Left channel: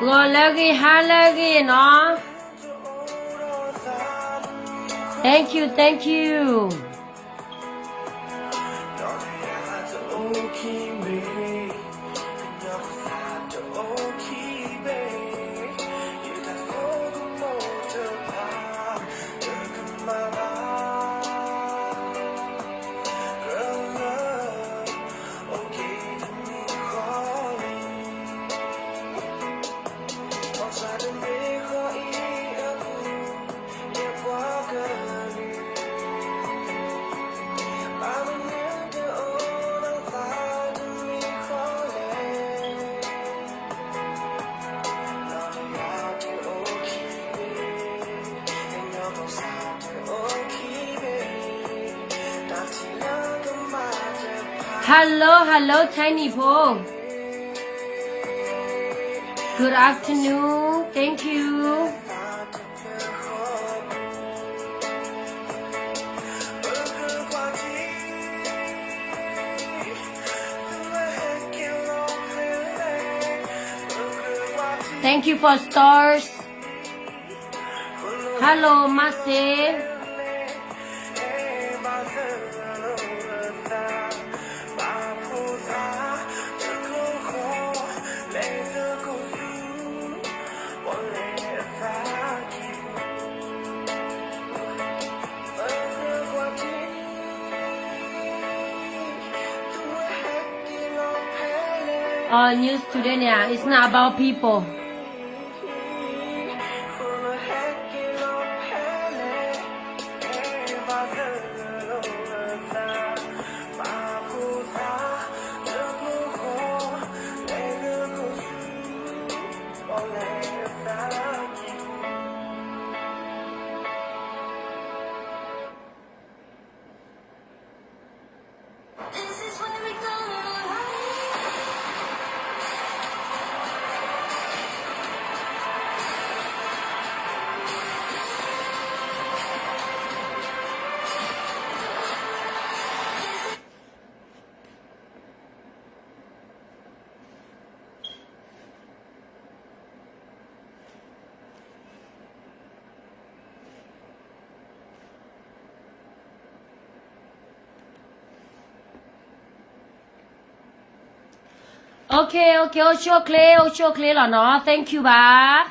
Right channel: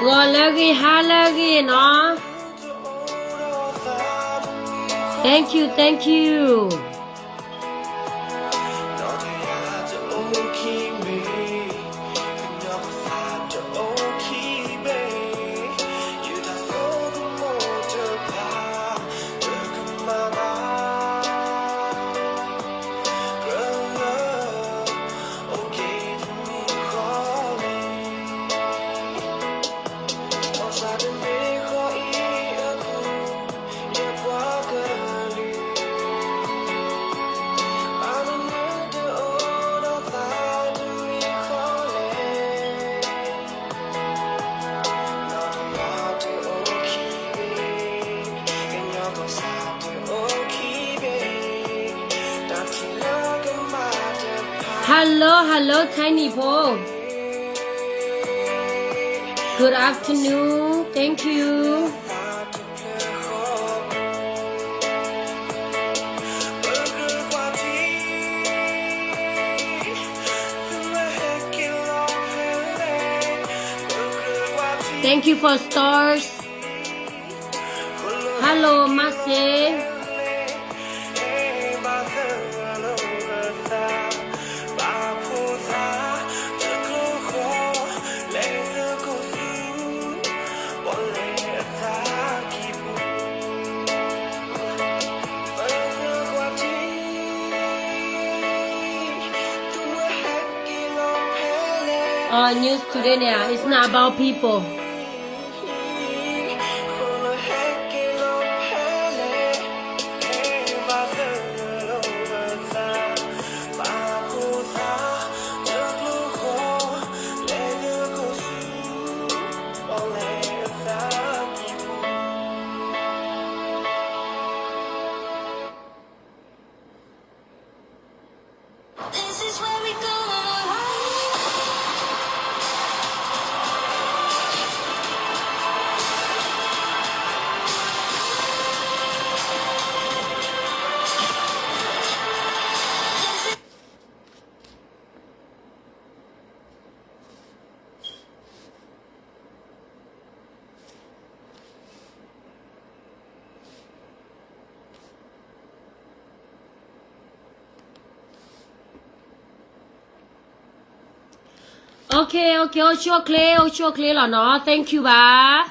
Golagi halagi no. Thank you, thank you. Hello, hello, Tiny Po. Good afternoon. Thank you. Thank you for stars. Hello, Mase. News today now. It's not about people. Okay, show clay là nó. Thank you ba.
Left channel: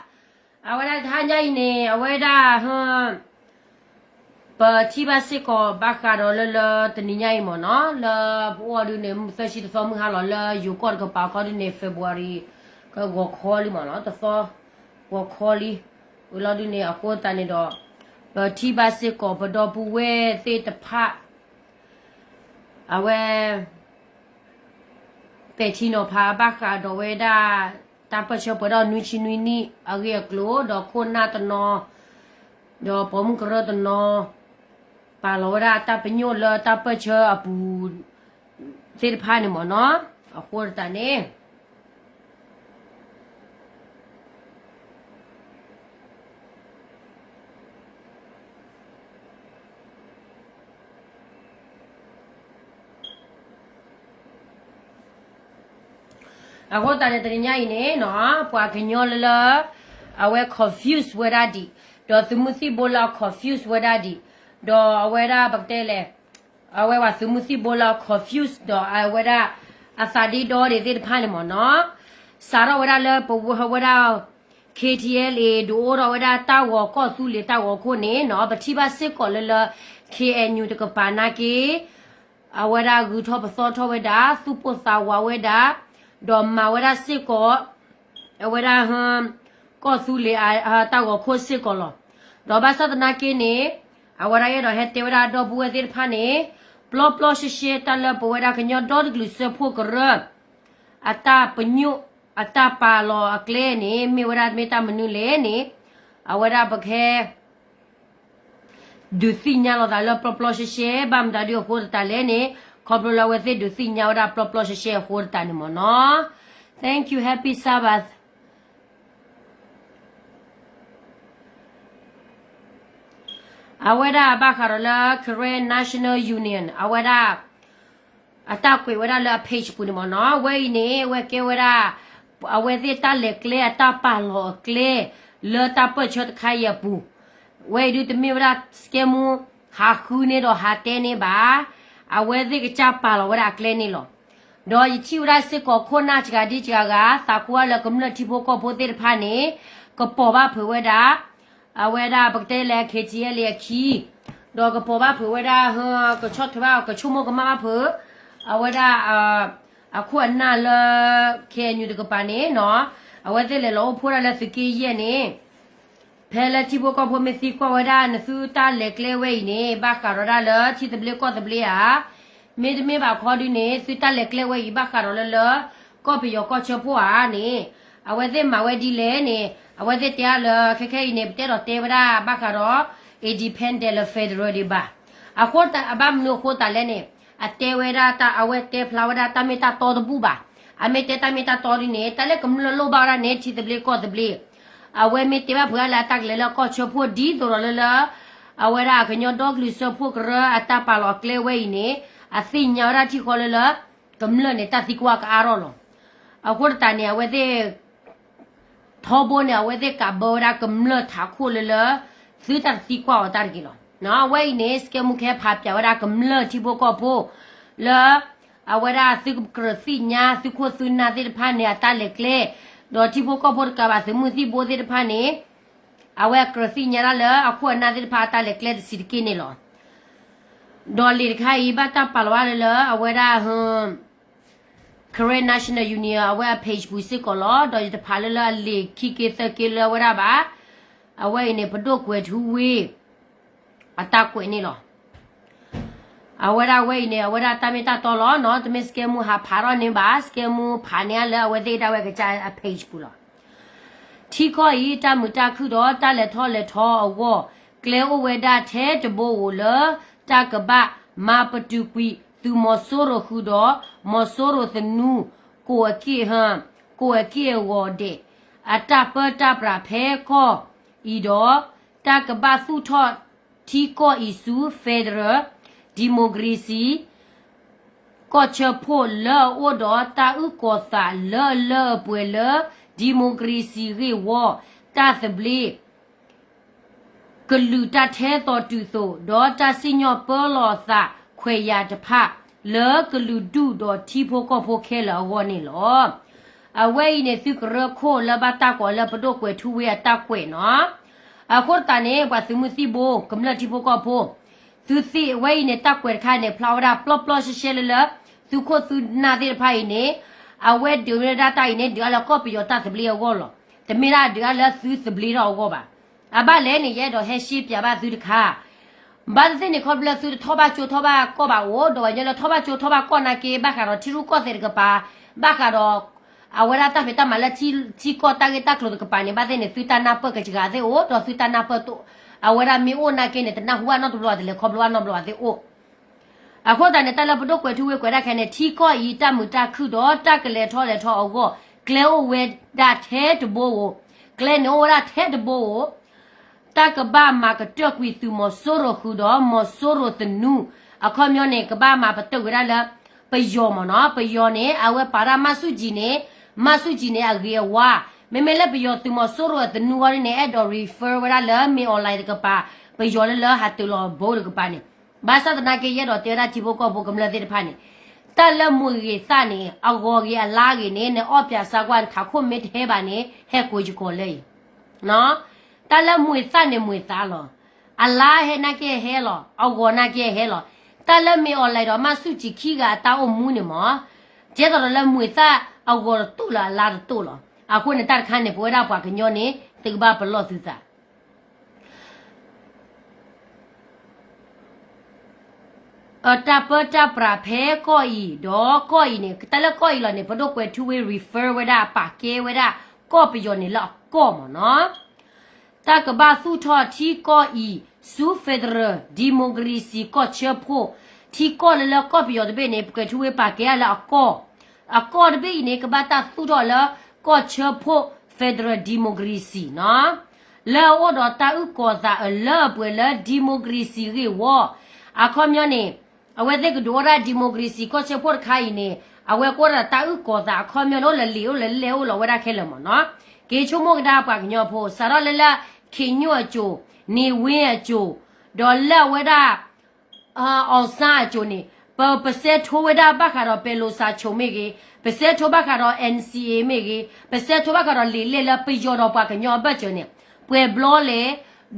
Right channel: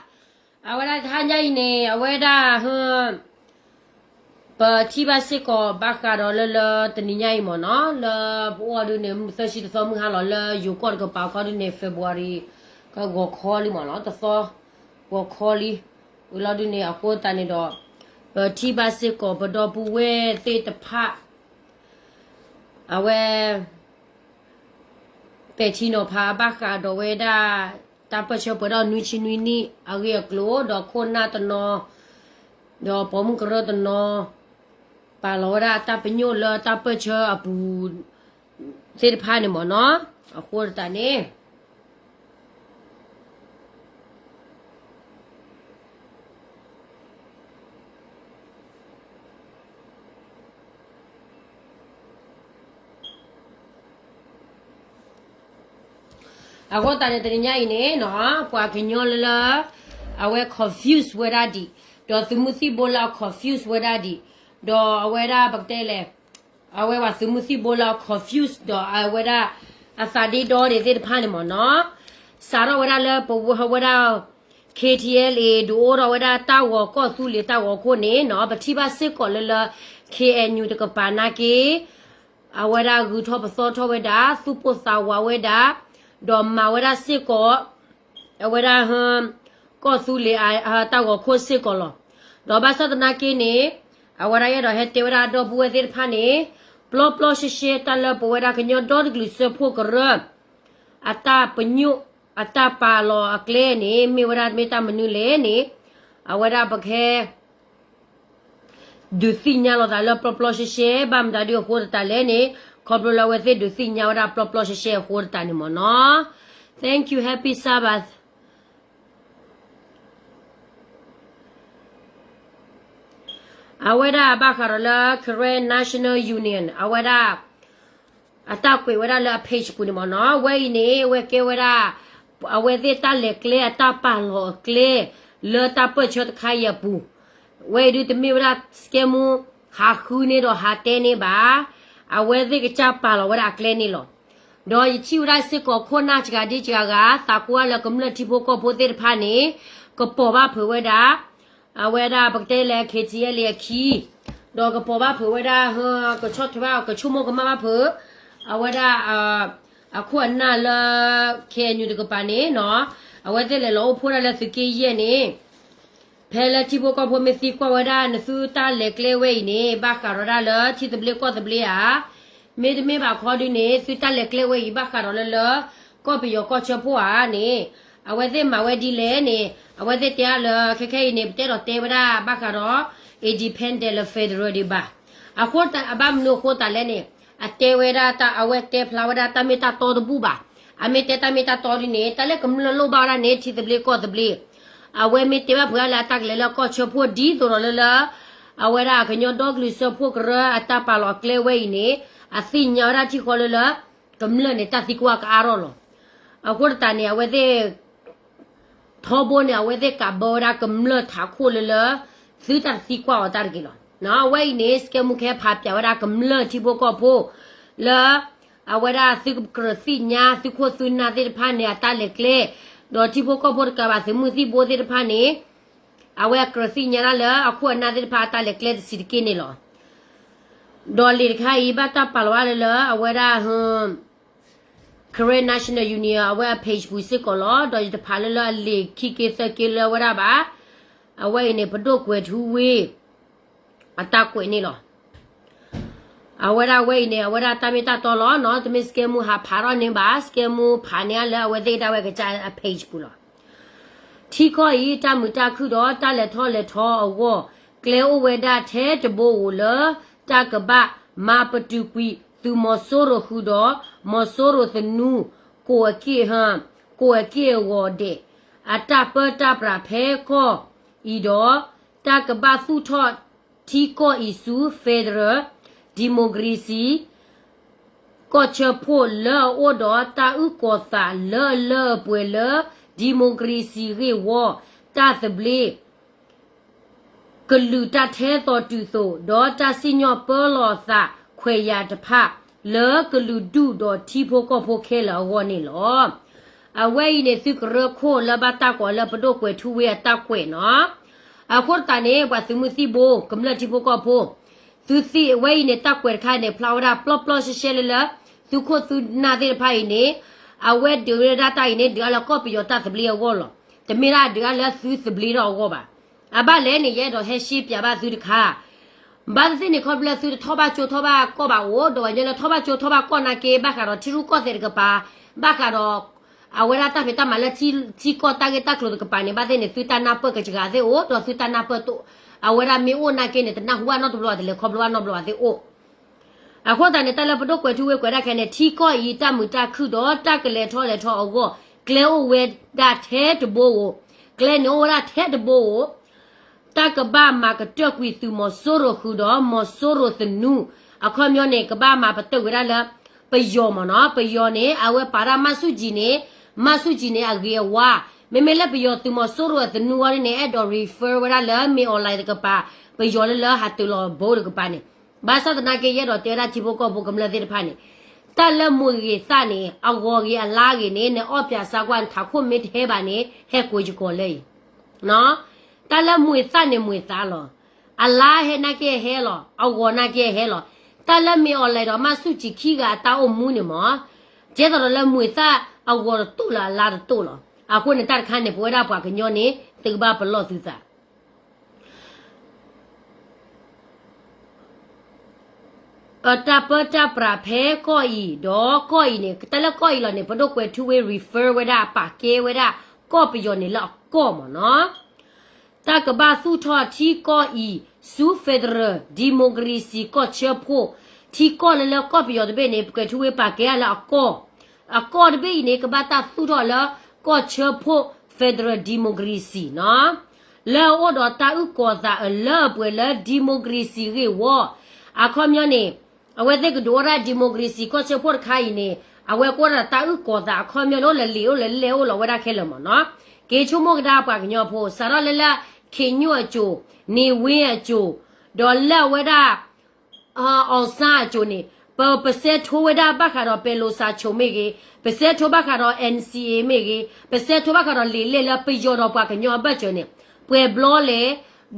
Awada thanya ine, awada But tiba se ko baka do le teninya imo no. Le bo du ne sashi to mu ha lo le you ko ko pa ko ne February ko go kholi mo no. To so go kholi. Ulo du ne a ko ta ne do. But tiba se ko bo do bu we te ta pha. Awe Petino pa baka do weda tapa chopo do nuichi nuini age glo do kona to no do pom kro to no pa lo da tapa nyo lo tapa cho apu se pa ne mo no a khor ta ne Ako tane terinya ini no pua kenyol la awe confused weda di do thumusi bola confused weda di do aweda baktele awe wa thumusi bola confused do aweda asadi do de de phane mo no sara weda le po weda KTLA do ro weda ta wo ko su le ta wo ko ne no bathi ba sit ko le KNU de ko pa na ke aweda gu tho so tho weda su po sa wa weda do ma weda sit ko weda ko su le ta wo ko sit ko lo do ba sa na ke ne aweda ye do he te weda do bu de pha ne plo she ta le po weda knyo do glu se pho ko ra ata panyu ata pa lo akle ni mi weda me ta menu le ni aweda ba khe du signal da le plo she bam da dio ko ta le ni khobro la we du signal da plo she ko ta ni mo no thank you happy sabbath aweda bakarala Korean National Union aweda ata kwe weda la page pu ni mo no we ni we ke weda เอาไว้ที่ตาเล็กเล่ตาป่าหลอกเล่เลอตาเปิดชดขายปูไว้ดูแต่มีเวลาสเกมูหาคืนนี่ดอหาเตนี่บ้าเอาไว้ที่กระจับป่าหลอกเวลาเล่นี่หรอดอยชิวได้สิก็คนน่าจะดีจังกะตากัวแล้วก็มันที่พวกก็พูดเรื่องพันนี่ก็ปอบว่าเผื่อไว้ด่าเอาไว้ด่าปกติแล้วเคจีเลี้ยขี้ดอกก็ปอบว่าเผื่อไว้ด่าเฮอก็ชดที่ว่าก็ชั่วโมงก็มาเผื่อเอาไว้ด่าควรน่าละแค่อยู่กับปานนี้เนาะเอาไว้แต่ละเราพูดอะไรสักกี่เย็นนี่เพลที่พวกก็พูดไม่สิกว่าได้นะสู้ตาเล็กเลี้ยไว้นี่บ้าคาร์ได้เลยที่ตะเบลีก็ตะเบลีไม่บ่าวขอดูนี่สู้ตาเล็กเลี้ยไว้บ้าคาร์เลยก็ไปยกก็เชื่อผู้นี่เอาไว้แต่มาไว้ดีเลยนี่เอาไว้แต่เตี้ยเลยแค่นี่แต่เราเตะไม่ได้บ้าคาร์อินดิเพนเดนต์เฟเดอรัลดีบ้าเอาโคตรบ้ามันโคตรเลยนี่အတဲဝဲတာတာအဝဲတဲဖလာဝဒတာမီတာတော်တပူပါအမေတဲတာမီတာတော်ဒီနေတာလဲကမလလောပါရနေချီတပလီကောတပလီအဝဲမီတဲဘဖွာလာတက်လဲလောကောချဖို့ဒီတော်လလအဝဲရာခညောဒေါဂလီဆဖို့ကရအတာပါလောကလေဝဲနေအသိညာရာချီခေါ်လကမလနေတာတိကွာကအာရောလောအခုတန်နေအဝဲတဲ့ထောဘနေအဝဲတဲ့ကဘောရာကမလထားခိုလလသီတာတိကွာအတာကီလောနော်ဝိနေစကမှုခဲဖာပြဝရကမလတိဘကောဖိုလာအဝရသိကရစီညာသိခိုသုနာတိဖာနေတလက်ကလေဒေါ်တိဘကောဘောကဘာစမှုတိဘောတိဖာနေအဝရကရစီညာလာအခုနာတိဖာတလက်ကလေစီကင်းနေလောဒေါ်လီခိုင်ဘတာပလဝါလာအဝရဟမ်Korean National Union အဝရ page ဘူးစစ်ကောလောဒေါ်တိဖာလာလေခိကေသကေလဝရပါအဝရနေပဒုတ်ကွယ်ထူဝေးအတာကွေနေလောအဝရဝဲနေအဝရတမီတာတော်လောနော်တမစ်စကေမူဟာဖာရနေပါစကေမူဖာနေလဲဝဲဒေတာဝဲကကြအ page ဘူးလောထီခေါ်ဤတမူတာခုတော့တလက်ထောလက်ထောအဝကလေဝဲဒါထဲတဘိုလတကဘမာပတူကွီသူမဆိုရခုတော့မဆိုရသနူကိုအကေဟမ်ကိုအကေဝဒေအတပတပရာဖဲခေါ်ဤတော့တကဘသူထောที่ก็อิสูเฟเดอร์ดิโมกรีซีก็เชพอเลอโอดอตาอุกอตาเลอป่วยเลอดิโมกรีซีเรวอตาสเบลกลูตาเทตอตุโซดอตาซิญอเปลอซาခွေရတဖเลอกลูดูดอที่พวก็พวเคลาวอนี่ลอအဝဲနေသူကရခိုလဘတာကောလပဒိုကွေထူဝဲတာကွေနော်အခုတန်နေဘာသူမစီဘိုကမလတိဘကောဖိုသူစီဝဲနေတက်ွယ်ခိုင်နေဖလာဝရာပလပလရှရှဲလသူခုသူနာတဲ့ဖိုင်နေအဝဲဒူရဒတိုင်နေဒီအလကောပီယတာစပလီယောလောတမီရာဒီအလသူစပလီရောကောပါအဘလဲနေရဲ့တော့ဟဲရှိပြပါသူတခါဘာတဲ့နေခေါပလသူထောပါချိုထောပါကောပါဝတော့ရလထောပါချိုထောပါကောနာကေဘာခါတော့ချီရူကောတဲ့ကပါဘာခါတော့အဝရတာဖက်တာမလာချီကောတာကေတာကလို့ကပါနေဘာတဲ့နေသူတနာပကကြကတဲ့အိုတော့သူတနာပတော့အဝရမီအိုနာကေနေတနာဟွာနော်ဘလောတယ်လေခေါပလောနော်ဘလောတဲ့အိုအခုတန်နေတလပတော့ကွယ်ထူဝဲကွယ်ရခဲနေထီကောဤတမှုတခုတော့တကလေထောလေထောအောကကလေဝဲဒါထဲတဘိုးကလေနိုရာထဲတဘိုးတကဘာမာကတက်ကွီသူမဆိုရခုတော့မဆိုရတနူအခမျောနေကဘာမာပတုရလာပယောမနော်ပယောနေအဝဲပါရမဆုကြီးနေမဆုကြီးနေအရေဝါမေမေလက်ပယောသူမဆိုရတနူဝရနေအဒေါ်ရီဖာဝရလာမေအွန်လိုင်းကပါပယောလလဟာတူလဘိုးကပါနေဘာသာတနာကေရတော့တေရာချီဘကောဘကမလတဲ့ဖာနေတလမွေရစနေအဂော်ကြီးအလားကြီးနေနဲ့အော့ပြစာကွာထခုမစ်ဟဲပါနေဟဲကိုကြီးကိုလေနော်တလမွေစနေမွေစားလောအလားဟဲနာကေဟဲလောအဂော်နာကေဟဲလောတလမေအွန်လိုင်းတော့မဆုချီခီကတာအုံမူနေမောကျဲတော့လမွေစားအဂော်တူလာလာတူလောအခုနဲ့တခါနေပွဲတာပွားကညောနေတေဘာဘလော့သူစားတာပတာပရာဖဲကိုဤတော့ကိုဤနေတလကိုဤလနေဘဒိုကွယ်2 way refer ဝဒပါကေဝဒကောပယောနေလောက်ကောမနော်တကဘာစုထောချီကိုဤစူဖက်ဒရဒီမိုကရေစီကိုချဖို့ချီကိုလလကောပယောတဘေနေကွယ်2 way ပါကေလာကောအကောတဘေနေကဘာတာစုထောလကောချဖို့ဖက်ဒရဒီမိုကရေစီနော်လောအော်တော့တာဥကောသာအလောပွဲလဒီမိုကရေစီရေဝအခမျောနေအဝဲတဲ့ကဒိုရာဒီမိုကရေစီကိုချဖို့ခိုင်နေ we ko ra ta u ko da kho myo no le le o lo we da khe le mo no ke chu mo da pa nyo pho sa ro le la khe nyo chu ni win a chu do la we da on sa chu ni pa pa se tho we da ba kha ro pe lo sa chu me ge pa se tho ba kha ro NCA me ge pa se tho ba kha ro le la pe yo ro pa nyo ba chu ni pwe blo le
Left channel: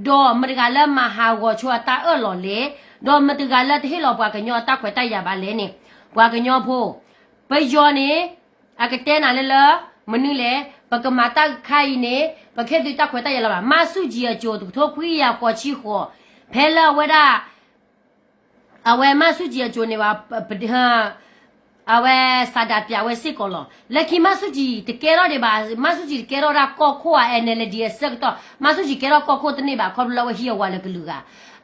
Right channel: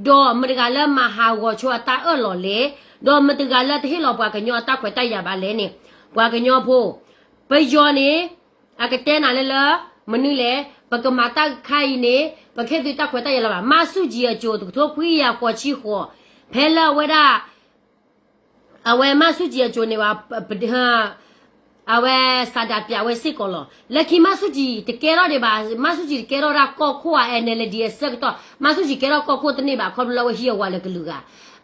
do ma ga la ma ha go chu ta e lo le do ma ga la thi lo pa nyo ta khwe ta ya ba le ni pa nyo pho pe yo ni a ke te na le la ma ni le pa ka ma ta khai ni pa khe ti ta khwe ta ya la ba ma su ji ya jo tu tho phui ya ko chi ho phe la we da a we ma su ji ya jo ni ba ha a we sa da pya we sit ko lo le ki ma su ji te ke ro de ba ma su ji ke ro ra ko kho a NLD sek to ma su ji ke ro ko kho te ni ba kho lo we hi ya wa le lu ga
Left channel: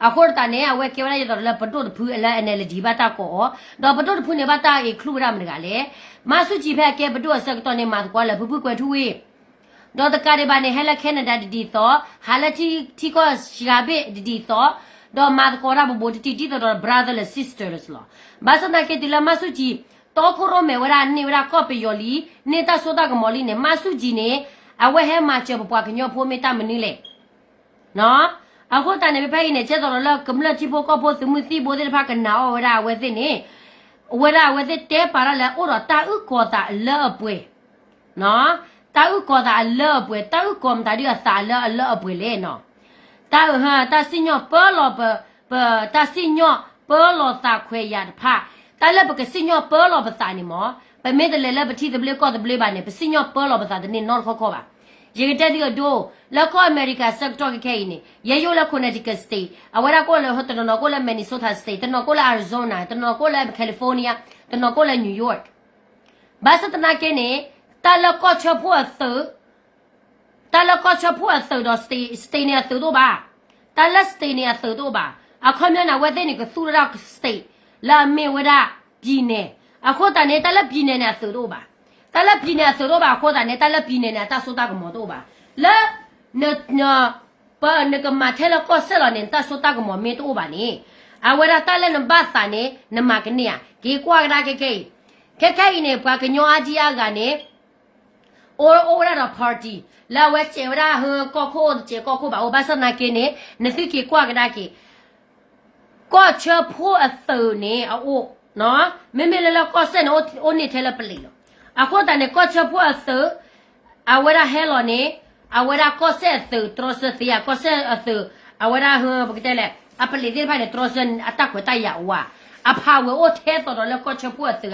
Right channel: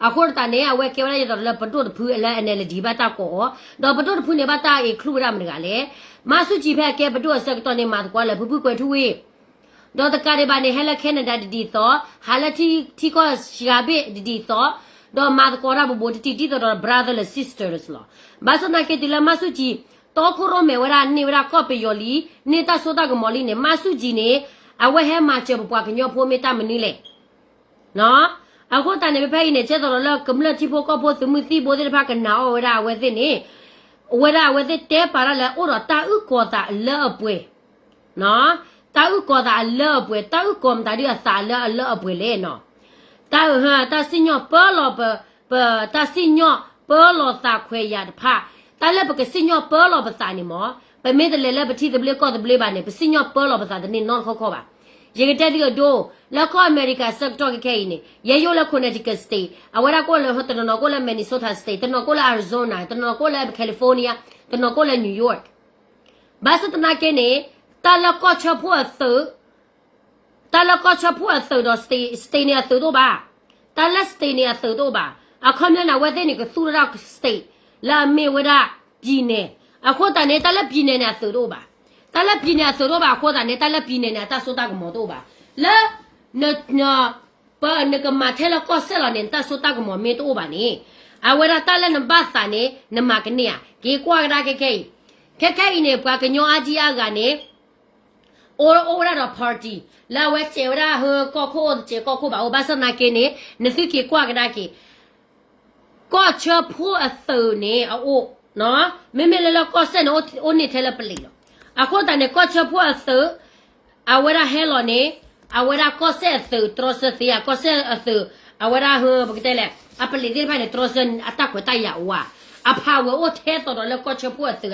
a kho ta ne a we ke ra ya do le pa to phu la NLD ba ta ko do pa to phu ne ba ta e khlu ra ma ga le ma su ji phe ke pa to sek to ne ma ko le phu kwe thu we do ta ka de ba ne hela Canada di to hala ti ko shigabe di to do ma ko ra bo ti to brother and sisters lo ba so na ke ti la ma su ji to ko ro me wa ni wa ko pe yo li ni ta so ta ko mo li ne ma su ji ne a we he ma che bo pa nyo pho me ta ma ni le no a ko ta ne pe pe ne che to lo kum la ti pho ko pho tu mu ti bo de pa ka na o wa we ti ni we te pa ra la o ro ta u ko ta le pwe no ta u ko da le pwe ta u ko mta di sa le pwe le no ta ha ta si nyo po lo ta si nyo po lo sa khwe ya pha ta le ba ke si nyo po lo ba sa ni mo pe me de le ba ti de ble ko de ble ba ne pe si nyo po lo ba sa de ni no kho ba ye ke te di do la ko America sector ke ke ni ye yo la Connecticut state awara ko le hoto no ko le Minnesota state no ko la Arizona no ko le California no ko le New York ba sa ta na ke ni ta la ko cha phu a su do stay ne a su do ba ta la stay ne a su do ba a kho mya na we de ni ko su ra state la me we da pi ne a kho ta ne ta la pi ne na su do ba ta la pi ne a su do ba kho ta ne ta la pi ne na ta so ta ko mo do ba la ne pa ne ko ma the la ko se la ne ta so ta ko mo me do ba ni a we da ta la ne ba sa ne ne ma ke ne a ke kwa ga ke ne pa ke nyo a ji a ga ne or a party la we che ra ho ko kho che ko kho ba o ba sa na ke ne ne si ke kwa ga da ke ko che pho a so ne a o no me me le la ko se no o ni the la pli lo a ko ta ne ko che pho a so a we ra he lo ne a we ra ko se so tro se si a ko se a so a we ra ho ba ke le a pli di ba le tro se a ta ko ta ya wa a pha we o the to le ko che pho a so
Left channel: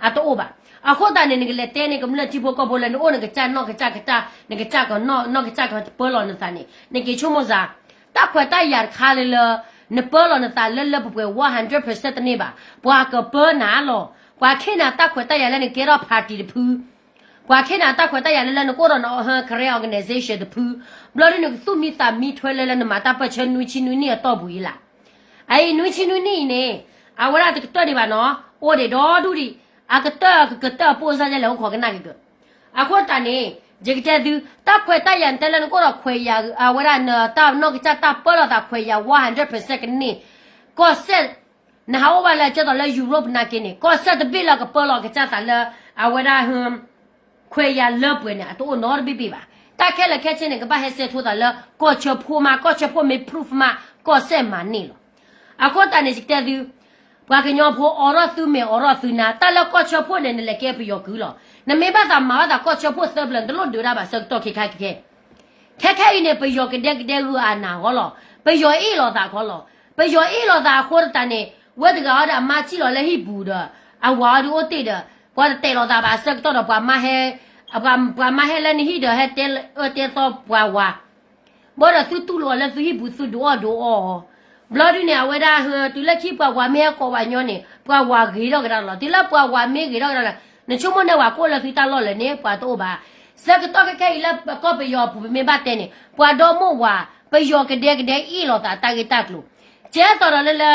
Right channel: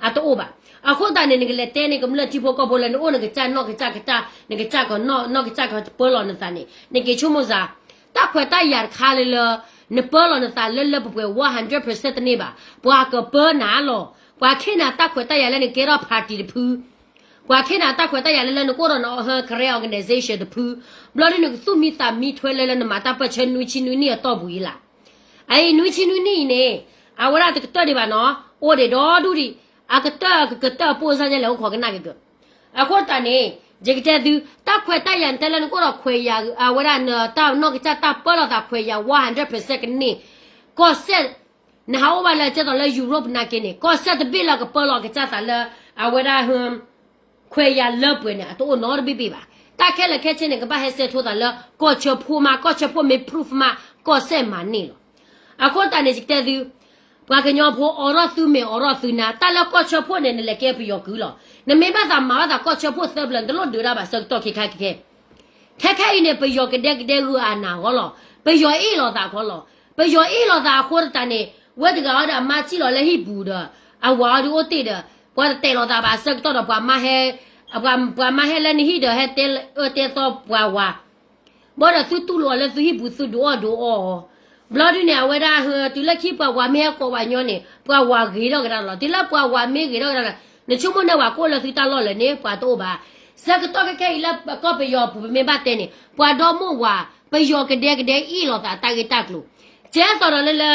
a to o ba a ko ta ne ne le te ne ko mla ti pho ko bo le no ne ke cha no ke cha ne ke cha ko no ke cha ko po lo ne ta ne ke chu mo za ta khwa ta ya kha le ne po lo ne ta le 100% ne ba bwa ko po na lo bwa khe na ta khwa ta ya le ne ke ro party de phu bwa khe na ta khwa ta ya le ne ko ro no ha career organization de phu blo ne su mi sa mi thwe le ne ma ta pa chen nu chi nu ni to bu yi la ai nu chi nu ni ne a wa ra de to de ba no o de do du di a ka ta po sa je le ko ka na ke a ko ta ne je ke te du ta khwe ta yan te le ko ro khwe ya a wa ra na ta no ke cha ta po lo ta khwe ya 100% ke ni ko se na ha wa la che to le Europe na ke ni ko se de bi la ko po lo ke cha ta le a wa ra khwe ya le pwe ne a to no bi bi ba ta ke le ke che ne ke ba he se tho ta le ko che phu me proof ma ko se ma ni lo a ko ta ne je te du bwa ke nyo pho oro su me oro su na ta la ko che pho ne le ke pi yo gu lo na me ba ta ma ba ko che pho se blan de lo du ra ba se to ke ne pi yo ke de ru a na ho lo pi yo e lo ta ko lo pi yo e lo ta ko ta ne we de ga da ma chi lo le hi bu da a wa du o te da bwa te lo ta ba se to do bwa ma he bwa ma he le ni hi da he te so bwa wa bo da su tu lo le su hi bu su do o blood ne a we da tu le ki bwa wa me ko wa nyo ne bwa wa ge lo ga lo ti la bwa wa me ge lo ga ne chu mo ne wa ko le fi ta lo le ne bwa to ba se ke to ke la ko pe yo pu me ba te ne bwa do mo wa pe yo ke de i lo ta ke ta lo je to lo le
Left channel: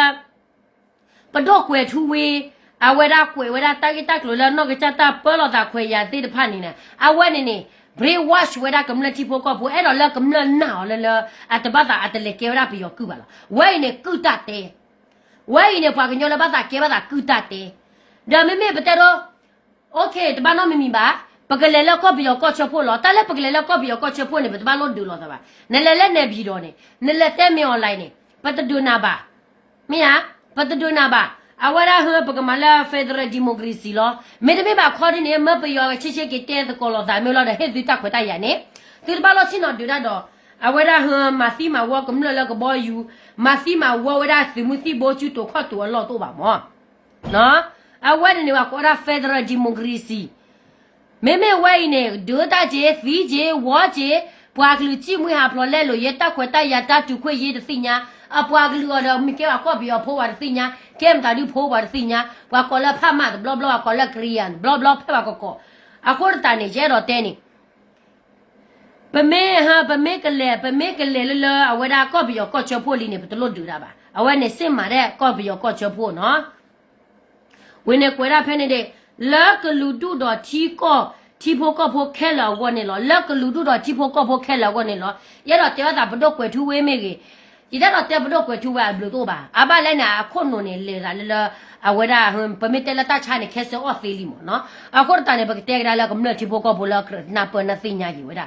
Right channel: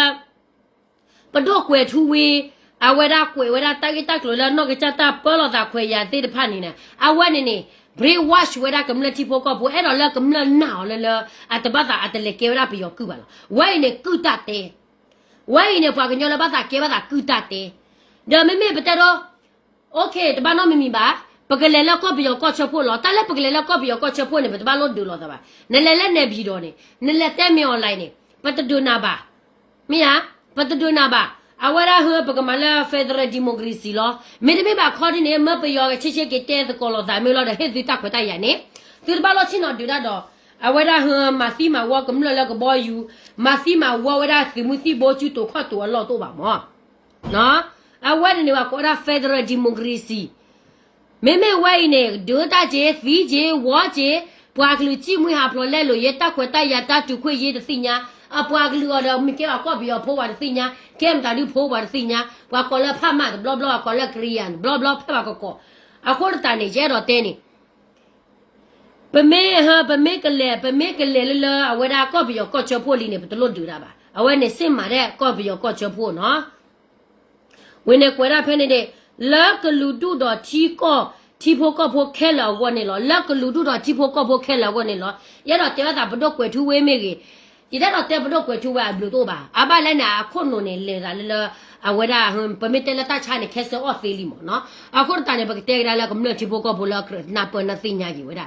pa do kwe thu we a we da kwe we da ta ke ta lo le no ke cha ta po lo ta kwe ya te de pha ni na a we ne brain wash we da kam le ti po ko bu e do le kam le na le a te ba ta a te le ke ra pe yo ku ba la we ne ku ta te we ne pa ke nyo le ba ta ke ba ta ku ta te de me be te do okay တဘာနော်မမီပါပကလေလောက်ကော့ပြီးတော့ကော့ချဖို့လောတာလက်ပကလေလောက်ကော့ပြီးတော့ကော့ချဖို့နေတဘာလို့ဒူလောတဘာနလဲလက်နေပြီးတော့နေနလဲတဲမြော်လိုက်နေပတ်တူနာပါမင်းဟာပတ်တူနာပါအဝရဟပကမလာဖက်ဒရယ်ဒီမိုကရေစီလောမေတမေပါခေါ်နေမပယောချစ်ချစ်ကတဲသကောလောဒါမျိုးလောတဲ့ဟစ်စီတက်ခွတ်တိုက်ရနေဒီဘာလို့ချင်းတော့ဒူတော့အဝရဟမစီမဝကမလလကဘောယူမစီမဝဝရစီမစီဘောချူတိုခတ်တော်လောတော့ပါမောနော်အဝရနေဝကောရဖက်ဒရယ်ဒီမိုကရေစီမေမေဝိုင်းနေဒိုတာဂျေဖီဂျေဝါဂျေပွာကလူချိမွေဟာဖလောလဲလို့ရတက်ခွတ်တိုက်ရတတူခွေရေးတဲ့စညာအပွာကလူတော့မိကေကောပြီးတော့ဖိုးပါတဲ့စညာကဲမတာဒီဖိုးပါတဲ့စညာပွာကောလဖမတ်ဘလဘလကောလကရီယန်ဘလဘလဖပါကောအခုတန်နေကျတော့တဲနေပမေကလေလအဝဒါကောပြီးတော့ကောချဖို့လီနေဘတလို့ဒူတာပါအဝဲနေစင်မာတဲ့ကောပြီးတော့ကောချဖို့နော်ဝင်းနေကွယ်ရဖဲနေတဲ့လကလူတူတော့ချီကောချီဖို့ကောဖို့ခဲလာဝနေလောလကလူတူတော့ချီဖို့ကောဖို့ခဲလာဝနေလောရတော့တဲတာဘတော့ကွယ်ထူဝေးမေကြီးဒီတော့တဲဘတော့ကွယ်ထူဝါဘလို့တော့ပါအဘလည်းနာအခုနုံနေလေတာလအဝဒါပမေတလတာချာနေခဲစောအဖေးလီမောနော်အခုတန်နေဘကတဲရလာကမလို့ချီဖို့ကောဖို့လာနာပနသိညာကြီးဝဒါ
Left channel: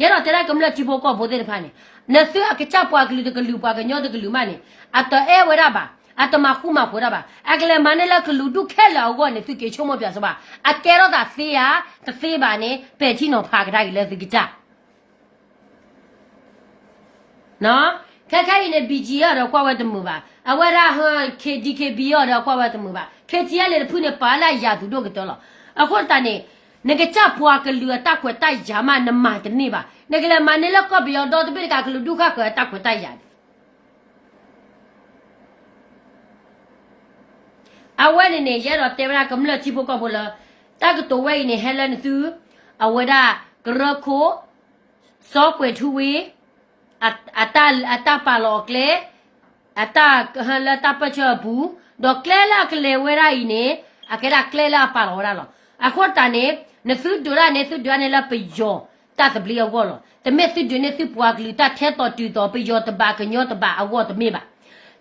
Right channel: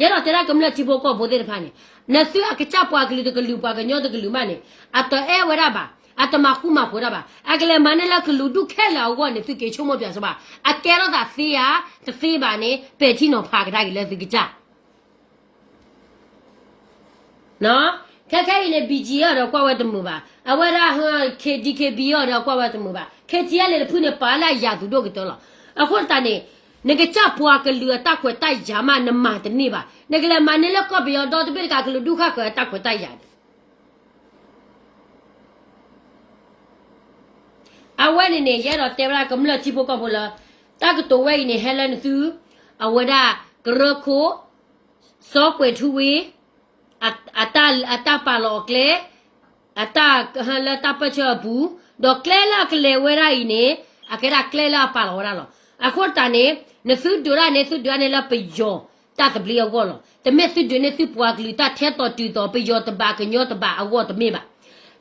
ရတော့တဲကမလို့ချီဖို့ကောဖို့တဲ့ဖာနေနဆူအကချပွားကလေးတကလူပွားကညောတကလူမနေအတော့အဲဝဒါပါအတမခုမခေါ်တာပါအကလေမနဲ့လကလူဒုခဲလာဝနေသူကေချုံမပြစပါအကဲတော့သာဖေးရတဖေးပါနေပဲချင်းတော့ဖာကတာကြီးလဲသူကကြနော်ခက်ခဲလေဘီဂျီရတော့ကွာဝဲတမှုပါအဝရဟခေဒီကေဘီရတော့ကွာဝဲတမှုပါခေချီရလေဖုန်ပါလာရသူတို့ကတော့အခုတန်နေငကချပွားကလူတက်ခွဲတိုက်ကြမှာနမတနေပါငကလေမနဲ့လကဘီရတော့တပိကကလူဒုခခွဲတက်ခွဲတိုက်ရတယ်အဝဲနေရတော့တေဗရာကမလချီဖို့ကဘောလာတကတော့ဝဲနေဟဲလန်သူအဝဒါဂရခိုစောကွေထူဝေအတပါလောကလေအတဟလတပချဘူးဒေါကလေလာကလေဝဲရိုင်းနေအကဲရကလေလာပါလောရလောအခုတန်နေနသုဒရနေသုဒရနေလာပယောတတ်ဘလီယောလောတမေသုဒနေသုပွားကလီတထဲတော်တူတော်ပယောတဘာကညောတဘာအဝတ်တမေပါ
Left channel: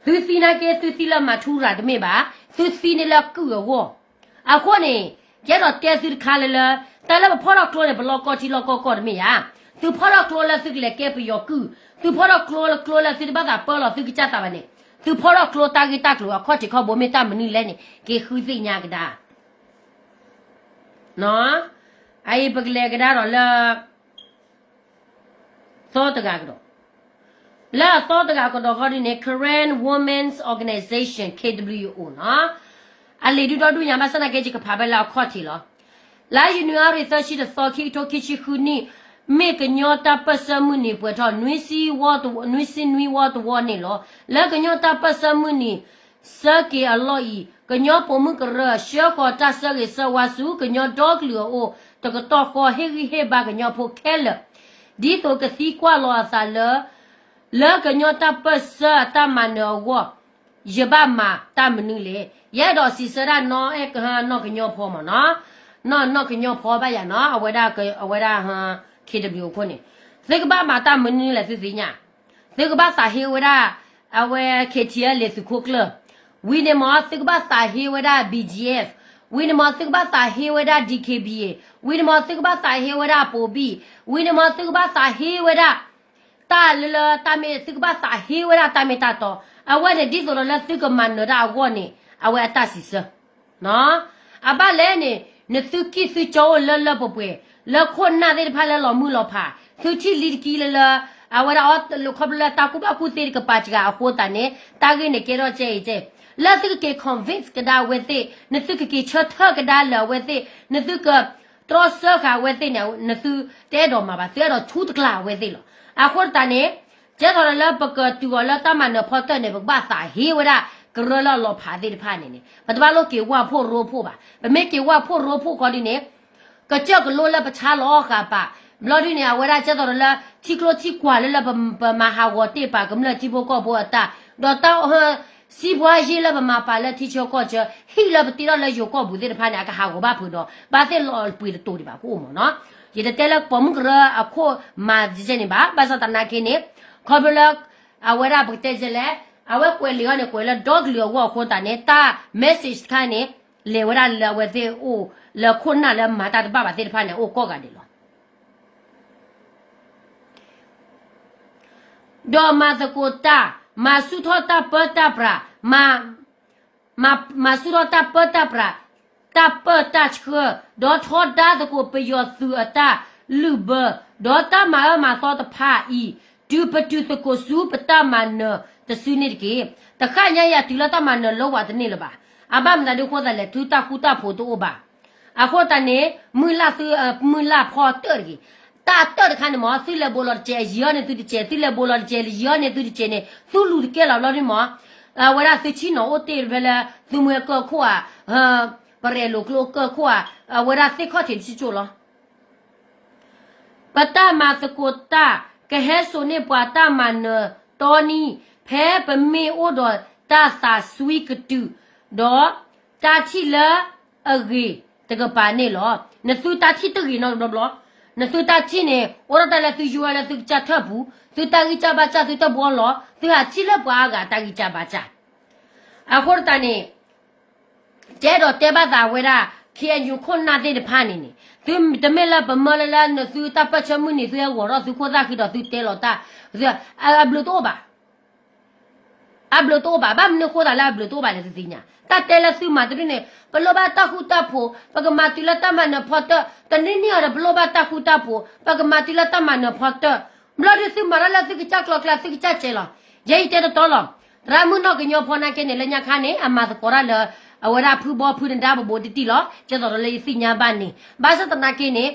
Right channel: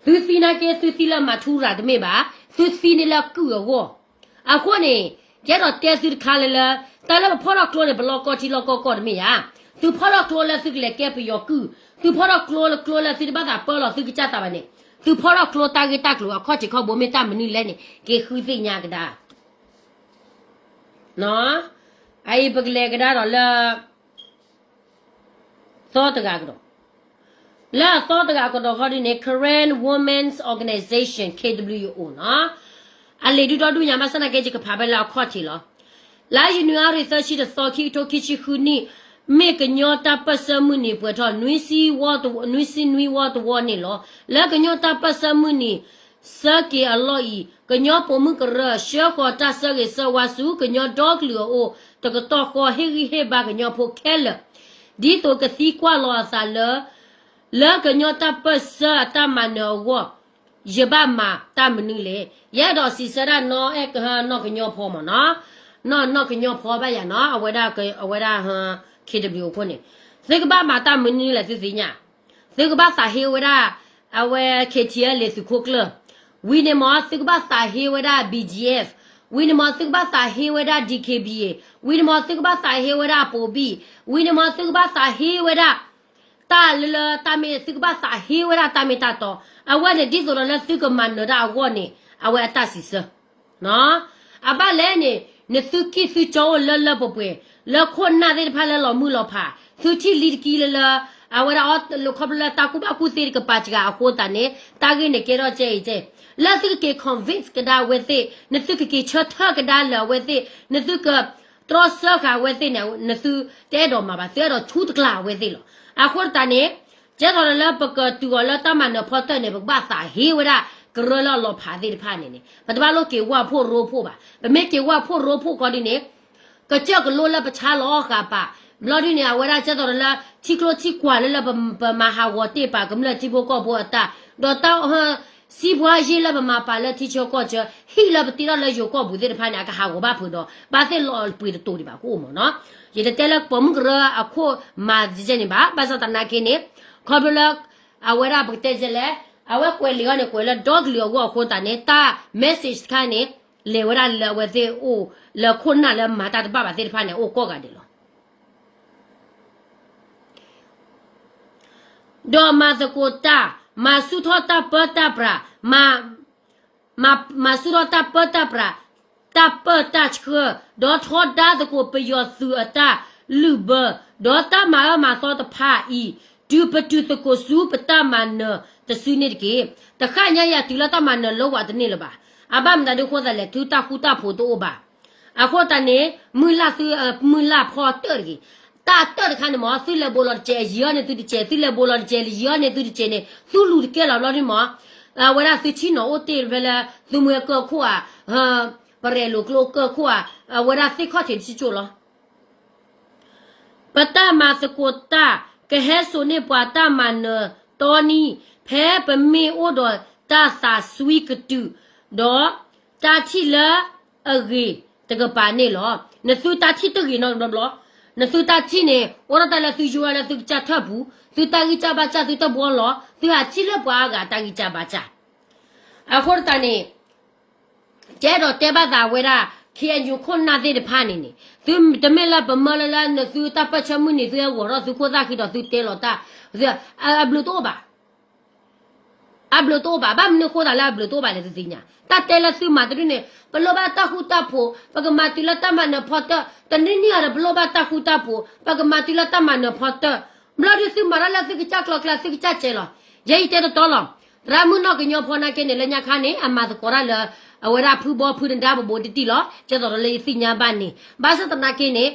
သူစီနာကေသူစီလာမထူရာတမေပါသူစီနေလာကူရောအခုနေကျတော့တဲစီခါလေလာတလည်းဖော်တော့ကလိုနေဘလော့ကောတီလော့ကောကောတမေယာသူဖော်တော့ကလိုလာသူကလည်းကဲပယောကူသူဖော်တော့ကလိုလာစီဘာသာပေါ်လို့သူကကြတာပါနေသူဖော်တော့ကလိုတာဂီတာကလိုအခေါ်တီခေါ်ဘိုမေတာမနီလဲနေကေခူသိညာကဒါနော်အိပကလေကဒါတော့လာသောတကာကတော့လာသောတကာကတော့ခေါ်ဒီနေ Korean Women's Organization KWO နော်အလေဒီတော့ဒူညာမစနာကေချကဖာဘလာခေါ်တီလောလာယူနီယာရီဆာရှိတဲ့သောခိတိုခိချီခူနီမေကညောတာပစမှုနေပွေတော့နွီစီဝတ်နွီစီနွီဝတ်ဝနေလောလာကညောတာပစမှုနေစကေအလောဤကညောပုံမှုကရရှေခေါ်တာစကေစဝါစုကညောဒေါကလူအိုတကတော့ခေါ်ဟေဂီဟေဘာကညောဖို့ခဲလဒီတော့ကစီကွာလောအစားလာကညောတာပစတာမနောဝရပါမာတာမနုလေရတော့စီစရနောအကဟနောကညောဖောမနော်ကညောဖောပါရနော်အဝဒဟKW ကိုနေသေကဘာမာတာမနုလေသိညာသေကဘာစာဟေဝဒအဝဲ KTL လေစုခိုကလဝီနေမသေကဘာစာဟေဝဒ BGF ဝီနေမသေကဘာစာဟေဝဒ DKBA ဝီနေမသေကဘာစာဟေဝဒပိုဘီဝီနေမသေကဘာစာဟေဝဒတာလလတာမေသေကဘာစာဟေဝဒတာမေတာတော့အဝဲနေဒီဆိုတော့လက်သေကမန်နရာဝနေအဝဲအတစီစနော်အဘလဲနေနသုကိစုချောလလပပွေလခွန်နာတဲ့ဖာလဲလောမှုလောဖာသူချီလီကီလလအဝရအော်လခဘလတာကုဘကုတေကပါချကအခိုတနေတာဂိနေကေရောချေချေလက်သူကေ convince ကဒါဝဲတဲ့နသုကေချတ်ထကဒါလဝဲတဲ့နသုကထရဆခဝဲတဲ့နသုတဲတော်မှာပါတဲတော်ချူတကလာဝဲတဲ့လောအခုတနေကျတော့လပကတူလတမနဖောတဲ့နေဘာသာဟေဝရကရလလောဖာတဲ့ဖာနေနေဘတ်ဘာလို့ကေဝါဖို့ရိုဖို့ပါဘမေကေဝါဖို့ရိုဖို့ကောဒီနေကကြောက်ကလိုလပချာလောကပါဘလော်ဒီနေဝရချက်တော်လာချီကလိုချီကွာလလပမဟာဝတေပါကမလချီဘကောဘောတာဒေါ်တောဟစီဘွားကြီးလပမပါလတီချောကောချဟီလပတီရလယောကောဘူးတဲ့ဖာနေအကဟာကိုဘာဖို့တော့ဘာတဲ့လောပွေတူဒီပါကိုမနော်ရတဲ့တဲလပမကရအခုမာဂျနေပါဘာသာတနာကိနေခေါဘလအဝရဘတဲ့ကြလေအဝဲကွယ်လီကနေကွယ်လဒေါဂလီယောကိုခိုးတာနေတာ message ခါနေလေဝရလဝဲတဲ့အို了困难了马大的爸爸在的盘呢我过个的了多马的国大马苏托大不大不啦马苏托大不大不啦大不大车多托大的国不要苏大路不多大马索的怕伊就不就是国苏不大马呢的苏那个的看人呀对了大马呢老话的你了吧阿爸们的活的嘞都大苦大苦多吧阿活的呢没拉跑得的大得的看的嘛虽然不了接一样的都的接虽然不了接一样的都的接呢苏路的给了的嘛我那是去哪我对为了怎么个苦啊不然路个苦啊我那是靠天去做了不大嘛是国大个还说呢不大嘛呢当你陪不没我的大啥水个度đó ta chỉ là ở cái cái bản này lo nếu tôi ta chỉ tới cái nó lo nếu tôi ta chỉ này ở đó là tôi chịu là tôi trả thấp bu tôi ta cái trả bát tôi ta bỏ lo tôi chỉ là bỏ cái ta cái trả bát à hồi ta này cái đó cái bát ta vậy là khi anh chụp con nào để phản này tôi tụi mình là bấm là nếu tôi ta bắt chấm mình tôi ở đó tôi có ra khi đó tôi té lo ta rồi bự to ba bự to ba ba mình có là bự to ba là gì nhỉ ta tela su madri ne peloba ta huta po pagamati la tamana phota tanini ara peloba ta huta po pagamati la tamana phota blari su marala su ki chakla kla su ki chachela yei te to lo ramuno ki nyo phona ke ne le nya kha ne ama ko ra le awara phu bo phu nda bo ti lo che to le si nya ba ni ba sa tana ke ne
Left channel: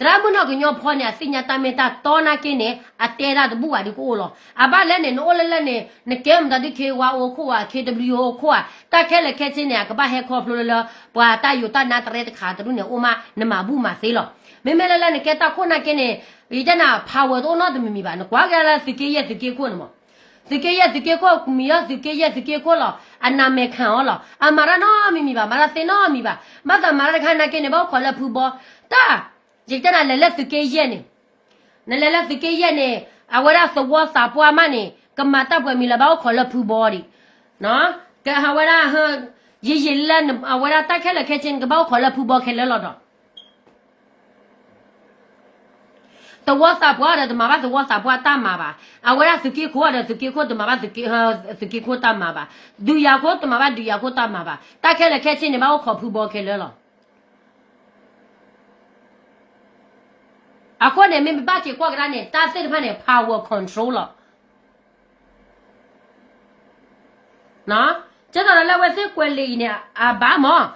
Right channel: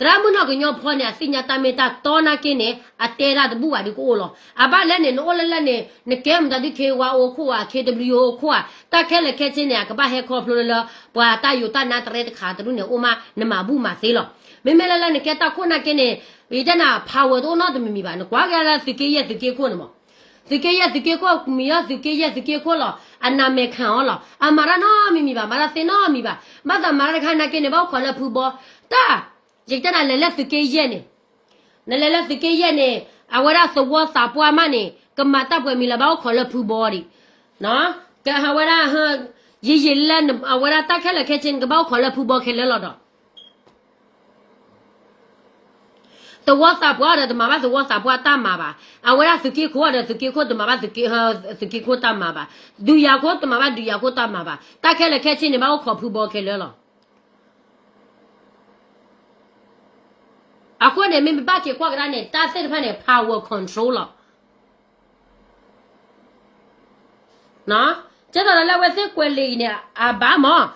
ramuno ki nyo phona si nya ta me ta to na ke ne atera de bu wa di ko lo aba le ne no le ne kem da di ke wa o ko wa kw o ko wa ta ke le ke chin ne ka ba he ko plo le bwa ta yu ta na tre kha tu ne o ma ne ma bu ma se lo me me le ne ke ta ko na ke ne ri da na power do no de mi ba ne kwa ga la si ke ye si ke ko ne mo si ke ye si ke ko mi ya si ke ye si ke ko lo ana me khan lo amara no mi ba mara se no mi ba ma da mara khan na ke ne ba ko le phu bo ta ye ta na le si ke ye ne le si ke ye ne awara so wo sa pwa ma ne ka ma ta pwa mi la ba ko le phu bo ri no cái hà vợ ra gì lên à vợ ra ta cái là cái chuyện cái bao khỏi là phụ bò cái là đó tôi WhatsApp qua rồi tôi mà bắt tôi WhatsApp qua ta mà bà à vợ ra sự kiện qua rồi sự kiện qua tôi mà bắt sự kiện qua ta mà bà du ya qua tôi mà bắt du ya qua ta mà bà ta cái là cái chuyện này bao khỏi phụ bò cái là à qua này mình bắt cái qua cái này ta sẽ phải này power control rồi nó chắc là là vậy quên đi nè à bà mà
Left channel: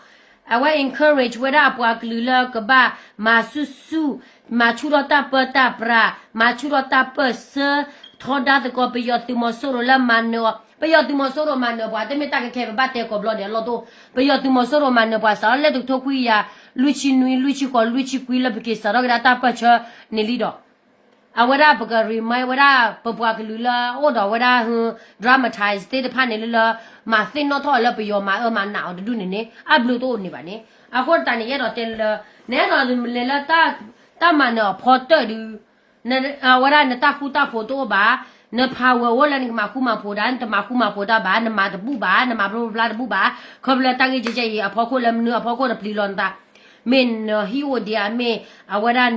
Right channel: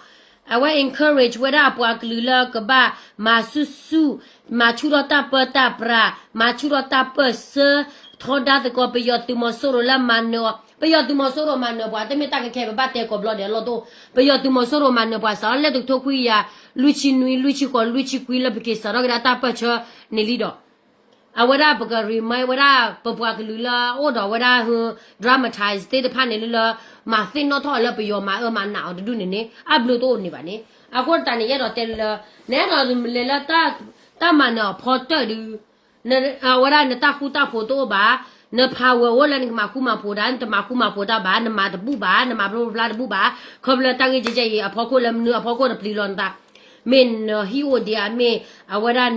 à vậy encourage vậy đó bữa cứ là cái bà mà su mà chú đó ta bơ ta bra mà chú đó ta bơ sơ thon đã thì có bây giờ tụi mình solo là mà nữa bây giờ tụi mình solo mà nữa bà tụi mình ta cái bà tê có blood lo đó bây giờ tụi mình solo mà nữa bà sao lại tụi tôi à lui chi quy là bị sao đó ta bơ cho nên đi đó à vậy đó bữa cái mai vậy đó bữa cứ là ô đó vậy đó dramatize thế thì phản này là mà xin nó thôi là bây giờ mà nào được này à blue to này bạn này à còn ta này đó tên là nè đó là ta mà nó porter đi nè à vậy đó ta photo ba nè power vậy là mà khu mà photo ba nè mà bu ba nè mà bla bu ba không là ta cái gì à phô làm nữa phô là plilon ta mình hi ô dia me à vậy đó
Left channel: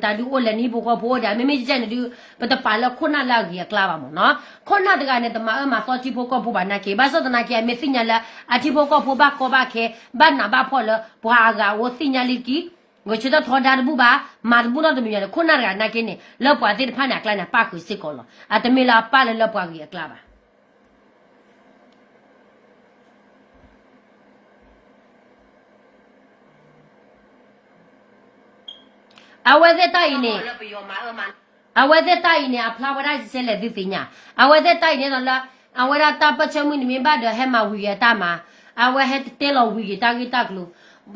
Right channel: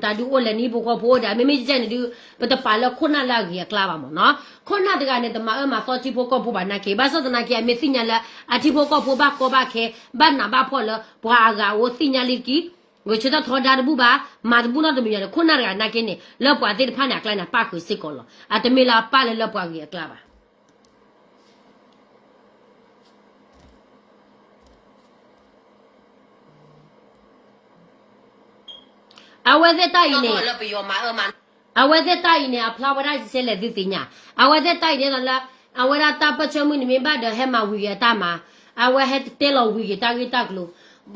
ta du ô là ni bu phô dia me chỉ du bắt đầu phải là con nào là cái clava mà nó con nào thì cái này tụi mà sao chỉ phô có phô bạn nào kia, bây giờ tụi nào kia mình xin là à chỉ phô có phô ba có ba kia, bạn nào ba phô là phô cái ô xin là gì, người chỉ có thọ đào bu ba, mà bu nó tụi mình là con nào cái này kia này, là phô thì phải là cái này ba khối xí có lo, à tụi mình là ba là phô cái clava. À vậy thì tại này à vậy thì tại này à flower rice sẽ là gì nhỉ à vậy thì tại này là à vậy là ta bắt cho mình bắt được hết mà huy ta mà à vậy hết tê lo huy ta cái ta luôn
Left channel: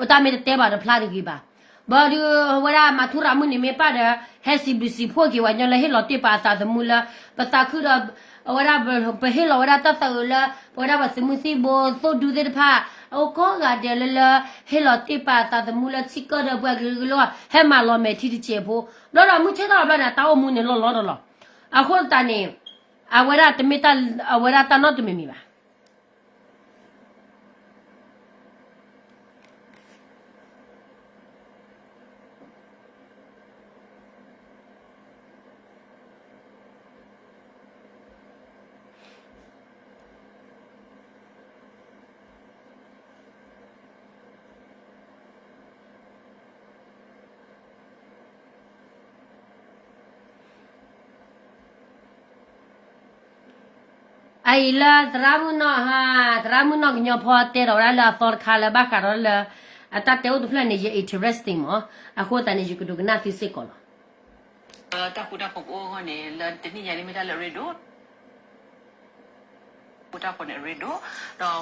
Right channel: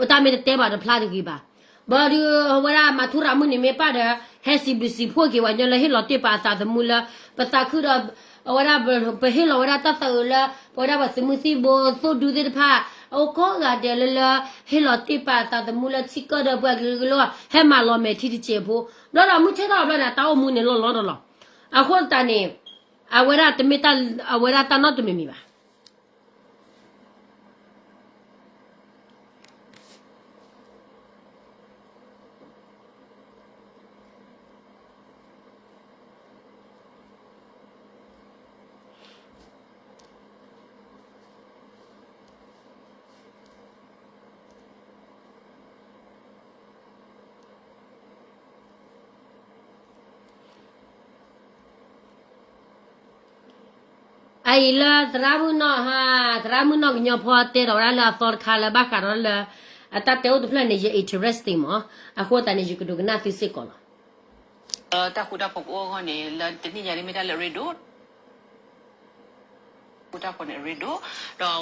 ta mới tê bắt được flower cái ba bà được vậy là mà thu ra mình bắt được hết xì phô cái vậy là hết lo tê bắt ta thì mua là bắt ta cứ đó vậy là bây hết lo vậy là ta tự là vậy là bắt mình xì bò số đủ để phá ô có cái đấy là hết lo tê bắt ta thì mua là chỉ có được vậy cái lo hết mà lo mấy thì chế bố đó là muốn chơi đó là tao muốn này lo đó à hôm ta này à vậy là tụi mình ta nói tụi mình ba ai la dramu no ha dramu no nyo pho te ro la for khala ba ka ro la ata te o plan ni interesting mo a ko ta ni ju ku na fi se ko lo တာခုတာပုတ်အောကနေလတနိညာရိမတာလရီဒိုခုတာပေါ်နေရီဒိုတော့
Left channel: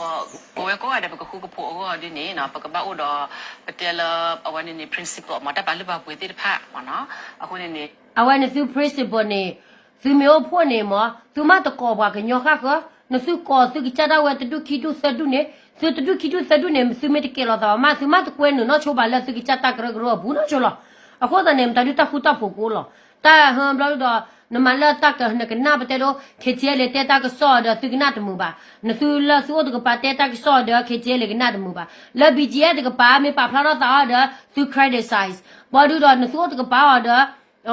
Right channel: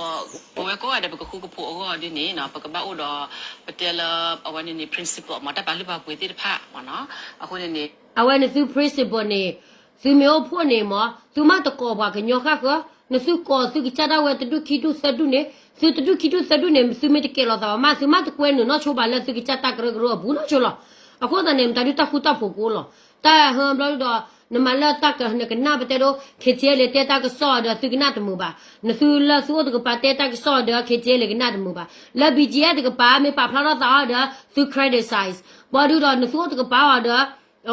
ဘဝကောရတဲ့ပကခုကဖို့အောဒီနေနော်ပကပအိုတော့ပတဲလအဝနေနေ principle မတာပါလပါပွေတိတဖာမနော်အခုနေနေ a wa ni su principle ni su me o pho ni mo su ma to ko ba ke nyo kha ko na su ko su ki cha da wa tu ki tu sa du ne su tu ki tu sa du ne su me te ke lo da ma su ma to ko no no cho ba la su ki cha ta gro gro bu no cho lo a ko da ne ta du ta khu ta pho ko lo ta ha bla do na ma la ta ka na ka na ba te do ke che le te ta ka so do su ki na to mu ba na su la su do ka pa te ta ka so do ke che le ka na to mu ba la bi je de ka pa me pa phla da da su criticize ba du do na su do ka pa da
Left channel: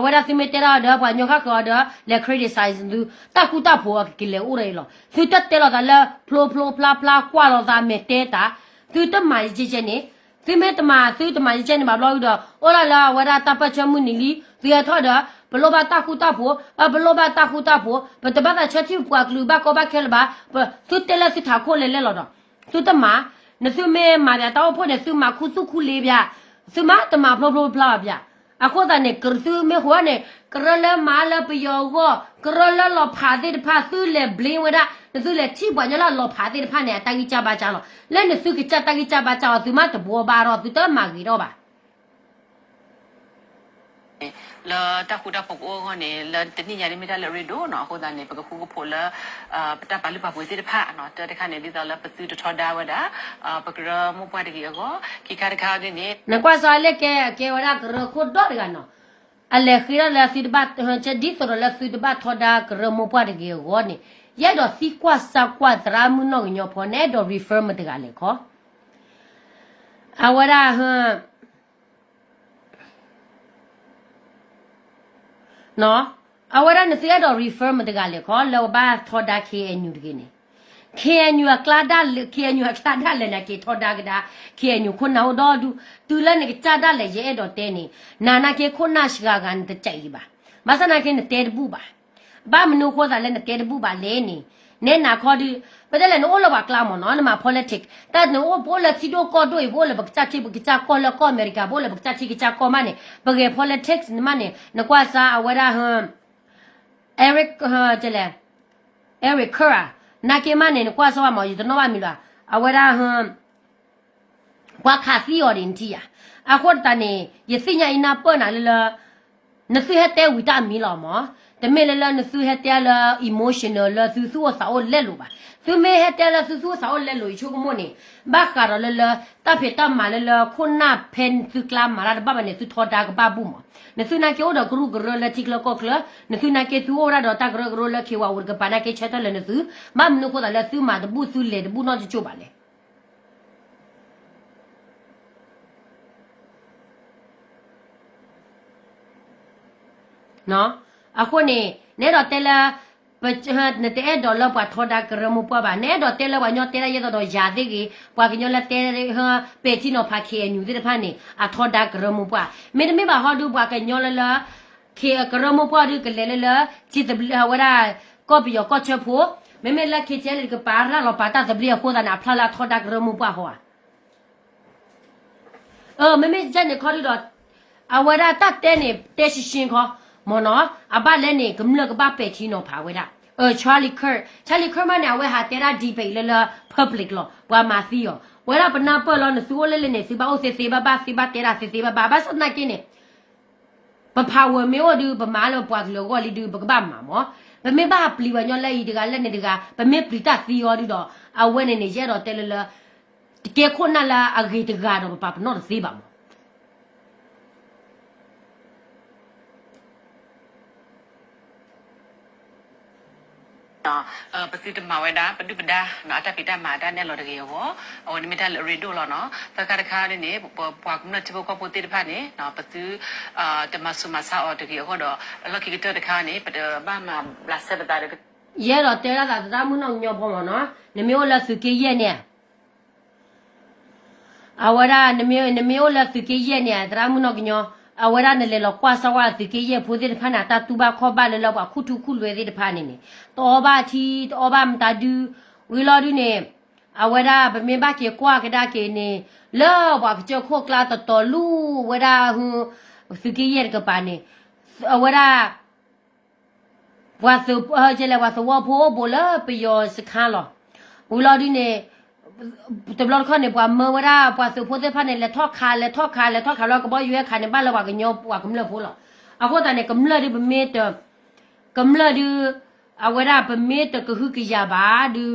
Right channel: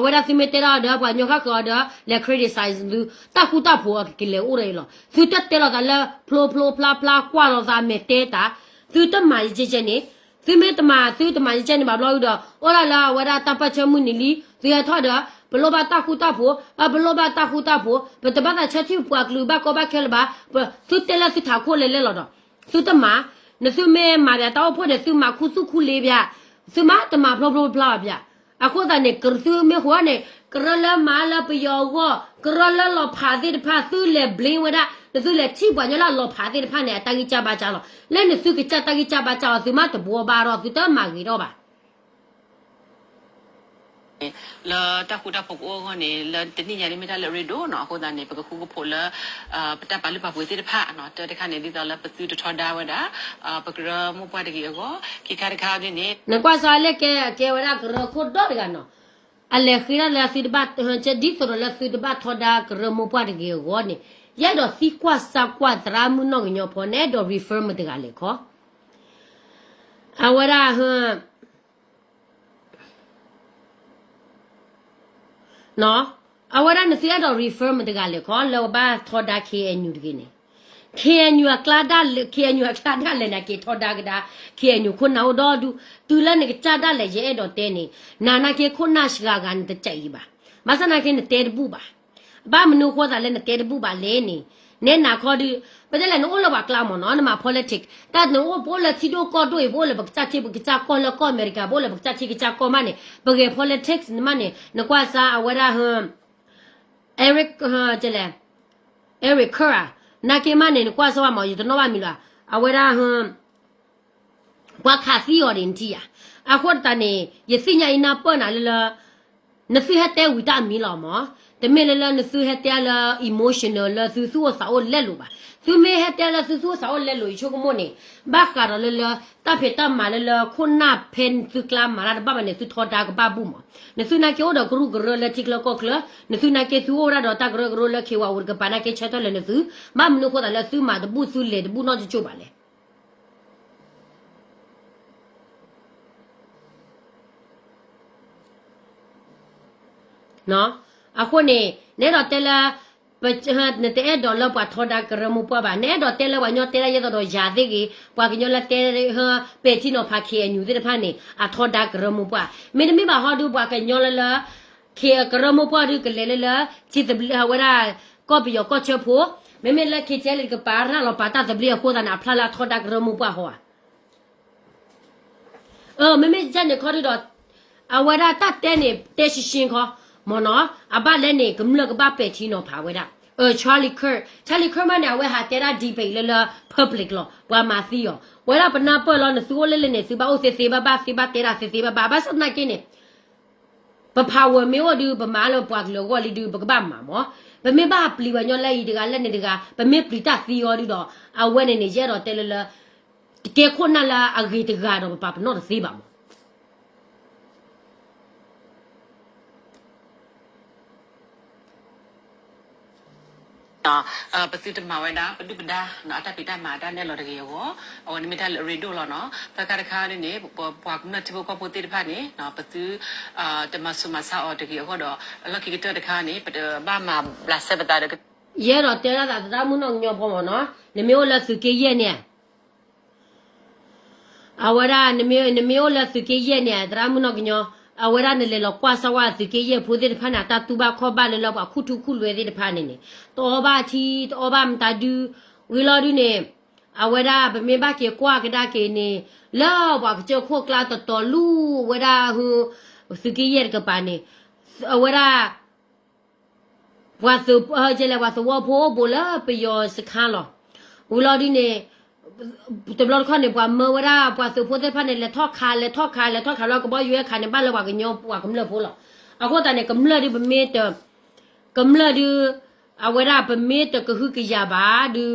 ဝရစီမတေရာဒါဘာညခကောဒါလက် criticize လူတခုတဖို့ကလေဦးရလောသူတက်တယ်လာလာဖလိုဖလိုဖလာဖလာကွာလောသာမေတေတာသူတမိုင်ကြည့်နေသူမေတမသူတမိုင်ကြည့်နေဘာလို့တော့ဩလာလာဝရတပတ်ချမှုနီလီဇေယထောဒါဘလောဘတခုတဖို့ဘလောဘတခုတဖို့ဘတပတ်ချက်ချပွားကလူဘကောဘခဲလဘာသူတဲလာသူထားခိုလေလေလောတော့သူတမနသူမေမာရတောဖို့တဲ့သူမခုစုခုလေးဗျသူမတမဖလိုဖလိုဖလာဗျအခုတည်းကရသူမေဟွာနေကရလမာလပယောကကရလလောဖာတဲ့ဖာသူလေဘလင်းဝရသူလေချိပွားညလာလောဖာတဲ့ဖာနဲ့တာကြီးကြပါကြလောလဲနေသူကကြတာကြီးကြပါကြသူမတဘောပါတော့သူတမကြီးတော့ပါလာတာခုတာပုတ်အောကနေလတနိညာရိမတာလရီဒိုနော်အခုဒါနေပကခုကဖို့လာပတပါလပါပွေတိတဖာနော်တခါနေဒီတော့လပစုတထောဒါဝဒါပကရမပွားတကြီးကိုခိခါတခါနေနေ ကွာစားလက်ကဲဝရကရခုတော့ကနော်အလေခရလာစီဒဘတ်ချက်ဒီဆိုလာစီဒဘတ်ထောဒါကရမပွားတကြီးကိုနေရတော့စီကွာစာကွာဒရာမနောညဖောနေတော့ refer မတကလေခေါ်အဝရဟနော်အဝရနစီရတော့ refer မတကလေခေါ်လောဘာထောဒါ KNU တကင်းနေ KNU ကလာဒါ KNU ကလာဒါလည်းနကေထောဒါကဒါ KNU ခုနောက်တော့သူလည်းနေကြတာလည်းရဲတော့တဲနေနာနာကေခုနာရှိကကန်တကြိုက်ပါမဆနာကေနဲ့တဲဘူးပါဘာမနုခေါ်တာလည်းနဲ့တဲဘူးပါလဲနေနဲ့နာခေါ်ဒီဘယ်လဲနိုးလောပါကလာမနော်နမ politics တတ်နိုးဘောလချီဒိုကောဒိုဘောလဘကချချီဘကချကောလကောအမေရိကဘောလဘကချချီကချကောမနေဘကေ politics နမနေနကွာစာအဝရဟမ် Eric ကျလဲ Eric Kura နာကေမနေကွာဆောမော်ယူတနောပါမီလားအဝရဟမ်ကွာခါဖီအော်ရင်တီယာအခုတနေယစိညာအနာပေါ်နာလနဖီဟတဲ့ဝီတာမီလာမောတမေလလနဖီဟတဲ့လာ emotional လာသူသူဆောလက်လို့ပါသူမေဟတဲ့လာသူသူဆောလက်လို့ချိုကမနေဘာခါရလလတဖေတမလလခုနာဖန်သူကလာမာရဘာမနေသူထောတာကဘာဘူးမနသူနာကေောဒဂရုဂရလတိကလကောကလနသူနာကေသူအော်ရတော့တဂရဂရလခေဝဝရကပနာကေချက်တယ်နသူမမနုခေါ်တယ်သူမတဘူးသူလေတဘူးတော့ချိုပါလေနော်အခုနေတော့တဲလာပချတ်နေတဲ့ဒေါ်လာပတ်ထော်ဒါကရမပွားပါနဲ့တော့တဲလာဝညောတဲလာရတော့ယာသေးကြီးပွားကညောလာတဲဟာပေချီနော်ဖာခေညူတဲ့ဖာနေအထော်ဒါကရမပွားမင်းမပါဟောဒူပွားကညောလာလာခေကရမပွားဒီကလေလာချစ်တဘလဝရာကောပီယောကောချဖို့မမေလာခေချဲလေကပါရာလောပါတာတဘလီကိုဒနာဖလာလာထော်ဒါကရမပွားဟောမမေဇန်နေခေါ်တော့အဝရာတတဲနေတဲရှင်ခေါ်မနော်အဘလည်းနေကမလကဘပဲချီနော်ဖာဝဲတာCharlie Kirk မနဲ့ဝဲဟာတဲရာဒီဘေလလ public လောဘွာမာသီယောဝဲလာပနာပေါ်လောနသူလဲလဲနေစီဘာအိုစီဘာဘာစီဘာတဲရာစီဘာဘာဘာစနာကင်းနေပဖာဝမေဝဒူပမာလောပွားကလောကလီဒူပကဘာမာမောဗမေဘာပလီဝညောလဲဤတကလက်နေတကဗမေပလီတာသီယောဒီတော့အဝဲနေနေရတော့တဲလလတေခုနလာအဂေတကတော့ပပနောစီဘာမောပစိတမဝဲတာပတုပဒါနော်အတပိတမာဒါနဲ့လော်တကေရောအော်နိမတာရီဒိုလောနော်ပကတခါနေပွားကနတိဘကပိုတိတဖာနေနော်ပစုတမဆုမဆာအော်တကေဟောတော့လက်ကီတတခါနေပဘာမဘလဆက်ပတာရဲတော့တဲလာတာမနောညောပေါ်မနော်နမျိုးလက်စုကေရဲ့နဲ့အဝရနမျိုးလက်စုကေရဲ့နဲ့ဒရာမနောကညော ဝရနဲ့လေလောက်ကွာစဝါစီကေရဲ့ဖိုးတဲ့ဖာနာတာတူဘာခေါ်ပါလေလောက်အခုထုခုလွယ်တဲ့ဖာနေနေတော့ဘာတီတော့ဘာမတာဒူဝီလာဒူနေအဝရဗမေဘာကေကွာကဒါကေနေလောဘာကချခိုကလာတော်လူဝရဟူစီကေရဲ့ကပါနေအဝရဝါစုကျလေဝါစုဝဖိုးဘလာပယောစခါလောဝီလာဒူနေတဘလခါနေပွားမဝရာပွားစုဖိုးတဲ့ဖာနေလက်ထောက်ခါလောက်ကဘောရွေးခါနေဘာလောကညောပွားကမလဖိုးလောအခုတane ကမလဒီဘမေတကမလဒီအဝရာဘမေတကဟုကရပါဒူ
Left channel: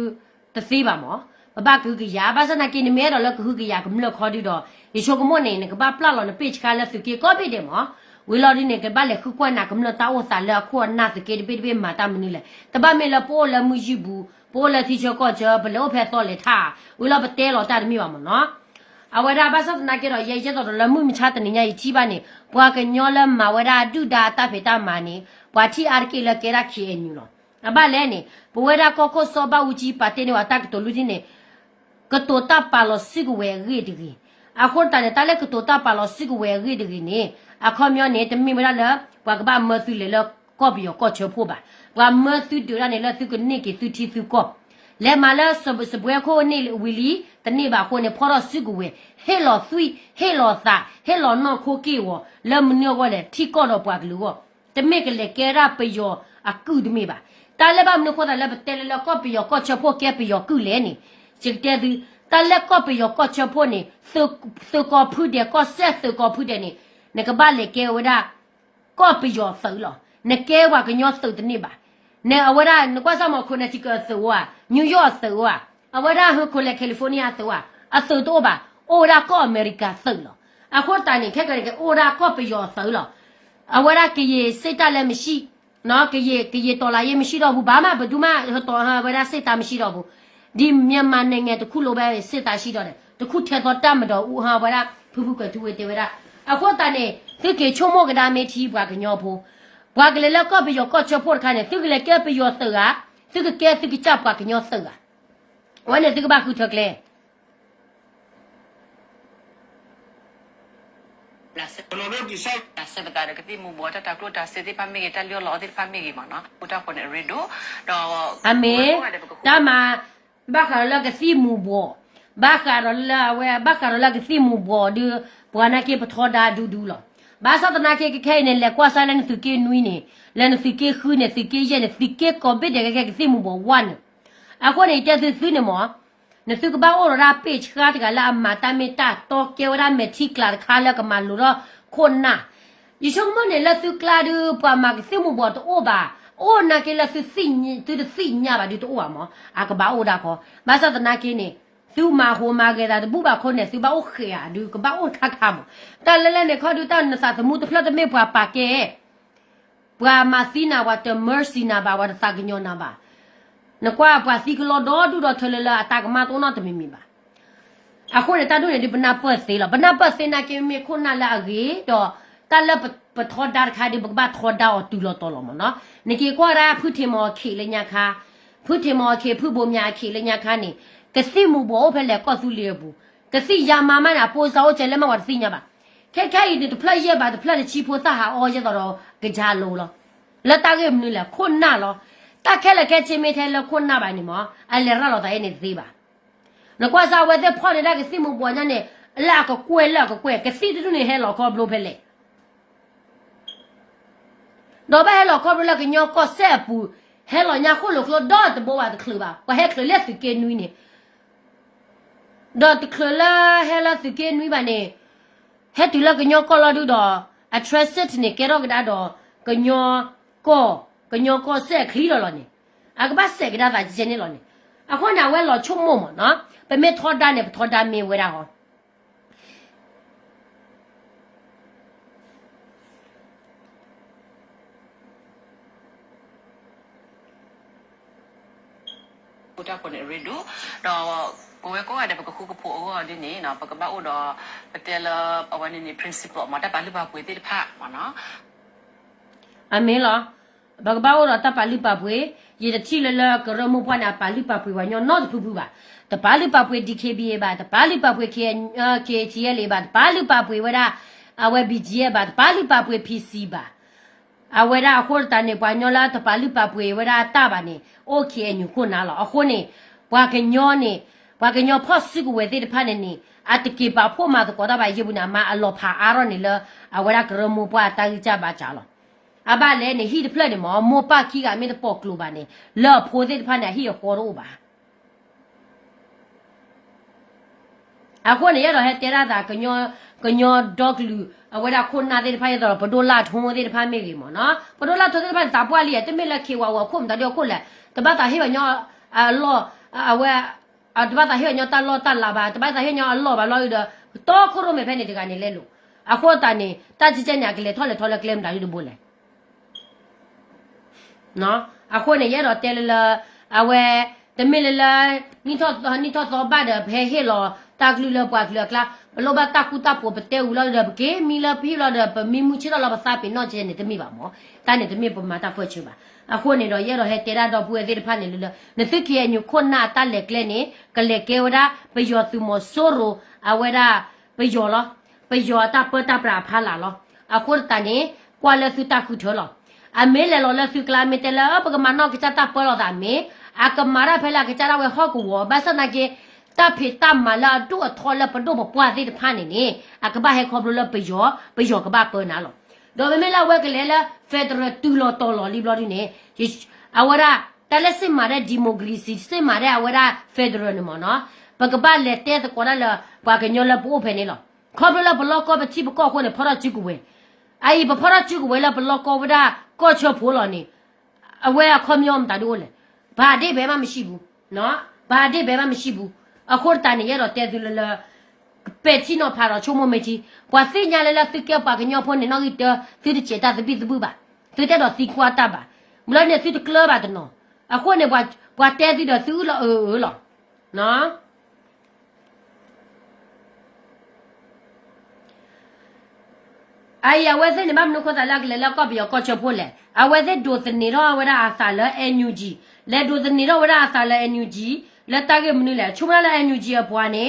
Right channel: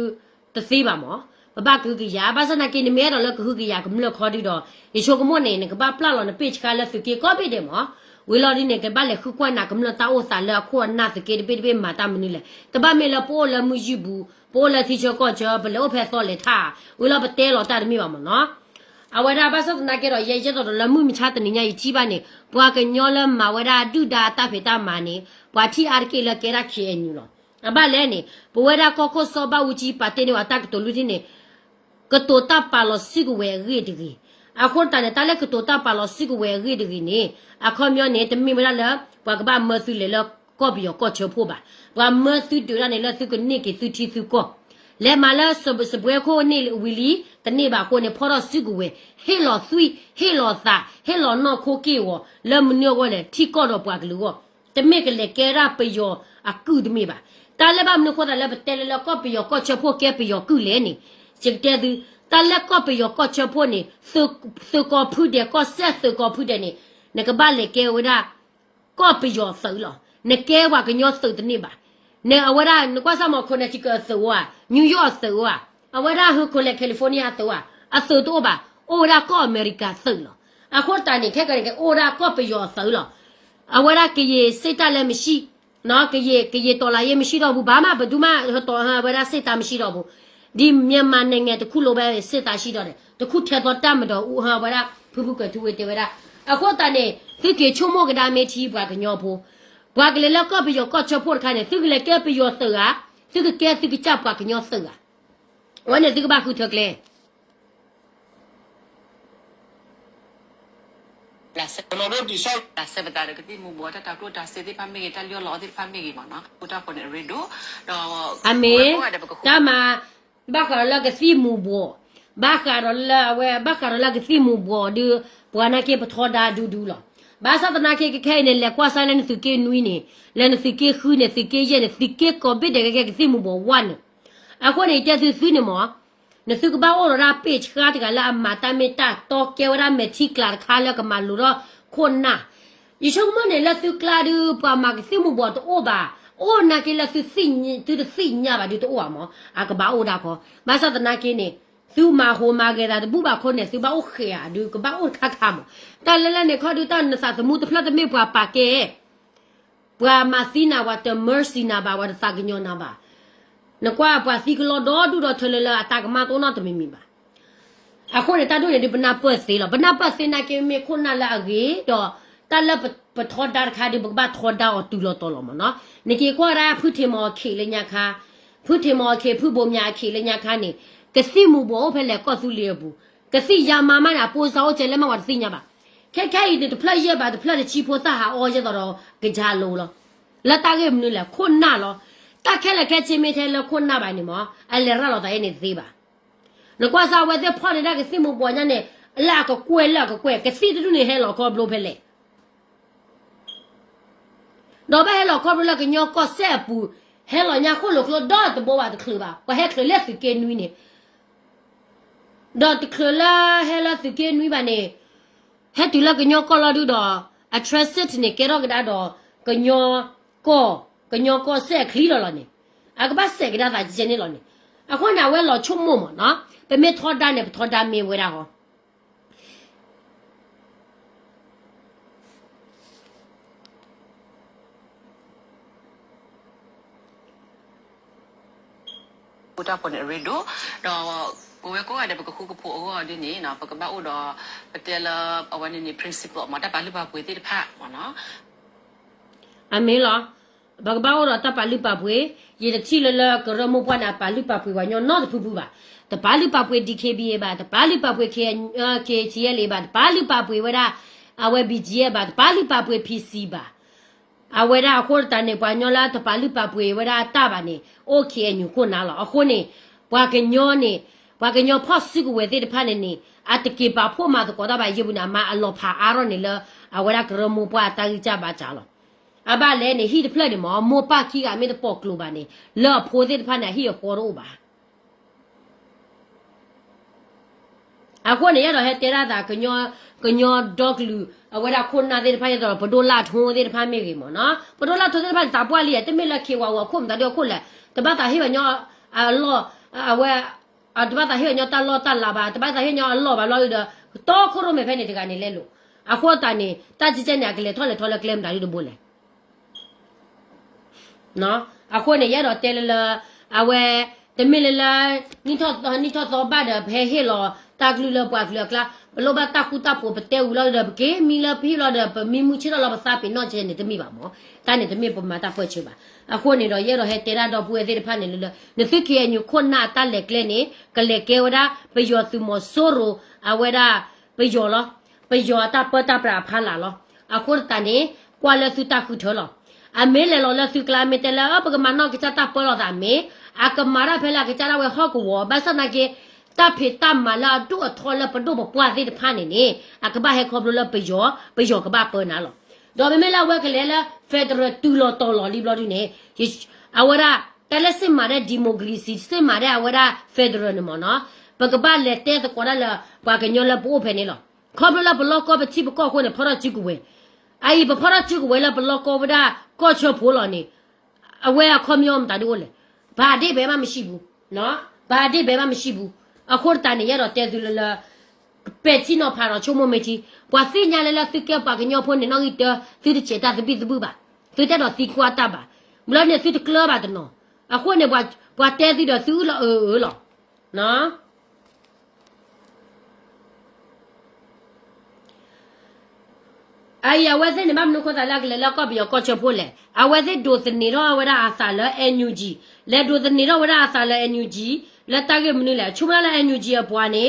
တသိပါမောဘဘကဟုကရပါစနာကိနေမဲတော့လကဟုကရကမလခေါ်ဒီတော့ယေရှုကမွနေကဘာပလာလောနပေချကလက်ဖကေကောတိတယ်မောဝီလော်ဒီနေကဘာလေခုကွနာကမလတာဝစာလခေါ်နာစကေဒီပေမာတာမနူလေတဘမေလပိုလမူယူဘူးပိုလတီချောကောချဘလောဖက်စောလေထားဝီလော်ပတဲလောတာမိပါမနော်အဝရဘာစနာကေတော့ရဲ့ကျတော့လမှုမချတဲ့နေညာကြီးပါနေဘွာကညောလမဝရဒုဒါတဖေတာမာနေဘွာတီအာကေလကေရခေအညူလောအဘလဲနေဘဝရကောကိုစောဘဝကြီးပါတဲ့နေဝတာကတော်လူချင်းနေကတောတာပါလောစီကဝဲရီဒီကြီးအခုတန်တလည်းကတောတာပါလောစီကဝဲရီဒီကြီးနေအခုမျိုးနေတမိမလားဘွာကဘာမသီလေလောကောဘီယောကောချဖို့ပါဘွာမသီဒူရနေလောစီကနေကေသူတီသူကောလဲမလာစဘစပွဲခိုနေဝီလီတနေ့ပါခိုနေဖော်တော့စီကဝဲဟဲလောသွီဟဲလောသာဟဲလောနော်ခိုကေဝလမညောကလေထီကောတော့ဘွာကလူကောတမိကလေကေရာပယောအခုတမိပါတာလည်းဘာမနခေါ်တာလည်းတဲလည်းကော့ပယောကော့ချဖို့ကဲပယောကုလဲနေစက်တဲ့သူတာလည်းကော့ပယောကော့ချဖို့နေသုကောဖုတဲ့ကော့ဆက်သုကောဖုတဲ့နေနကဘာလေကဲဝဒကော့ပယောသုလောနကဲဝကညောသုတနေပါနေအဝရနကွာစမခုနေချကသုဝနယူးယောက်သုဝအဝရဟခုလေကယ်လီဖိုးနီးယားသုဝအသုတော့ပါအိုရာကော့အမေရိကသုလောအခုတန်နေခက်ကရကအိုရာကော့ပယောသုလောအဝရကရေစိတ်တလည်းမရှိနော်ကရေတော်လာရေးမရှိတော့ဘူးဘာမှဘယ်သူမှတော်ဝရစစ်တာမရှိတော့ဘူးဒီမြန်မာနိုင်ငံတခုလိုပဲစစ်တာရှိတော့တယ်တခုထက်တော့တတ်မတော့ဦးဟာဝရဖူးဖူးကသူဝေတေဝရအခုတန်နေသူကေချုံမောကဒါမေတီဘွားကညောဖို့ဘွားကလေးလောက်ပြီးရောကော့ချဖို့ခိုင်းနေသူကလေးကဲပြီးရောစကားသူကဲသူကချဘွားကညောစကားဝမ်းနေသူကဘာခုထကလေla se lo di sol la se bata de kiti mu bota ta klo ta se ti pami ke ta lyo lo ti pami ke ma no puta ko ne redo do အမေတမဘာခါလာကစီမူဘောဘာခါလာဝဲဘာခါလာကစီမူဘောဒီဘွာနာကေပထောဒါဒူဒူလောဘာသာတနာကေခဲနေလေကွာဆိုင်လန်သူကေနွီနေလန်သူကေခူးနေသူကေရဲနေသူကေကောဘစ်တဲ့ကေစီမူဘောဝမ်အခုနေတဲ့သူစီနေမောနစုကဘာအော်ရာပေချခါတကလာမာတမေတာတောကေဝရာမေတီကလာခါလကမလူရောခွန်နာယရှုံမနေလစုကလာဒူပမာကစီမူဘောတော့ဘာအိုနာကေလစုစီညတူစီညာပါဒီတော့မောအကဘာအိုဒါခေါ်ဘာသာတနာကေနေသူမာဟိုမာကေတာဘူဘာခွန်နေသူဘာအိုခေယာဒူကဘာအိုခါခါမတလလနေခေါ်ဒူတန်နစာသမူတဖလတ်မေပွားပါကေပွာမာစီနာဝတ်မာစီနာဘာဝတ်ဖာကညောနာဘာနကွာပွာစီကလောဒူတော့ထလလအတာကမတော့တော့တမီမီပါအခုနေတာတို့ဒီဘနာပတ်စီလောဘနာပတ်စီနာကေမေခုနာလာရီတော့တလပထောဒါခါဒီဘဘထောဒါအတူလို့တော်လို့မနော်နေကေကွာရာဖုထေမောခေလညာခါဖုထေမောခေဖုဘုံညာခေလညာခါနေကစီမူဘောဖလဲကော့စုလီဘူးကစီယာမမနာပိုးစောကျလဲမဝတ်စီညာပါခဲခဲဒီဖလက်ရပါဖလက်ချီဖို့တာဟာအော်ရတော့ကြာလို့လောလက်တာကေမနူလာခုနာလောတာခဲလက်ခဲချင်းမေထဲလခုနာပါနေမောအလဲရလောတိုင်းနေသေးပါနကွာစာဝဲတဲ့ဖော်နေတာကစီမူဘောညာနေအလာကကွဲကစီတူနေဟဲလောခေါ်ဘလို့ဖလဲတော့ဘဲလောခေါ်ဘလို့ကညောကောဆက်ပူဟဲလောညာခုလို့တော့တဘောဝတ်ခလပါဝဟဲခလက်စကေနွီနေတော့တခလာဟဲလာစကေနွီပါနေဟဲတူလကညောကောလာဒူတော့ attracted နေကေရောကဒါတော့ကညောကောဆက်ခလီလောနေအကဘဆက်ကဒါတာဂျင်းနေလောနေအခုနာဝဲလောချုံမမနော်ပမေထောဒါနေထောဒါမေဝဲတာဟောputa ko ne redo do ko we ko ada ba ku ko pho o de ni na ba ka ba o do patela awani ni principle ma ta ba lu ba pwe ti pha ma no အမေလားဘကဘာဝရတပါလိပပွေရေတချီလလကရမပွားနာပါလိပပွေဝညောနော့ဖူဖူပါတပါလိပပွေ DKBA ပါတပါလိပပွေ KCL ပါတပါလိပပွေဝရ အဝဲဘီဂျီဘာပါလီပါပွေ PC ပါအဝဲရာခေါ်တန်နေပွားညောလာတပါလီပါပွေဝရာတာပါနေโอเคညခုနာလောအခုနေပွားကညောနေပွားကညောဖော့စီကိုဝဲတဲ့ဖာနေနေအတကေပါဖို့မှာတော့တော့ပါယေဘူးနာမအလောဖာအာရောနေလအဝဲရာကရမပွားတာကြီးကြပါကြလောအဘလဲနေဟီတဖလက်နေမောပါခီကမေတပေါကလိုပါနေလောဖိုတဲ့ဖာနေဟီခေါ်တော့ပါအခုနေရတော့ဟဲ့တဲရတာကညောဒေါကလူအဝဲဒါခုနာတဲ့ဖိုင်တော့ဘဒိုလာထုံးတဲ့ဖိုင်မေပြီမောနော်ဘဒိုလာထုံးတဲ့ဖိုင်တာပွားလီတမေလက်ခေဝါဝခုံတာတော့ခုလက်တပတ်တာဟိညောအလောအဝဲတပတ်တာဟိညောတလောတလာပါတပတ်တာဟိညောအလောပါလောတော့ခုရမေဖိုင်နေတကနေလဲလို့အခုတန်နေတာချစ်ချညာကလေးထော်လေကလမ်ဒါရီတို့ဘိုလဲနော်အခုနေရတော့တဲလအဝဲတမေလလာနိထောတော့ဘာတဲ့ဖဲဟေလောတာကလူလပွားကလကလာဘလောဘတာခုတာပိုပတဲဦးလာတဲ့ကေမီလာဖီလာတဲ့မီမူချီလာဘာသာပင်တော့ကျနေတမိပါမောတန်းနေတမိပမာတာဖွဲ့ချပါအခုနေတော့ရဲတော့ဟဲတေရာတော့ပွေသေးတဖတ်နေလို့နသိကေညခုနာတလက်ကလေးနေကလေကေဝဒါပယောသူမဆိုရိုအဝဒါပယောလောပယောတာပတာပရာဖာလာလောအခုတန်နေကွာလစုတာခုထောလောအမေလေလောလစုကလာမီတဲလာပကမနောကချတာပေါ်လာတာမေအကမာရာဖဲလာကချလာဝဲဟောကဝဘာစနာကေတာဖေတာမလာတို့အထော်လပတို့ပွားသေးတဖာနေနေအကဘာဟဲခေါဘလပယောကဘာပေါ်နာလောဒေါ်မေလာဝဲကလေးလာဖက်ဒရယ်တူလောတော်လော်လီဘလော်ဒီနေအဝရာတလက်စင်မာတဲ့ဒီမိုကရေစီစင်မာတဲ့အဝရာဖက်ဒရယ်နမနော်ပကဘာလက်တဲ့ကောရလာပွားကညောလပိုးဖဲနေလောခေါဘလဘလောကောပချိပကောခွနေဖရချီကူဝဲအိဘဖရချီကူဝဲလာဘလောကောဝဒါကောချောဖိုးလော်နေအဝဲအခွန်ယောမတာတို့လေဘာဒိဘဲမှမရှိဘူးနော်ဘာဒိဘဲမှမရှိဘူးအခုတန်ရတော့တဲသူလပက်ချီနော်ဖာတော့ချုံမမေချီပွားစညာလေလာသိကပါကညောဖုန်နေနော်ဒီတိချေတာသပိသဘူးပါသူတဲ့တော့စီကွာတာပါမလို့နေစီတကလပါတနော်အခုနေပွားတဲစီတော့သူလောလောနော်အိုင်ဝဲစနေမမနုခတာလာကလေလာကပ်ရောကောချဖိုးလေအဝဲစဒိုတနေတော့ဝရအစာလ NUG လေဒိုတနေတော့ဝရအစာလ NUG လက်တကမနလေချုံလာ NUG အပွားနေ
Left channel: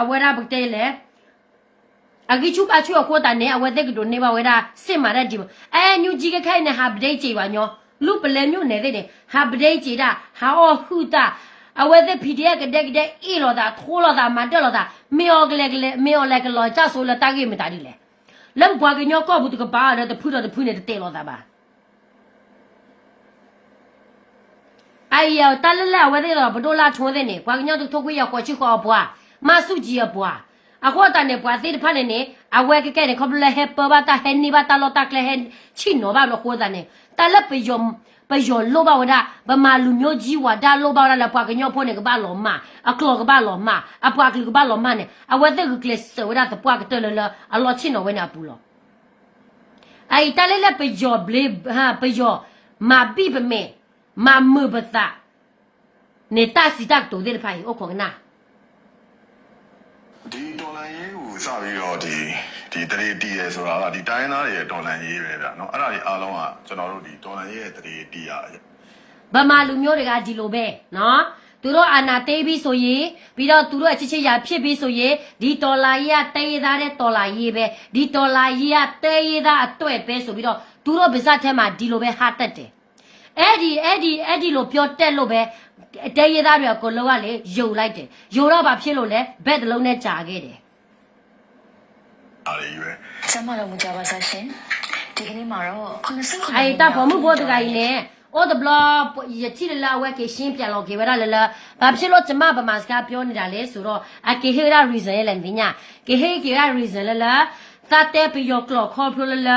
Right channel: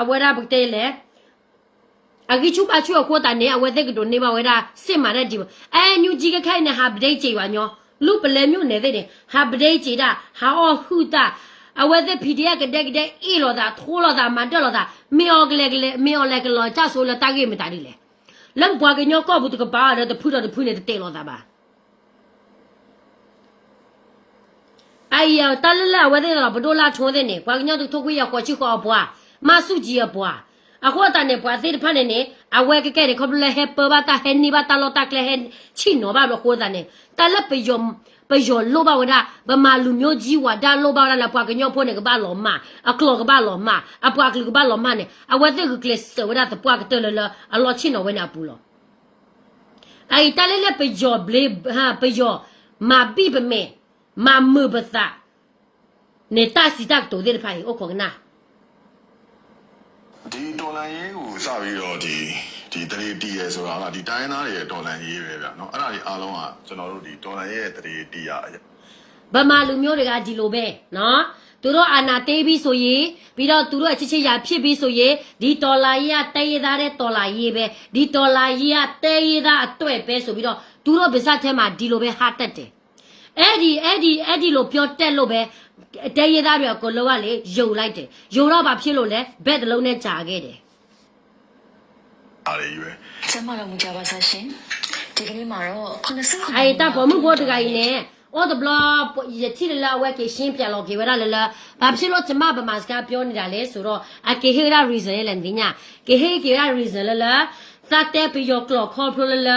အဝရဘကတဲလေအဂိချူပါချူခေါ်တာနေအဝဲတဲ့ကဒိုနေပါဝရစစ်မာတဲ့ဒီNUG ကခိုင်နေဟာပဒိတ်ချေပါညောလူပလဲမျိုးနေတဲ့ဟာပဒိတ်ချေတာဟာအော်ဟူတာအဝဲတဲ့ PDF ကတဲ့အေးလောတာထိုးလောတာမတက်လောတာမေော်ကလေမေော်လေကလောချဆိုလတကမတာဒီလေလက်ပွားကညောကောဘူးတကပါရတဲ့ဖူတော့ဖူနေတဲ့တဲလောတာပါ哎呀，打了来，我这个不多拉抽的呢，把人家都脱亏要过去好不啊？马书记也不啊？啊，我当年不谁的怕的呢？啊，我给盖的可不来还包吧，打还泥巴打老打来还亲罗吧，罗活的呢？打了不用老吧我da，不马路牛鸡我da老吧了，把个鸟破那个把老马，啊，搞个把老马，啊，把个把老马呢？啊，我这个给手da是把个得了，啊，老亲罗为那不了？哎，打了不要不哈不要马比不买。မမဘသာနေတာစီတက်တိုတဲ့ဖိုင်အိုခေါနာဒီဒေါ်လာရေးကိုစပြီးတော့ဒီတရေတီးရဲဆိုတာကဒီတိုင်းသားတွေရဲ့ဒေါ်လာရေးပဲဗျာနော်အဲ့ဒါကြီးအားလုံးကကျွန်တော်တို့ဒီဒေါ်လာရေးရဲ့တရေတီးရဗမာလူမျိုးတွေကဒီလိုပဲနော်သူတို့အာနာတေးပြီးဆိုရင်ပြီးတော့သူတို့အချစ်ချစ်ရာဖြစ်ပြီးဆိုရင်ဒီဒေါ်လာရေးကတေးသားတဲ့ဒေါ်လာရေးပဲဒီဒေါ်လာရေးကတေးသားအတွက်ပဲဆိုပြီးတော့သူတို့ဗစားထဲမှာဒီလိုပဲဟာတက်တယ်အဲ့ဒီလိုပြောတက်လို့ပဲတဲရသားတွေကိုလောကလေယုံလိုက်တယ်ယုံတော့ဘာဖြစ်လို့လဲဘက်တစ်လုံးနဲ့ကြာခဲ့တယ်အားရရွယ်ကျမတို့မကြပါစားရှင်ဒီကနေ့မှာတော့89အဲ့တာဘမှုဘောတကကြီးနဲ့အော်ဒဘလာရချီလာဝဲကရှင်းပြန်လို့ခေဝရလလဘာဖြစ်လို့ကျမဗမာစကားပြောနေတာလဲဆိုတော့အကေဟေရာ reason လဲလင်းညာကေဟေကေရာ reason လလသတ်တဲ့ပြီးရောကလောခေါ်ဖလလ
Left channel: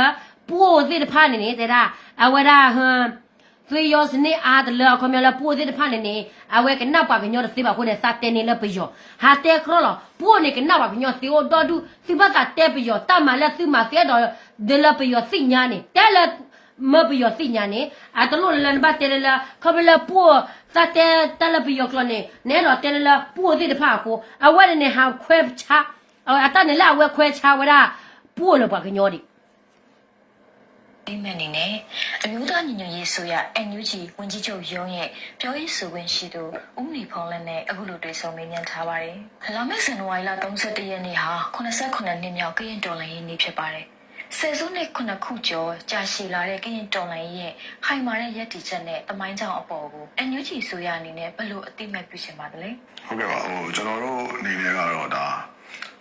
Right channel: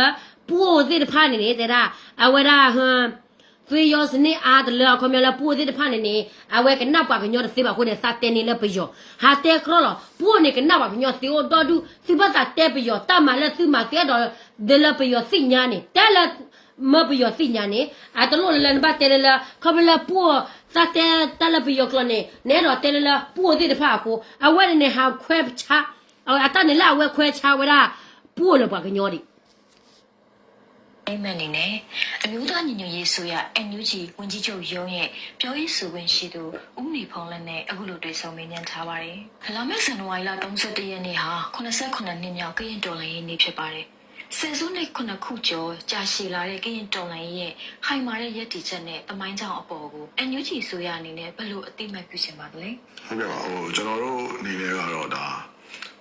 ပို့တဲ့ဖာနေနေတာအဝရဟမ်ဖေယောစနေအားတလောခမလာပိုးတဲ့ဖာနေနေအဝဲကနောက်ပါကညောသေပါခုနဲ့စာတဲနေလဲပြီးရောဟာတဲခရောပိုးနေကနောက်ပါကညောသေတော်ဒူသီဘတာတဲပြီးရောတမလည်းသီမသေးတော့ဒလပြီးရောစိညာနေတဲလမပြီးရောစိညာနေအတလို့လန်ဘတ်တဲလခမလာပိုးစာတဲတလပြီးရောကလနေနဲတော့တဲလပိုးတဲ့ဖာကိုအဝဲနေဟာခွဲချအတနေလာအဝဲခွဲချဝရပိုးလပါကညောဒီ အိမ်မက်နေနဲ့အမျိုးသားညီညွတ်ရေးဆိုရ NUG ဝန်ကြီးချုပ်ရုံးရဲ့ပြောရေးဆိုခွင့်ရှိသူဦးနေဖုံးလက်နဲ့အခုလိုတွေ့ဆုံမေးမြန်းထားပါတယ်။လာမယ့်ဇန်နဝါရီလ31ရက်နေ့ဟာ89နှစ်မြောက်ကရင်တော်လှန်ရေးနေ့ဖြစ်ပါတယ်။ဆယ်စုနှစ်9ခုကျော်ကြာရှည်လာတဲ့ကရင်တော်လှန်ရေးရဲ့ဟိုင်မာတဲ့ရည်တည်ချက်နဲ့တမိုင်းကြောင်အပေါ်ကို NUG ဆိုရအနေနဲ့ဘယ်လိုအသိမှတ်ပြုချင်ပါသလဲ။ ဟုတ်ကဲ့ပါကျွန်တော်တို့အနေနဲ့ကတော့ဒါ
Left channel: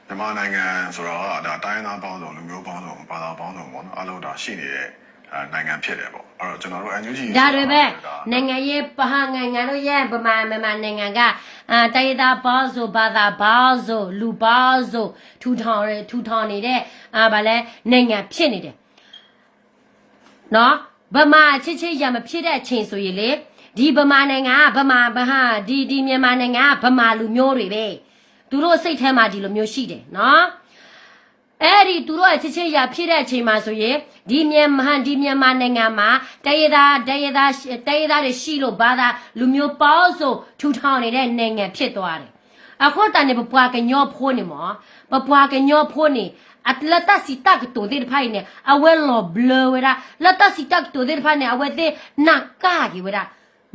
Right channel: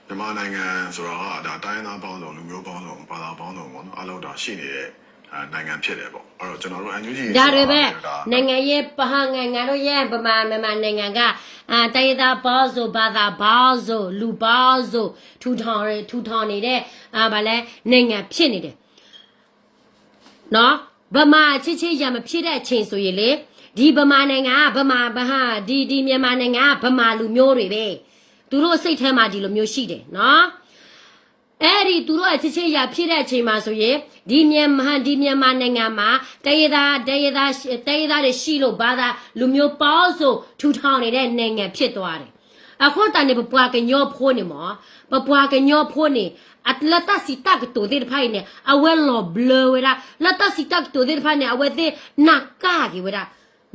မြန်မာနိုင်ငံဆိုတော့ဒါတိုင်းသားပေါင်းစုံလူမျိုးပေါင်းစုံဘာသာပေါင်းစုံပေါ့နော်အလုံးဒါရှိနေတဲ့နိုင်ငံဖြစ်တယ်ပေါ့အဲ့တော့ကျွန်တော်တို့ NUG ဒါတွေပဲနိုင်ငံရေးပဟနိုင်ငံတို့ရဲ့ဗမာနိုင်ငံကတိုင်းသားပေါင်းစုဘာသာပေါင်းစုလူပေါင်းစုထူထောင်နေတဲ့ဗာလဲနိုင်ငံဖြစ်နေတယ်နော်ဗမာချစ်ရမဖြစ်တဲ့အချိန်ဆိုရင်လေဒီဗမာနိုင်ငံကဗမာဒီမြန်မာနိုင်ငံကဗမာလူမျိုးတွေပဲသူတို့စိတ်ထဲမှာဒီလိုမျိုးရှိတယ်နော်အဲ့ဒီသူတို့အချစ်ရဖြစ်တဲ့အချိန်မှာဆိုရင်ဒီမြန်မာနိုင်ငံမှာတိုင်းသားတွေရှိလို့ဘာသာလူမျိုးပေါင်းစုထူထောင်နေတဲ့နိုင်ငံဖြစ်သွားတယ်အခုတန်နေပပွားကညောဖိုးနေမောပပွားကညောဖိုးနေအတလတစီတက်တိုဒီဖိုင်နေအဝဲလောဘလဝရာလတစီတက်တိုဒီဖိုင်နေအဝဲတဲ့နကာကြီးဝရာ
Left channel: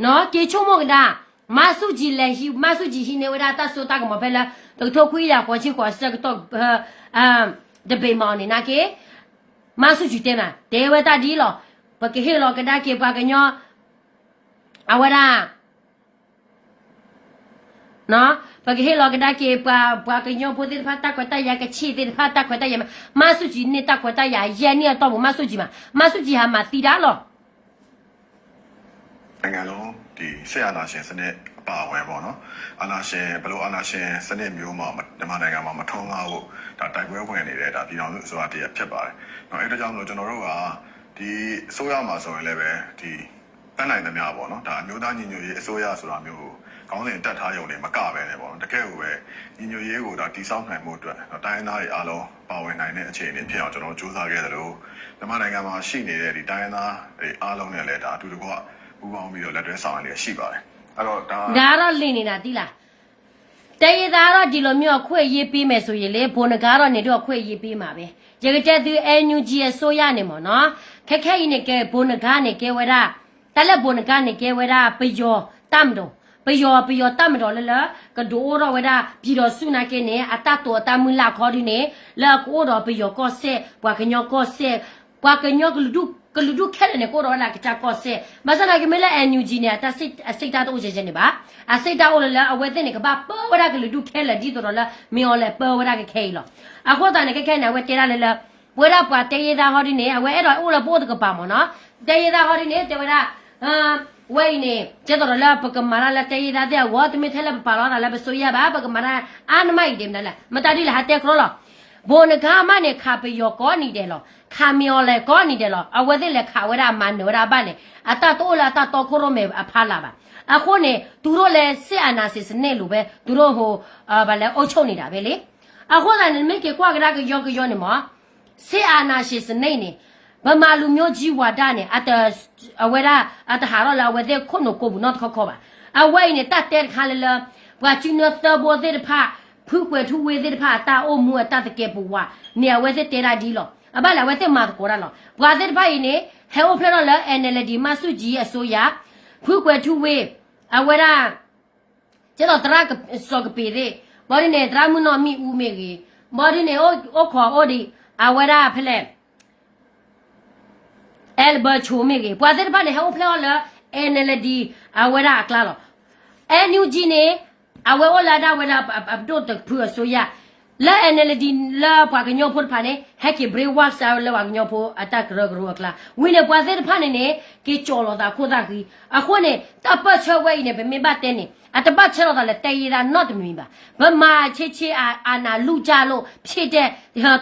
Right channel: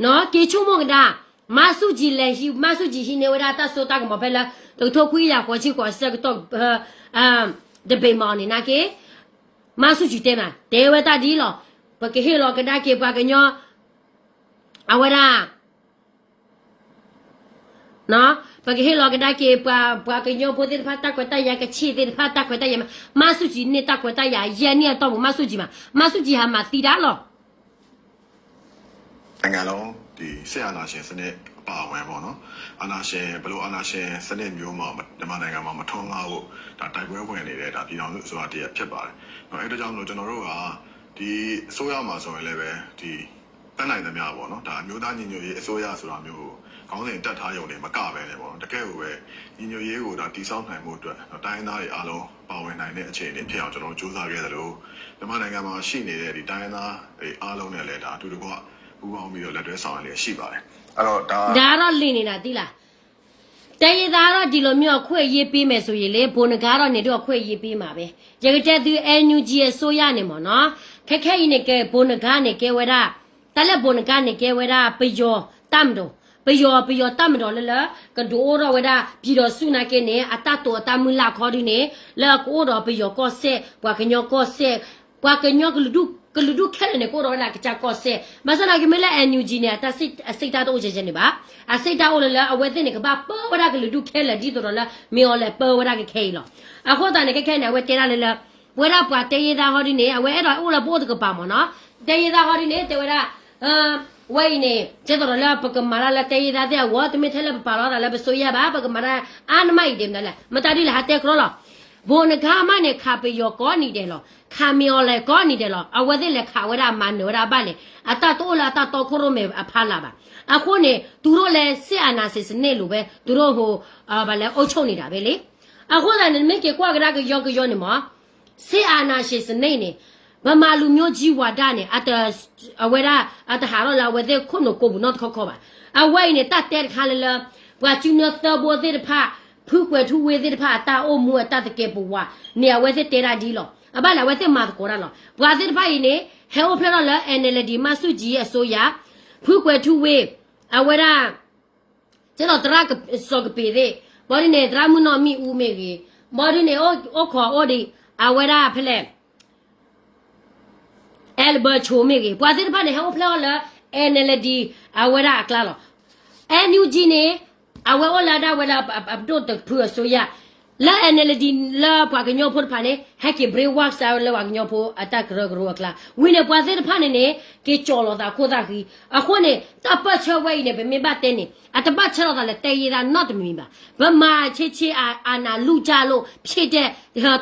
နော်ကေချုံမောကဒါမဆုကြီးလည်းရှိမဆုကြီးရှိနေဝရာတဆိုတက်မဖဲလာတို့ထုတ်ခွေးရခေါ်ချီခေါ်စက်တော့ဒဘေမောင်နေနာကေမဆုကြီးတဲ့နာဒေဝတာဒီလောဘကဟေလောကဒါကေပွားကညောအဝရာနော်ဘကဟေလောကဒါကေပွားကညောပိုတဲ့ဖတ်တက်ကွတရကချီတဲ့ဖတ်တက်ကွတရမဆုကြီးနေတက်ကွတရရန်နေတော့မဆုကြီးဟာမတီတာလောနိုင်ငံလုံးဒီဆရာနာရှင်စနစ်အပါအဝင်ပေါ့နော်အာနာရှင်ဘလို့အာနာရှင်စနစ်မျိုးမှာမြန်မာနိုင်ငံမှာမထုံးကားဖို့ဒါတိုက်ပွဲဝင်နေတဲ့ဒါပြည်တော်စုအစိုးရတရဖြစ်ပါတယ်။နော်အဲ့ဒါကြောင့်မလို့ကျွန်တော်တို့ကဒီအစိုးရမှာဆိုရင်လည်းပဲဒီတန်းနိုင်သမျှပေါ့နော်ဒါအမျိုးသားညီညွတ်ရေးအစိုးရဆိုတာမျိုးကိုခေါင်းစဉ်တက်ထားရုံနဲ့မကပဲနဲ့ပေါ့နော်တကယ်ကိုပဲညီညွတ်ရေးကိုဒါတည်ဆောက်နိုင်မှုအတွက်တိုင်းရင်းသားတွေအားလုံးပါဝင်နိုင်တဲ့အခြေအနေဖြစ်အောင်ကျွန်တော်တို့စူးစမ်းခဲ့သလိုမြန်မာနိုင်ငံမှာရှိနေတဲ့ဒီတိုင်းရင်းသားတွေအားလုံးနဲ့လည်းဒါအတူတကွပူးပေါင်းပြီးတော့လက်တွဲဆောင်ရွက်လျက်ရှိပါတယ်အဲ့တော့ဒါတော့လင်းနေတာသိလားတိုင်းသားတော့ဒီလိုမျိုးခွေရေးပေးမယ်ဆိုရင်လေဘုံနကားတော့နေတော့ခွေရေးပေးမှာပဲရကြတဲ့သူ NUG ရဲ့ဆိုရနေမော်နော်ခက်ခဲနေကဲဘုံနကားနေကဲဝရတလက်ဘုံနကားနေကဲဝရပယောတမ်တော့ပယောတမ်တော့လေကဒိုးတော့ဝရပြီးတော့စုနာကဲနေအတတော်တမလာခေါ်ဒီနေလာကိုတော့ပယောကောဆက်ဘွာကညောကောဆက်ဘွာကညောကလူဒုခဲနေကိုတော့လာကချကောဆက်မစနာကမလဲ NUG နဲ့တစိတ်တာတော့ချက်နေပါအစိတ်တာအိုလအဝဲတဲ့နေကပါပေါ်ဝရကလူဒုခဲလေဒီတော့လာမေော်လေပေါ်ဝရကခဲလောအခုတန်နေခဲနေဝဲတဲရလေဝဲရပွားတဲရတာဟောဒီနေအဝဲအဲ့တော့အိုလပို့တကပါမနော်တဲရတာဟောဒီနေတဲဝရဝဲနေကျတော့လာပကမာလာတဲရတာတဲ့ဝတ်မထဲလာပါလာလာပဆိုရပါပကမာလာအာနမိုက်တယ်လားမတဒီလာတဲ့ခရောလောဘုံကမနဲ့ခါပယောကောနေတယ်လောခါမျောလေကောနေတယ်လောအဝဲတဲ့လေခါဝရမန်ဝရပါလေအတတိုးလာတတော်ခရိုမေအဖာလာပါအခုနေသူတို့လည်းစစ်အာဏာစစ်စနစ်လိုပဲသူတို့ဟိုဗာလဲအုပ်ချုပ်နေတာပဲလေအခုလည်းမိကေကွာကရကယောနေမစစ်အာဏာစစ်စနစ်နေဗမာလူမျိုးကြီးဝါဒနဲ့အဝဲရာအတဟာရလာဝဲတဲ့ခုနကိုဘူးနော်ခေါ်ပါအဝဲနေတတ်တဲ့ခါလေဘွာချင်းနော်သဘောတဲ့ဖာဖူးကွယ်ထူဝဲတဲ့ဖာတာအိုမူအတတကဲပူဝါနေဝဲတဲ့တဲရာဒီလောအဘလာဝဲတဲ့မာကိုရလောဘွာတဲ့ဖာနေဟဲအိုဖရလာ NLD မဆုကြီးအစိုးရဖူးကွယ်ထူဝဲအဝရာကျတော့တရာကစောကပေတဲ့မော်ရီနေဒရာမနောမီဦးမေကြီးမော်ရီနေအိုခေါ်အိုဒီအဝရာဖလဲအယ်ဘတ်ချိုမေကြီးပွားတဲ့ဘာနေဟောဖလောလာ NLD အဝရာကလာလော NUG နေအဝဲလာဒါဝဲလာအပ်တော့ဖူဆိုရလာ NLD လာပွားကညောဖို့ဖာနေဟက်ကေဘရေဝါဆာလာဝါကညောဖို့အတက်ရဂရူကလာဝင်းနေပွားတဲ့ဖာနေကေချော်လောတာခိုးတာခီအခုနေတပတ်ချဝဲနေပဲမဘတဲ့နေအတပတ်ချတော့လည်းတေးရ not မီပါဗမာချေအာနာလူကြလို့ဖြစ်တဲ့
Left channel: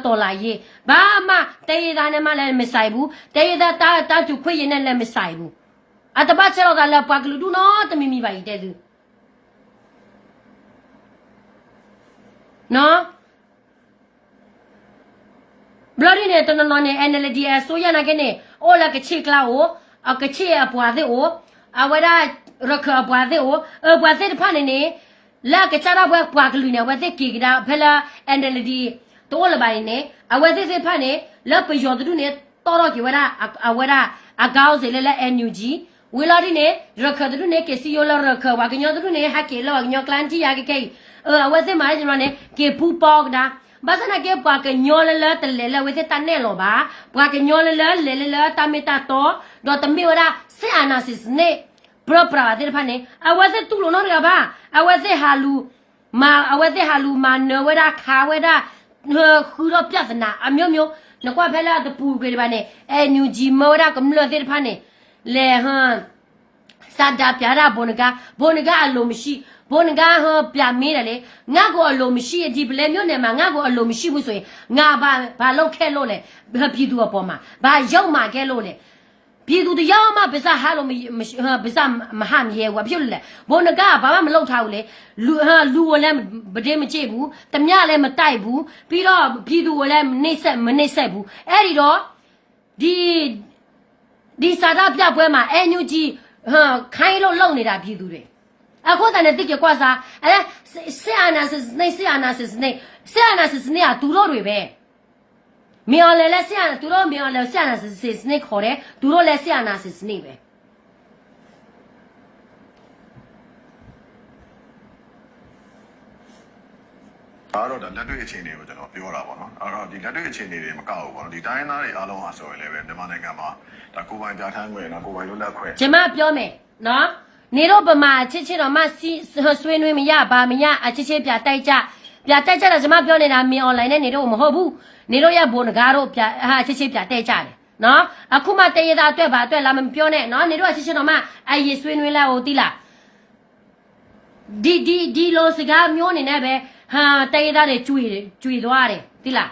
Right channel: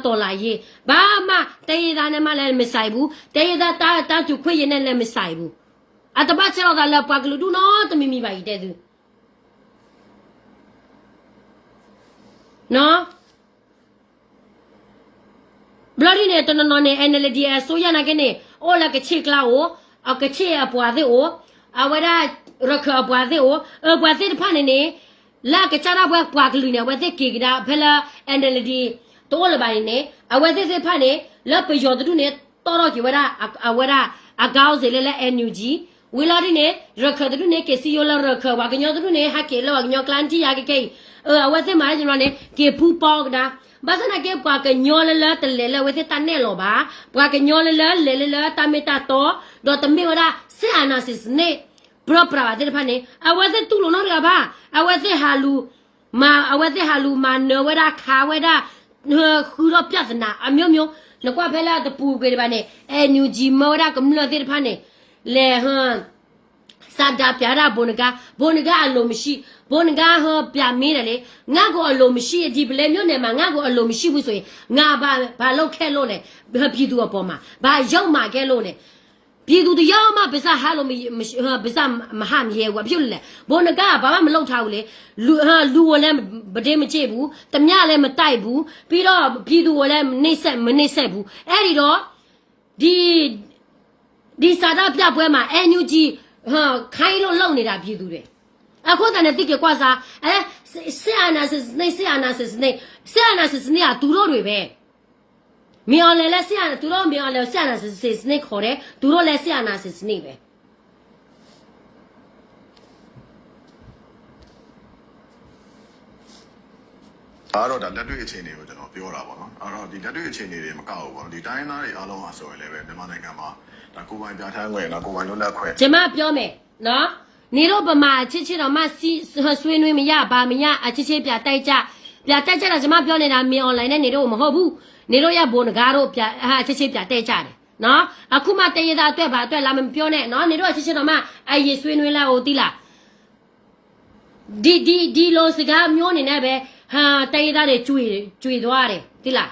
တော်လာရေးဘာမှတေးရနဲ့မှလည်းမဆိုင်ဘူးတေးရတာကျခွေရနဲ့လည်းမဆိုင်ဘူးအတပတ်ချတော့လည်းပါကလူဒူ not မီပါတဲ့သူနော်ဘလော်ဒီနေတနနော်နေ NLD အစိုးရနာကနေအိုလာကချေကလာကိုကချေအပွားတဲ့အိုအဝရရခအပွားတဲ့အိုပွားတဲ့ဖာနေနေလာကချရာဘွားပွားကလူနေဝတဲ့ကေကဒါဖလာ NLD တိုးလပိုင်းနေအဝတဲ့ဖာနေလပယောတူနေ တော်ကြီးဝရအဝရအကောင်းစေလဲ NUG ဝီလာဒီနေရခဒရုနေကစီယိုလာရခဝကညောဒရုနေဟာကေလောညောကလန်တီယာကေကေအဝသိမာကျွန်တော်နေကေဖူပေါကဒါဘာစနာကေပွားကညောလလတလေလဝသိတန်နေလောပါပွားကညောလလလေလလတမီတာတော့ဒေါ်တမီဝရဆေအနာစစ်နေပရပရာတဲ့ဖာနေအဝသိတူလို့နော်ကဘာအဝသိဟာလူမာနဝရခါဝရခူရပြဿနာအမျိုးမျိုးလကွာဖဲလာတပူကေဒီပါနေအန်ယူဂျီမောရကမလတဲ့ဖာနေလေဟန်စာဒါပြရာဘုန်ကအလိုမရှိဘုန်ကဟပြမင်းတယ်လေငါကိုအလိုမရှိဒီပလဲမျိုးနယ်မှာငါကိုအလိုမရှိဘူးဆိုရင်ငါဘာလောက်ခဲလို့လဲပြည်သူအပေါ်မှာဘာရောက်မှခဲလို့လဲပြည်သူတရားမှပစ္စဟာလို့ပစ္စမဟာမရဲဘူးဖြစ်လို့လေဘုန်ကဘာမှမလုပ်ထားဘူးလေလူဝလည်းဗဒင်းမချေဘူးတမလည်းမတိုက်ဘူးပြီးတော့ပြည်သူဝလည်းမနှိမ့်ဆက်ဘူးအဲ့ဒီတော့ဒီစာရပြပွဲမှာ NUG ခိုင်းလို့လုံနေတာပြည်သူတွေအခုတည်းနဲ့တိကျကွာစားအဲဆီအနာစစ်နေကသူတို့တွေပဲမြော်လဲဆီအနာသူတို့မြော်လဲဆီအနာစစ်နေခေါ်တယ်သူတို့လဲဆီအနာစစ်နေပဲအဲ့တော့ဒါလက်တွေ့အခြေအနေကိုကျွန်တော်ပြောတာပေါ့နော်အဲ့တော့ဒီလက်တွေ့အခြေအနေတွေမကောက်ဘူးပေါ့နော်ဒီတိုင်းသားတွေအားလုံးအားဆိုရင်လည်းပဲမြန်မာနိုင်ငံမှာဒါကိုယ်ပိုင်ပြဋ္ဌာန်းခွင့်နော်ကိုယ်ပိုင်လွတ်လပ်ခွင့်ကျွန်မပြောမယ်နော်နေတော့ဗမာချစ်တော့မှဆွေးနွေးမရပါမရအချစ်ပြတိုက်ကြတော့ကျွန်မပြောနေတာမင်း online နဲ့နေတော့မဟုတ်ဘူးနေတော့ရဘုံကားတော့ပြချစ်ပြတိုက်ကြတယ်နော်အခုမှတရသားအတွက်ပါအတွက်လာမပြောနဲ့နော်နေတော့ချစ်တော့မှအရေးဆွေးနွေးလိုက်ဟိုတိလားဒီလိုစကားမျိုးနေနဲ့ပဲဟာတရသားတွေကျွေသွားတယ်တိလား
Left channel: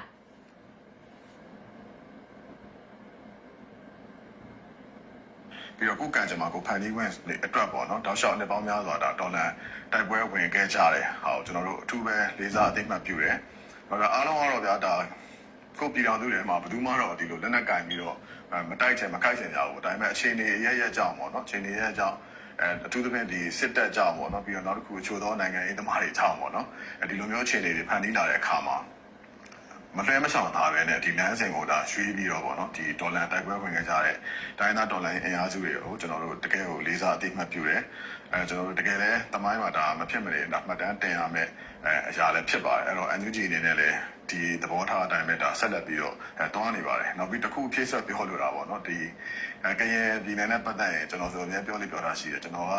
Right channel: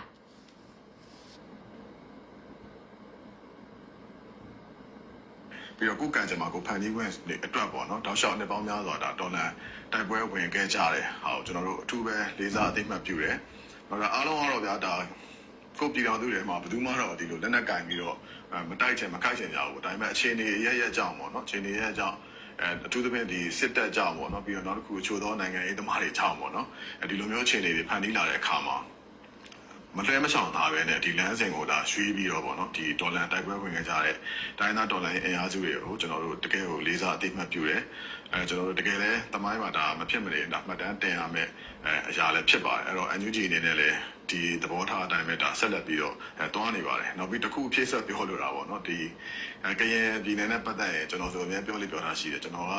ပြီးတော့ကိုကံကြမှာကိုဖန်တီးခွင့်အတွက်ပေါ့နော်တောက်လျှောက်နှစ်ပေါင်းများစွာဒါဒေါ်လာတိုက်ပွဲဝင်ခဲ့ကြတယ်ဟာကျွန်တော်တို့အထူးပဲလေးစားအသိမှတ်ပြုတယ်ဟောဒါအားလုံးကတော့ဗျာဒါကိုပြည်တော်သူတွေမှာဘယ်သူမှတော့ဒီလိုလက်နက်ကင်ပြီးတော့မတိုက်ချင်မခိုက်ချင်ကြဘူးဒါပေမဲ့အခြေအနေရကြောင်းပေါ့နော်အခြေအနေရကြောင်းအထူးသဖြင့်ဒီစစ်တပ်ကြောင်းပေါ့နော်ပြီးတော့နောက်တစ်ခုအချို့သောနိုင်ငံရေးသမားတွေကြောင်းပေါ့နော်ဒီလိုမျိုးအခြေအနေတွေဖန်တီးလာတဲ့အခါမှာမလွဲမချောင်သားပဲနဲ့ဒီလမ်းစဉ်ကိုဒါရွှေ့ပြီးတော့ပေါ့နော်ဒီဒေါ်လာတိုက်ပွဲဝင်ခဲ့ကြတဲ့တိုင်းသားဒေါ်လာအင်အားစုတွေကိုကျွန်တော်တို့တကယ်ကိုလေးစားအသိမှတ်ပြုတယ်ကျွန်တော်တို့တကယ်လည်းသမိုင်းမှာဒါမဖြစ်မနေဒါမှတ်တမ်းတင်ရမယ်အရာလည်းဖြစ်ပါတယ်အဲ့တော့ NUG အနေနဲ့လည်းဒီသဘောထားအတိုင်းပဲဒါဆက်လက်ပြီးတော့တွားနေပါတယ်နောက်ပြီးတစ်ခုဖြည့်ဆက်ပြောလို့တာပေါ့နော်ဒီကရင်ပြည်နယ်နဲ့ပတ်သက်ရင်ကျွန်တော်ဆိုအများပြောတာရှိတယ်ကျွန်တော်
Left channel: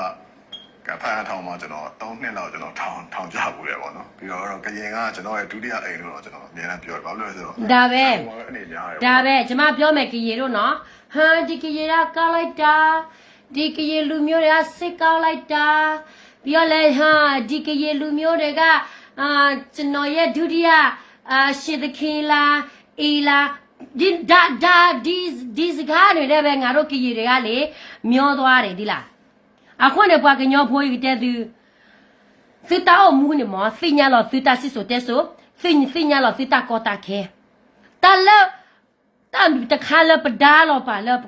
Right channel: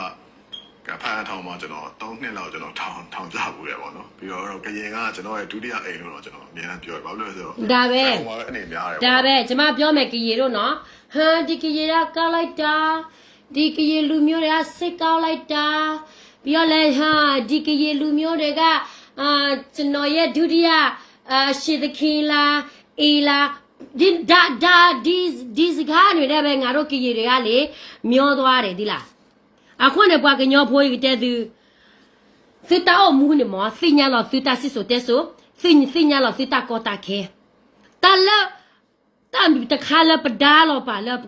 ကဖန်ထောင်မှာကျွန်တော်3နှစ်လောက်ကျွန်တော်ထောင်ကြဘူးလေပေါ့နော်ပြီးတော့ကရင်ကကျွန်တော်ရဲ့ဒုတိယအိမ်လို့တော့ကျွန်တော်အများနဲ့ပြောဘာလို့လဲဆိုတော့ဒါပဲအနေများတယ်ဒါပဲကျွန်မပြောမယ်ကရင်တို့နော်ဟာဒီကရင်ကကောက်လိုက်တာဒီကရင်လူမျိုးတွေကစစ်ကောက်လိုက်တာပြီးတော့လဲဟာဒီကရင်လူမျိုးတွေကကျွန်တော်ရဲ့ဒုတိယရှစ်သခင်လားအေးလားဒီစကားတွေလည်းပဲငါတို့ကရင်တွေကလေမျောသွားတယ်ဒီလားအခုနဲ့ပွားကညောဖိုးရတဲ့သူသစ်တောမူနေမသိညာလို့သစ်တာစစ်ဆိုတဲ့ဆိုသိညာလို့သစ်တာကောတာခဲတလည်းတမ်တခါလပဒါလို့ပါလပ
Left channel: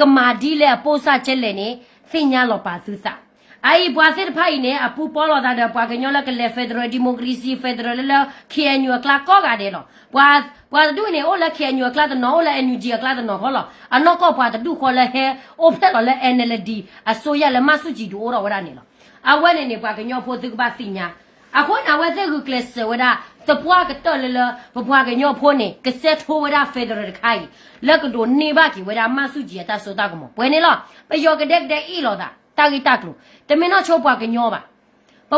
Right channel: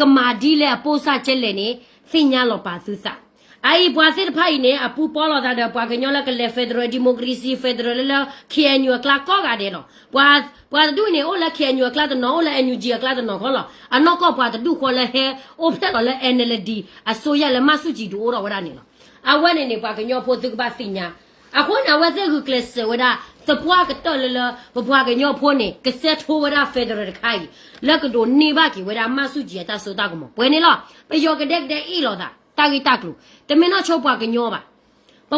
ကမာဒီလေပိုးစားချက်လေနေသိညာလို့ပါသူစားအိဘွားစစ်ဖိုင်နေအပူပေါ်လို့တာပွားကညောလကလေဖက်ဒရယ်ဒီမိုကရေစီဖက်ဒရယ်လေKNUကလာကောကတယ်လို့ပွားဒူနေအိုလာ KNUကလာတဲ့နော်လာ NUG ကလာတဲ့နော်ဟောလားအနောက်ကပွားဒူခေါ်လဲဟဲအိုဖက်လို့လဲ NLD အစိုးရလည်းမဆုကြည့်တူတော့ဝရနေလို့အဝဲနေပွားကညောဖို့သူကပါသိညာအခုနဝဲတဲ့ကလစ်ဝရသပွားကတော့လေဘွားကညောဖို့နေကဆက်ထိုးဝရဖက်ဒရယ်ခိုင်လက်ကတို့နေပါကီဝရမဆုကြည့်တာဆိုတာကမပွဲနေလို့ပယောကတဲ့ဤလို့တာတာဂီတက်လို့တမင်းတော့ချုပ်ပွားကညောပါ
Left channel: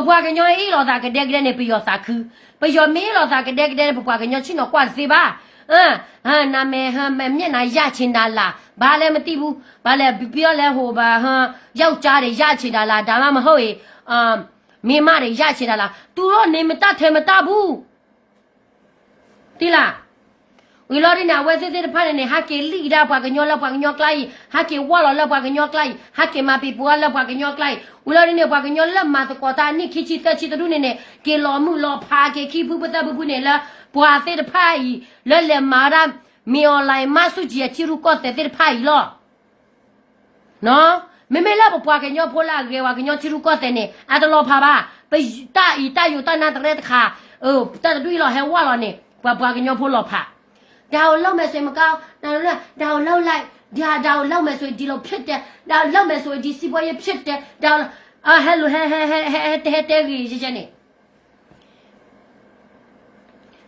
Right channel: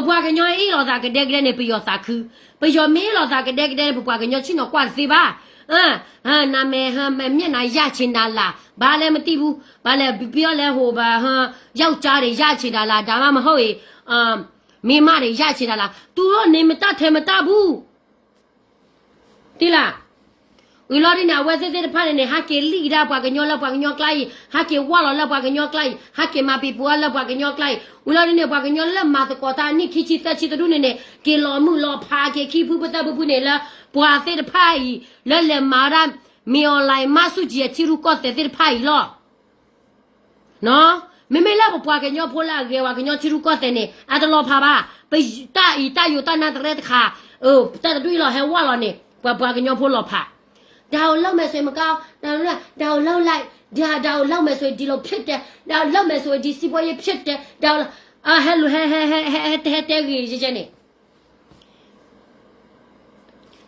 ဘွားကညောဤလို့တာကတဲ့နေပယောတာခူပယောမင်းလို့တာကတဲ့ဘွားကညောချင်းတော့ကွာစီပါနာမည်မျက်နှာရချင်တာလားဘာလဲမသိဘူးဘာလဲပြောလဲဟိုပါယောက်ျားတွေရချင်တာလားဒါမှမဟုတ်ရင်မိမတွေရချင်တာလားသူတော့နေမတထဲမတဘူးတိလားဝီလော်ဒီနာဝဲစစ်စစ်ဖာနေဟာကေလီဒါပွားကညောလောက်ပွားကညောကလိုက်ဟာကေဝါလောက်ပွားကညောကလိုက်ဟာကေမပီပွားလောက်ပွားကညောကလိုက်ဝီလော်ဒီနေပွားကညောလက်မတ်ကောတာနိခိချီတက်ချီတူနေကေလော်မှုလော်ဖာကေခိဘူးပတဘူးနေလားပွားစစ်ဖာလဲမာရမီအွန်လိုင်းမဆုကြီးချီရူကောတဲ့စစ်ဖာလောနော်မေလာပွားကညောဖိုလာကေဝါကညောချီရူကောတဲ့နေအတလောဖာပါပိတာယူတာနာတဲ့ခါတတူလောဟဲဝါလောနေပွားကညောဖိုလောဖာ ဒါကိုလောက်မယ်ဆိုရင်မကောင်းဒါကိုလောက်လိုက်ဒါကိုလောက်မယ်ဆိုရင်ဒီလိုဖြစ်တယ်ဒါလောက်မယ်ဆိုရင်ဒီစီပွားရေးဖြစ်တယ်ဒါဟဲလိုဟဲတဲကြီးကျနေ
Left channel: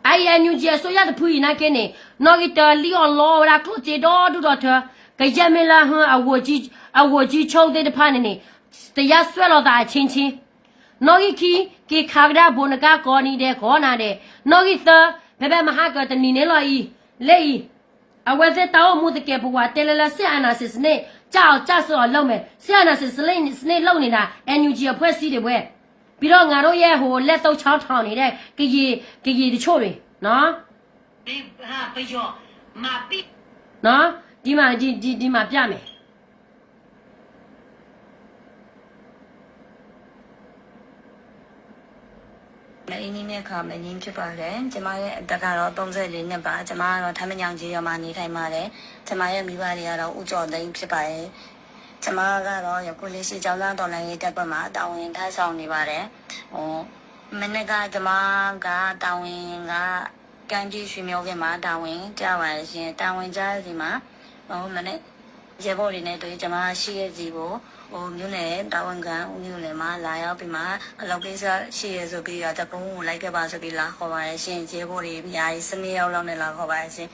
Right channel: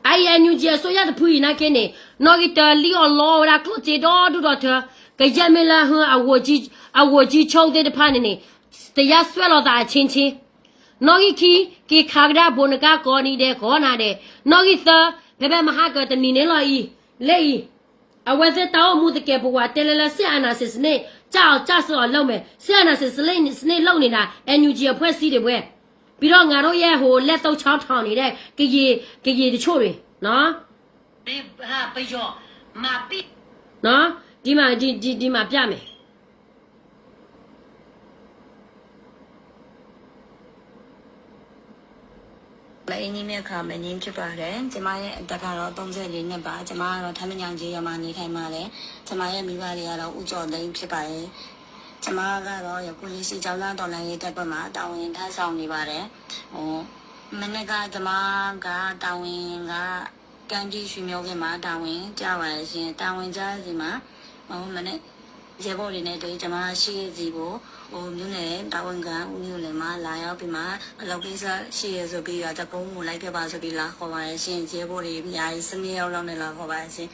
အိုင်အန်ယူဂျီဆိုရတဲ့ဖူးနာကင်းနေနော်ဂီတလီအော်လောရာကလုတီဒေါ်ဒူဒေါ်တာကြမလာဟန်အဝကြီးချုံတဲ့တဖာနေနေတရားဆွဲလို့တာချင်းချင်းနော်ဂီကီခါဂရာဘုန်ကကောနီတဲ့ခေါနာတဲ့နော်ဂီသဘယ်မဟာကတနီနေလို့ဤလေအဝဲတဲ့တောင်းမှုတကယ်ဘဝတယ်လဆအနာစစ်နေကြောက်ဆော်လုံးမယ်ဆအနာစစ်စလေးစနေလုံးနေတာ NUG အဖွဲ့စည်းတွေပဲပြီးတော့ငါတို့ရဲ့ဟိုလက်တော့ချောင်းထောင်နေတဲ့ကကြီးတချို့တွေနော်ဒီဟာပြကြောမာပိနော်ဒီမှာပြမယ်မအင်းကြီးမြက်ခါမငင်းဖြစ်ပါတယ်ကျမရဲ့အသက်ကတော့34နှစ်ပါကျမကတော့ထမ်းမညောင်ကြီးရွာမှာနေထိုင်ပါတယ်ကျမရဲ့မိဘတွေကတော့ဦးကျော်သိန်းဖြစ်ပါတယ်ကျမကတော့ယခုလေးရှိကျောင်းသားတော်လိုင်းရေးတက်ပတ်မှာတာဝန်ထမ်းဆောင်နေပါတယ်မနေ့ကကျမကတာဝန်ကကံကြီးရွှေမျိုးကမှာတာဝန်ကြပါရဲ့ရှင်တာဝန်ကြစီမှာမနေ့ရေဘော်တွေနဲ့တွေ့ကျမရှိရဲ့စီကိုမြို့နယ်တာဝန်ခံဦးမြို့နယ်မှာလာရောက်ပြီးမှအလုပ်ကိစ္စရှိရဆိုပြီးတော့တပုံးကိုလိုက်ခဲ့ပါဆိုပြီးလာခေါ်ပါရဲ့ရှင်ရေဘော်တွေအများကြီး7ရောက်လောက်နဲ့လာခေါ်ပါရဲ့ရှင်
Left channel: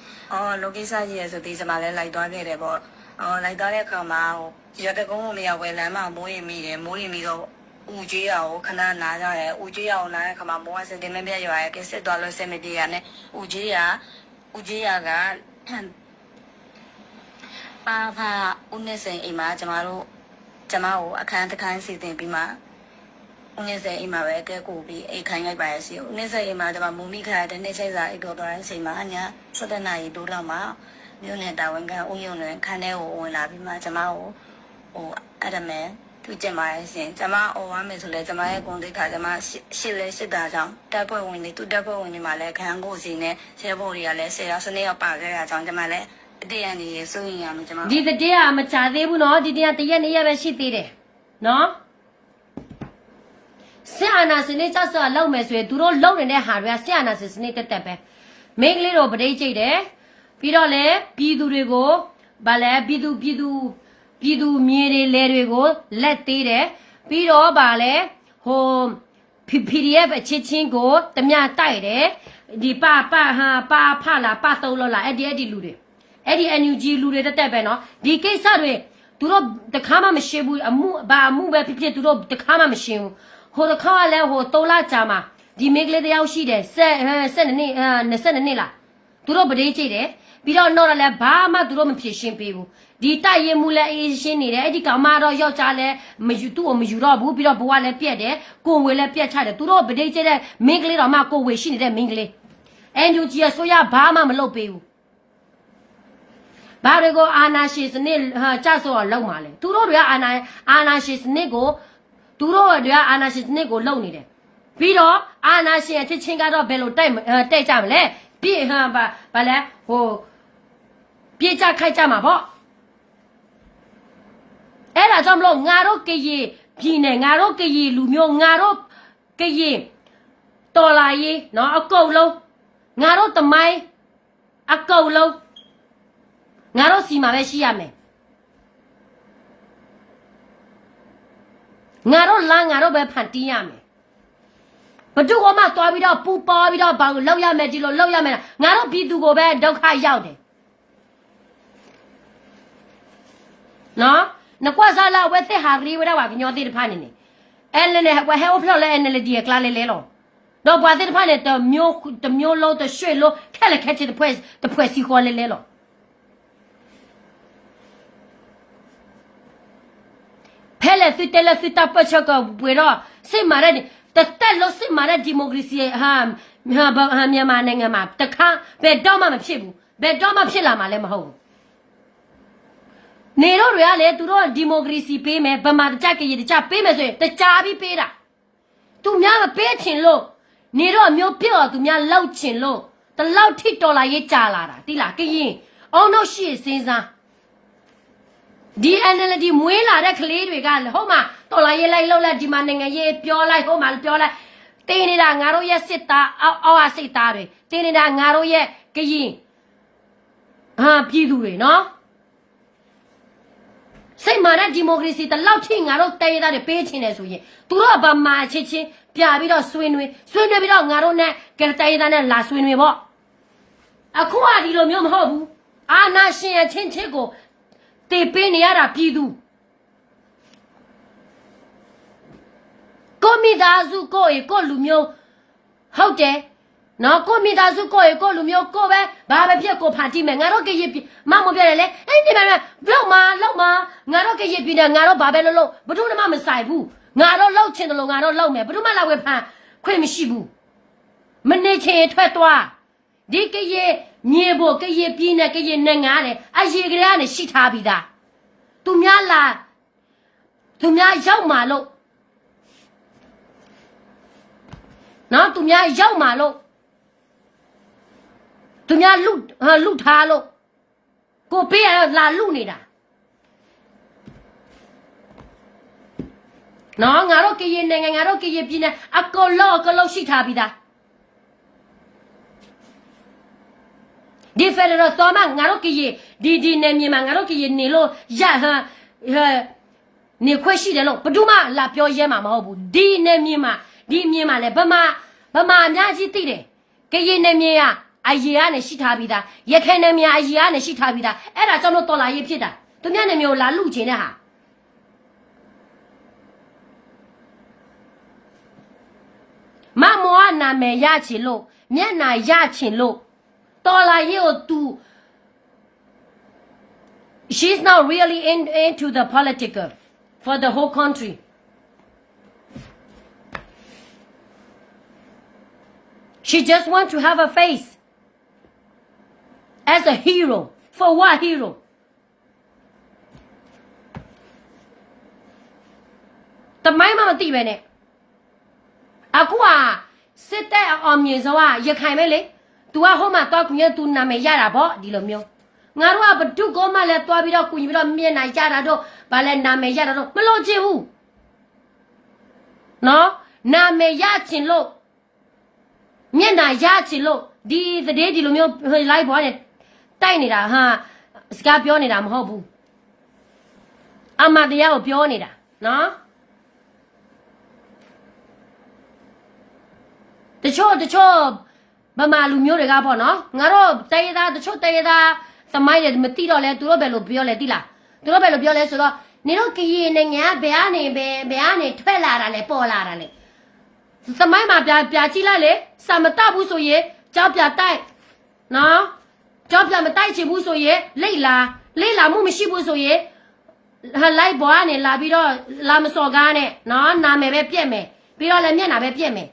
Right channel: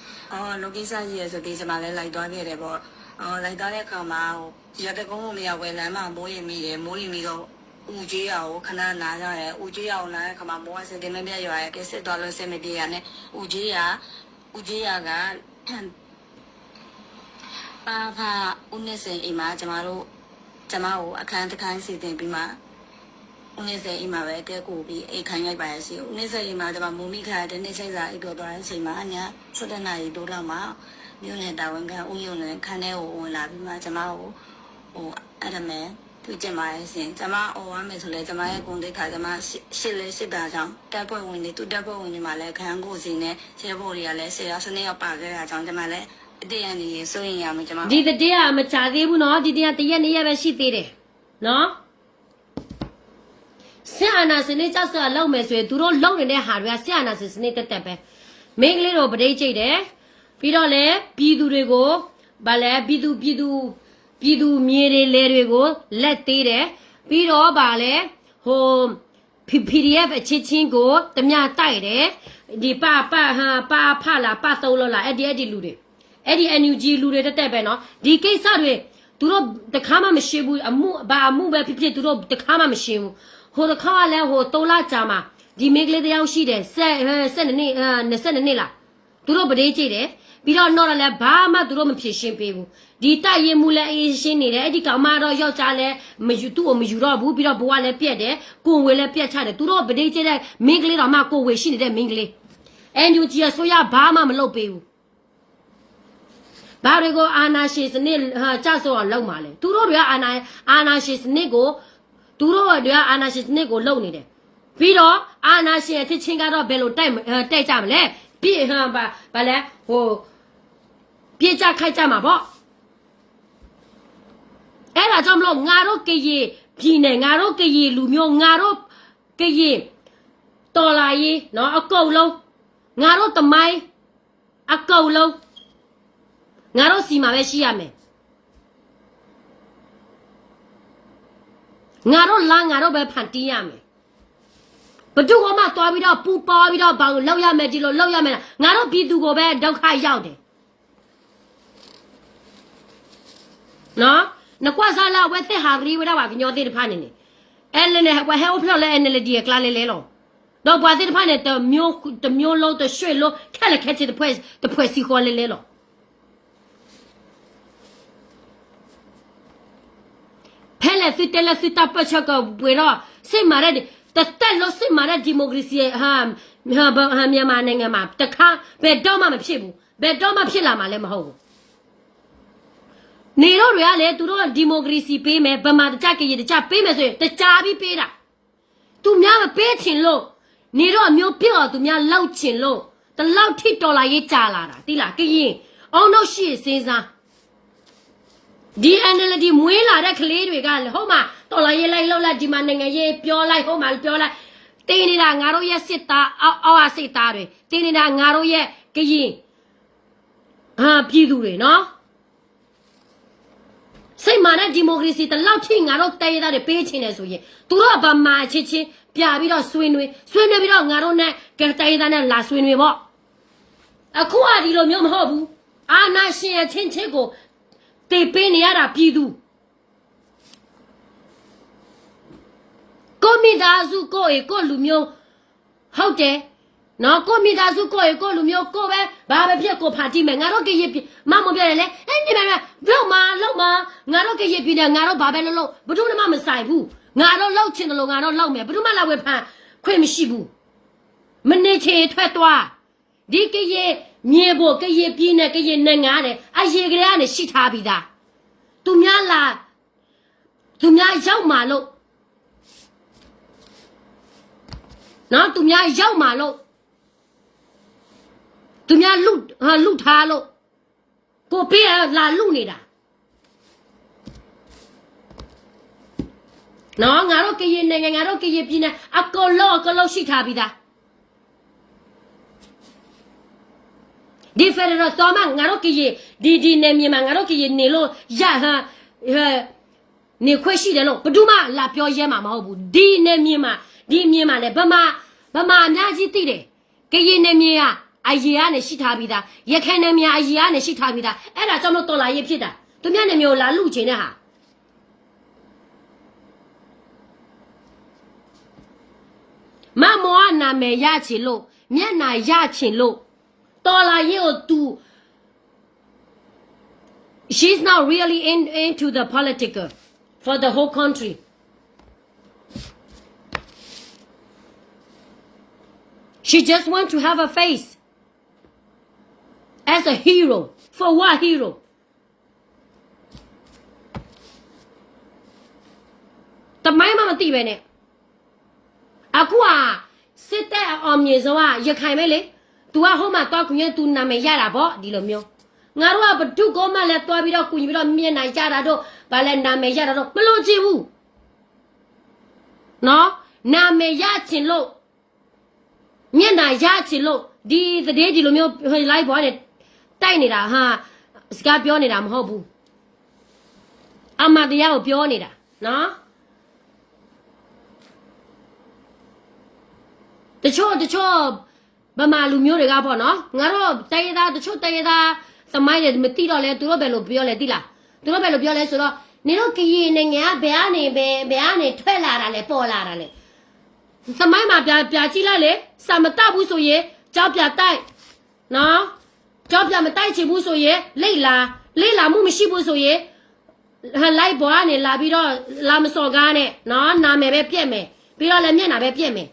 လုပ်ကိစ္စရှိရဆိုပြီးကျမလည်းလိုက်သွားခဲ့တယ်ပေါ့လိုက်သွားတဲ့အခါမှာရတကုန်းကိုမရောက်ပဲလမ်းမှာမိုးရင်မိတယ်မိုးရင်မိတော့ဦးကြီးရကိုခဏနားကြတယ်ဦးကြီးရကိုနားတဲ့အခါမှာမိုးကစင်တင်မပြတ်ရွာရဲ့ကစ်စစ်သွားလို့စင်မပြေရနဲ့ဦးကြီးရကပါဖာဦးနေစိန်အိမ်မှာကျမကိုအခန်းတစ်ခန်းစီတင်ပြီးမှဦးနေစိန်အိမ်မှာပဲတဲကိုပြီးအိမ်ခိုင်းလိုက်ပါရစီဦးနေစိန်အိမ်မှာကျမမူမိခါတဲ့နေ့စိတ်စာအိပ်တော်သွားတဲ့အချိန်မှာည7 နာရီတိုးလောက်မှာမြို့နယ်တာဝန်ခံဦးယုံလွင်ခန်းထဲကိုဝင်လာပြီးမှကျမကိုအဲ့ဒါမဲ့သူကျင်ပါရဲ့ရှင်ကျမအော်ဝမ်းမယ်ဆိုလဲကျမရဲ့ဂုဏ်သိက္ခာကျမရှစ်တာကြောင့်တပ်ဖွဲ့ဝင်တွေသူတပ်ဖွဲ့ဝင်တွေမှာလည်းခန်းကိုစီနဲ့ရဲဘော်တွေကလည်း10ယောက်12ယောက်ပါခဲ့တာကြောင့်ကျမလည်းတရားနေဆိုရင်ရမယ်ကျမဒီတရားမချသေးဘူးနော်ဒီတရားတရက်2ရက်ပဲရှိသေးတယ်နော်ဆရာနာစနေကြဆိုလောက်မယ်ဆိုရင်သူတို့လုံနေတဲ့ဟာတွေကဆရာနာစနေတက်ပဲမိန်းကလေးတို့ပဋိကျိတ်တယ်ပြီးတော့လေပြည်သူတွေကိုဗာလဲပြည်သူမြေတွေလဲတွေကိုလက်သေးတယ်ပြီးတော့ဗာလဲဟို PDF အချင်းချင်းကိုတ냐တိုက်တယ်ဒီပါဖလာပါသုံးလို့လားအဲ့ဒီလူတွေအဲ့ဒီ NUG လူတွေတက်ပဲနော်ဒီကိစ္စတွေသူတို့တခါမှမရှိဘူးအမှုပဲဖြစ်သူတို့တခါမှမရှိဘူးဟိုတခါလည်းဟို3လကြာမှာဒီမိကလေးတယောက်ရှိတယ်22နှစ်လားသူတို့ပဋိကျိတ်တယ်ပြီးတော့တော့လည်းဘာမှသူတို့မဖြစ်ရှင်းပေးဘူးဒီတိုက်ရင်မူလည်းအေးရှင်းနေတယ်အဲ့ဒီကောင်မတော့ယောက်ျားလည်းသူ့ကိုမယူတော့ဘူးပြီးတော့ဘဝလည်းပြက်တယ်ကိုဝေလည်းပြက်ချတယ်သူတို့ပဋိကျိတ်တဲ့မိန်းကလေးတော်မှကိုဝေရှိနေတဲ့မိန်းကလေး NUG ဆိုရဘာမှမလုပ်ပေးဘူးဘာတွေကိုအာနာရှင်စနစ်ကြဆိုတော့လောက်မှာလဲသူတို့တွေကအာနာရှင်စနစ်ကိုသူတို့တွေကအာနာရှင်စနစ်ကိုလုံနေတယ်ပြီးတော့အာနာရှင်အချင်းချင်းကတော့ဘယ်လိုတိုက်ကြမလဲပြည့်ဘာလဲဟိုပြေးကြခိုက်ကြမှာပေါ့အဲ့ဒါကြောင့်မလို့ငါတို့ကကြီးပြည်နယ်ငါတို့ကကြီးလူမျိုးငါတို့ကကြီးတော်လာရေးနော်အကုန်လုံးငါတို့တမိုင်းအကုန်လုံးငါတို့စီမှာပဲရှိရမယ်ငါတို့လမ်းငါတို့ပဲဖန်တီးရမယ်ဘသူကမှသွားပြီးတော့ပူပေါ်ပြီးတော့ဘာလို့လောက်ရမယ်ဒီလိုလောက်ရမယ်ငါတို့ပြည်သူကိုပဲဒုက္ခရောက်တယ်နော်နကွာစားလာဝဲတဲ့ဟာရီဝဲတော့ညောတဲ့ဖာနေနေအဲလည်းဝဲဟဲဖျော်လဲနေလေဒီကလာလေလေလောတော့ဘွားတဲ့ဖာနေတမျိုးလုံးတရွှေ့လို့ခက်လက်ခက်ချစ်တဲ့ဖွဲ့စီခေါ်လေလေလောဖဲလေစစ်တယ်စစ်တပ်ပတ်ချက်ကဘွေတော့စိတ်မာရတဲ့တက်လို့စိတ်မာရဒီမိုကရေစီဟာမြန်မာနိုင်ငံမှာတခါဘယ်တော့မှမဖြစ်ဘူးဘယ်တော့မှဖြစ်လာမှာလည်းမဟုတ်ဘူးနေတော့တွေကလေသူတို့ဒီမိုကရေစီပေးမယ်ဗမာတကြကြရတကြပေးမယ်ဆိုရင်တကြပြီးပေးတာသူများမပေးချင်လို့နေတော့မျိုးပြော့သူများလောက်ချင်လို့တလောက်ထိတော်လာရေးကြာလာတာတိလားကရင်အောင်တော့ရှိစဉ်းစားဒီ NLD မွေးလာတဲ့ကလေးတွေကဟုတ်မှာတော်လာရေးလိုက်လောက်လိုက်ဒီမှာနိုင်ငံရေးပြောလိုက်ဟုတ်မှာပြောလိုက်တင်းနေတာငါတို့ရဲ့စစ်သားအောက်အစစ်သားတွေတင်းနေတာငါတို့ရဲ့ကရင် ပြည်သူတွေနော်စိတ်မာတဲ့ဒီမိုကရေစီတလောက်ထိငါတို့တိုင်းရသားတွေပေးချင်တယ်ဆိုရင်သူတို့ဗမာချင်းချင်းပြပြီးတော့ဆွေးနွေးပြီးတော့ငါတို့နဲ့ကတိုင်းရသားနဲ့လာဆွေးနွေးပေါ့အခုကဒီလိုမျိုးမဟုတ်ဘူးအာနာရှင်အချင်းချင်းကိုတေပေးနေရတာပြည်သူကိုမိသားစုကိုရေကိုလူမျိုးဟုတ်တယ်နော်ကိုမိသားစုကိုရေကိုလူမျိုးကိုပဲဘာပဲဖြစ်ကိုဖာတိမယ်ငါတို့ကရမမပြောတယ်လေအဲ့ဒီမှာလောက်မှာငါတို့ကရပြည်တယ်ငါတို့ဘာပဲလို့ဘယ်သူမှမဆိုင်ဘူးငါတို့လောက်ချင်တယ်လို့ငါတို့လောက်မယ်ဘယ်သူမှလာဝယ်ဖန်ခွင့်မရှိဘူးမနေချင်ထွက်သွားဒီကရမြေဖို့ကရပြည်နဲ့ကရနိုင်ငံနဲ့အရေကလေးကနေရှိထားပြီးသားသူများရောက်มาလို့နော်သူများရောက်มาလို့သူများလူထားလို့ကိုပေးလာလူနေတာနော်ငါတို့ကရင်နိုင်ငံငါတို့ကရင်ပြည်နယ်အကောလောရှိထားပြီးသားဒီဖက်ဒရယ်တော်မှာငါတို့ကရင်ဒီနေမြန်မာငါတို့ကရင်နေလို့နေခွင့်ရှိတယ်လို့ဘယ်သူမှလာပြောရဲမှာမဟုတ်ဘူးဒီနေမြန်မာလဲဗမာအများကြီးသိတယ်ကရင်နေမြန်မာအကြီးကနေရှိထားပြီးသားရခိုင်နေမြန်မာအကြီးကနေရှိထားပြီးသားအဲ့ဒါကြောင့်လို့တော်လာရေးဖြစ်တာသူများနေမျိုးလာလူချင်တဲ့ဟာမမောနာမည်ရချင်လို့မျက်နာရချင်လို့တော်လာရေးကိုသူ she's not really into the political for the whole country she just want to have a face as a hero for what hero the mai ma ti be neအခုကစစ်တပ်အောင်မြေစောကရခိုင်ပဲလေ तू ကဟိုမှာတော့ကွန်ရ तू နာမည်ရတာပေါ့ဒီလိုမျိုးငါတို့ကဘဒုကောမှလည်းတွားပြီးတော့ကွန်ရပြီးတော့မျက်နှာရတာတော့ဗာလဲနာမည်ရတာတော့မလို့ချင်ဘူးနော်နာမည်ရချင်လို့မျက်နှာရချင်လို့ဒီလိုမျိုးလိုက်ပေါ်နေတိုက်နေတာဟာစကားပြောနေတာမဟုတ်ဘူးအမှန်တရားကိုပြောနေတာနော်တချို့ဗမာလူမျိုးတွေကပေါ့နော်ငါတို့တိုင်းရသားတချို့တိုင်းရသားသမိုင်းရမသိတော့လဲသူတို့ပဲလို့ပြောလဲသိလားသူတို့ပဲလို့ပြောလဲဆိုတော့နေတော့ကရင်နိုင်ငံဘယ်ကနေထွက်လာတာလဲပေါ်လာတာလဲသမိုင်းမှာပြကြည့်လိုက်လေစာမတတ်ဘူးဆိုရင်ကြောက်ပြတိုက်နော်ကြောက်ပြမတိုက်ချင်ဘူးဆိုရင်လိတ်လာမှုမရှိဘူးဆိုရင်လိုက်ပေါ်ကနေလာပြီးတော့လာမစော်ကားနဲ့နော်နာမည်ပဲပြက်မယ်ပြီးတော့လည်းမျက်နှာပဲပြက်မယ်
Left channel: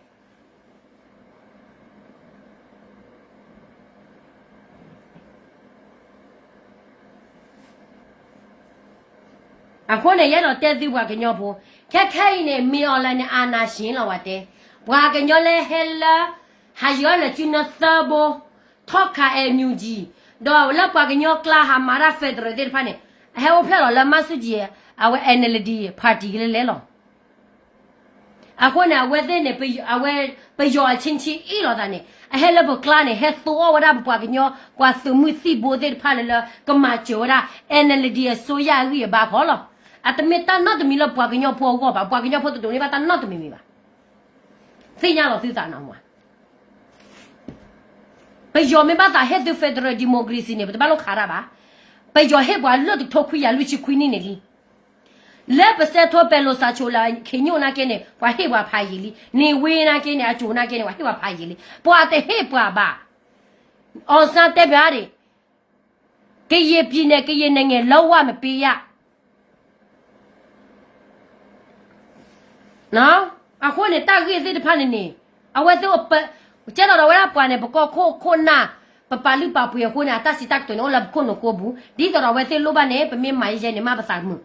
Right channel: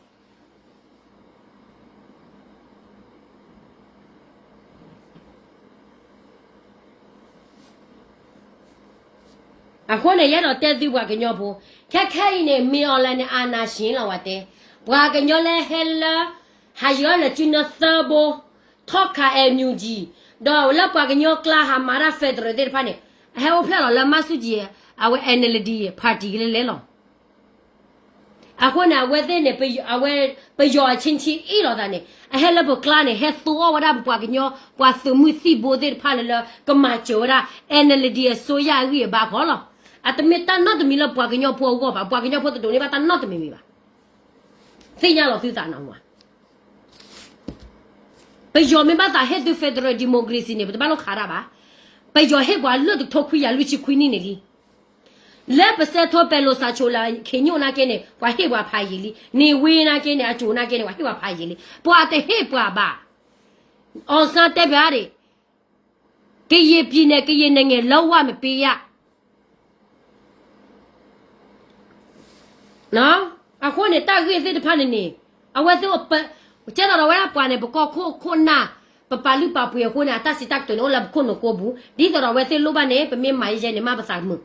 အခုနဲ့ရတော့တက်သူဘွားကညောဖို့ခက်ခိုင်းနေမီအော်လိုင်းနဲ့အာနာရှင်လောက်ဝတ်တယ်ဘွားကညောလဲဟဲလာဟာယောလချီနသဘောထောက်ခါအမြူကြီးတော့လောက်ဘွားကညောကလာဟာမာရာဖက်ဒရယ်တဲ့ဖာနေဟဲဝဖလာလာမဆုကြီးအဝဲ NLD ပါတီကလေးလောအခုနဲ့ဝဲတဲ့နေပယောချင်းချီအီလောတာနေအဟဲလဘကလာနေဟဲသောဝရဘွားကညောကွာသမှုစီဘိုတဲ့ဖာလေကမချိုရာ NLD ဆိုရရီဘာခေါ်လောat the meta not the milo pagino po go ba pagino po to ni ba tan not mi ba finya lo fiu ta na wa pe yo me ba ta head the federal democracy ni ba lo khara ba pe yo he ba lo to khu ya lu chi khu ni li le pa se tho pe lo sa cho la khenyo na ke ne wa he wa pha yi li ni we na ke ne a jo na ke ne wa he wa pha yi li bwa te he bwa ba on sa te ba de ke ye pi ne ke ye ne nge lo wa me pe yaနော်အခုနေတာခေစစ်တဖာနေနေအဝဲတော့ကျတော့ဝဲပွားနေပကောခိုနာပပလီပပူရခိုနာတစီတက်တော့လဘခုနကိုဘူးဒီတော့ဝဲစစ်လိုပါနေပမေမိုင်းရဲနေမပစာမှု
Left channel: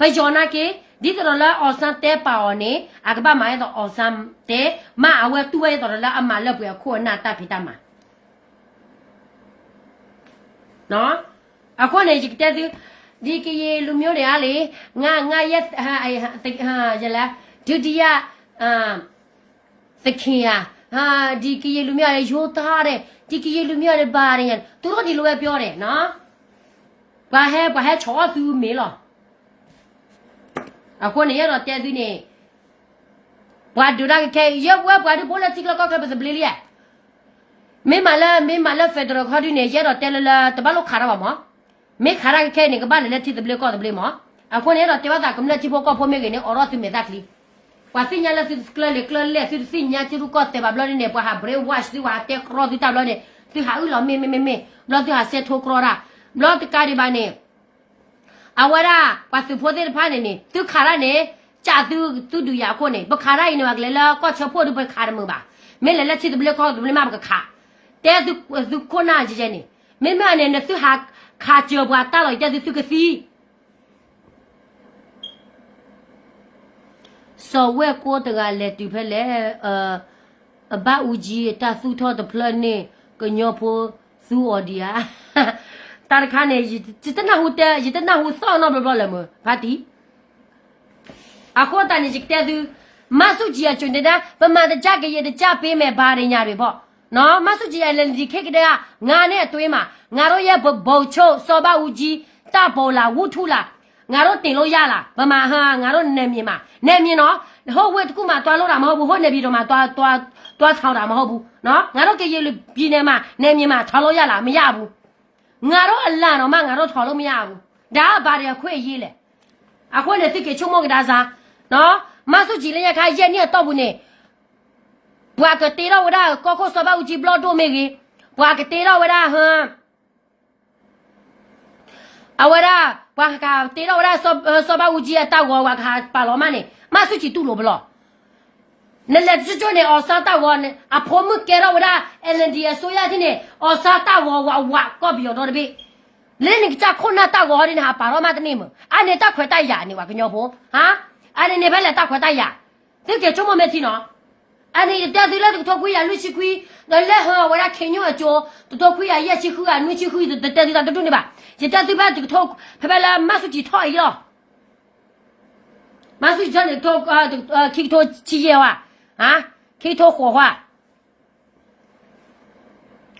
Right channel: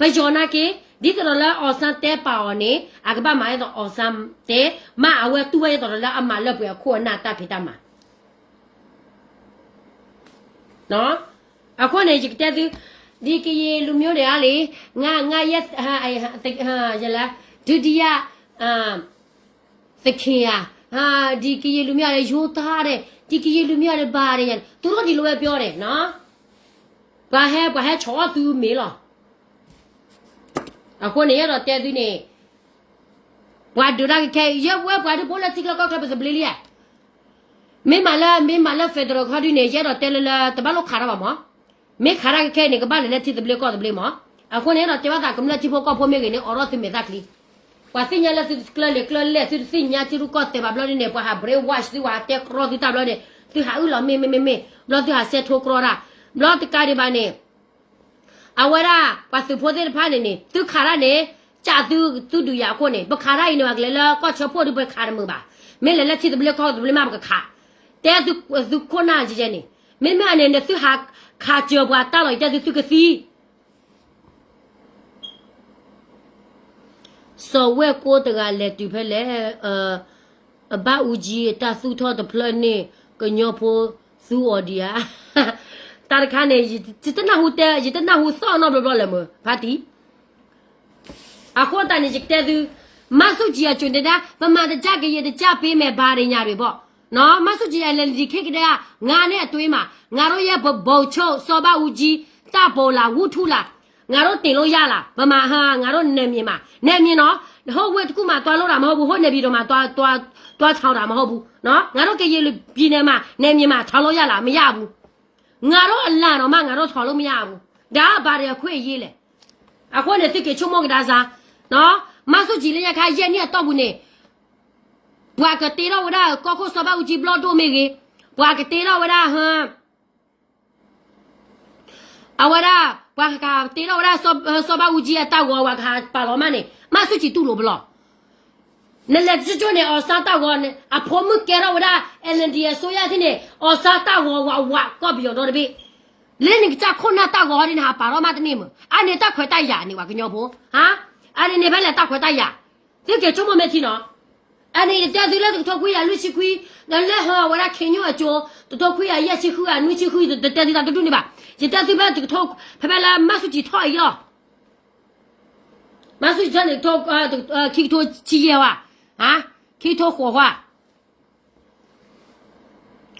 ဘယ်ကျော်နာကေဒီတော့လာအော်ဆန်တဲပါော်နေအကဘာမိုင်းတော့အော်ဆန်တဲမအဝဲတူဝဲတော့လာအမလပူရခိုနာတဖိတမနော်အခုနေကြတဲ့ဒီကရေလူမျိုးတွေကလေငါရက်ဟာရလာဒုတိယသခင်ရဒီကရေလူမျိုးရဲ့ရိုးသားတဲ့ဒီကရေလူမျိုးရဲ့ဘာတွေသူတို့ဒီလိုပဲပြောတယ်နော်把还吵都没了。啊，过年要到带队呢，我都那个开，我就过来这个高考不是不离的。没买了，非得考的那些了，带了，都把路卡了吧嘛？没卡了开那个把人家提的不了搞的不了嘛？啊，过年了，对吧？咱们那地方搞破没给你，二老是没咋去。我新年了是了，是新年就是搞对吧？不了的那不还不了，我是我带考的大了的，就还有了没，不了就还塞脱考了，不了的干的吧呢？啊，我啦，我是破的盘的呢，都卡了呢，家都呀过呢，不卡了因为来了，搞车破都不卡的么吧？没来了，提的不了搞的不了嘛不卡。但是困难之间呢，没买呢，那最还卡脚不打了一下就是个事。所谓过的啊，来对不来把五 G 打苏套的 plan 呢，个尿婆苏我的啊，大家看呢，一等那户上那不了么？怕的。啊，好大呢，这个都马手机啊，觉得呢，不买的价格也得加倍买八人家的不？那马手机啊，你看个呀，俺呢对嘛，俺都也不包车，少把五 G 打包了，无土了，俺都顶了压了，不嘛哈，俺都难免嘛，难免喏，好我这个嘛多了嘛好不，好那边的嘛多长了嘛好不，喏，俺都给也比呢嘛，难免嘛，长了压了没压不，俺都烂了嘛，俺都长了没压不，那把人快一了，啊，我呢就给出毛给大家，喏，马手机人家看一年到不呢。我个对了我的高考少把五 G 不老多没给，我个对了我的哈，啊我的我看对了我的少把五 G 打我看把老妈呢，马手机都落不了，那来只叫呢二三打我呢，啊婆母给了我的 LND 所有的呢二三打我搞不了多的呗，那你家困难打我的呢还把老妈的命嘛，啊你打快打牙你我跟鸟婆啊，啊你那边来打快打牙，这个怎么没听呢？啊，你带走了这个头盔呀，乱起盔，那来后我俩看鸟叫，这头盔呀，也起口啊，乱起口就带走了，都中的吧？就带走把这个头，他把那马手机套一了，马手机套的套开头企业哇，啊，开头火花，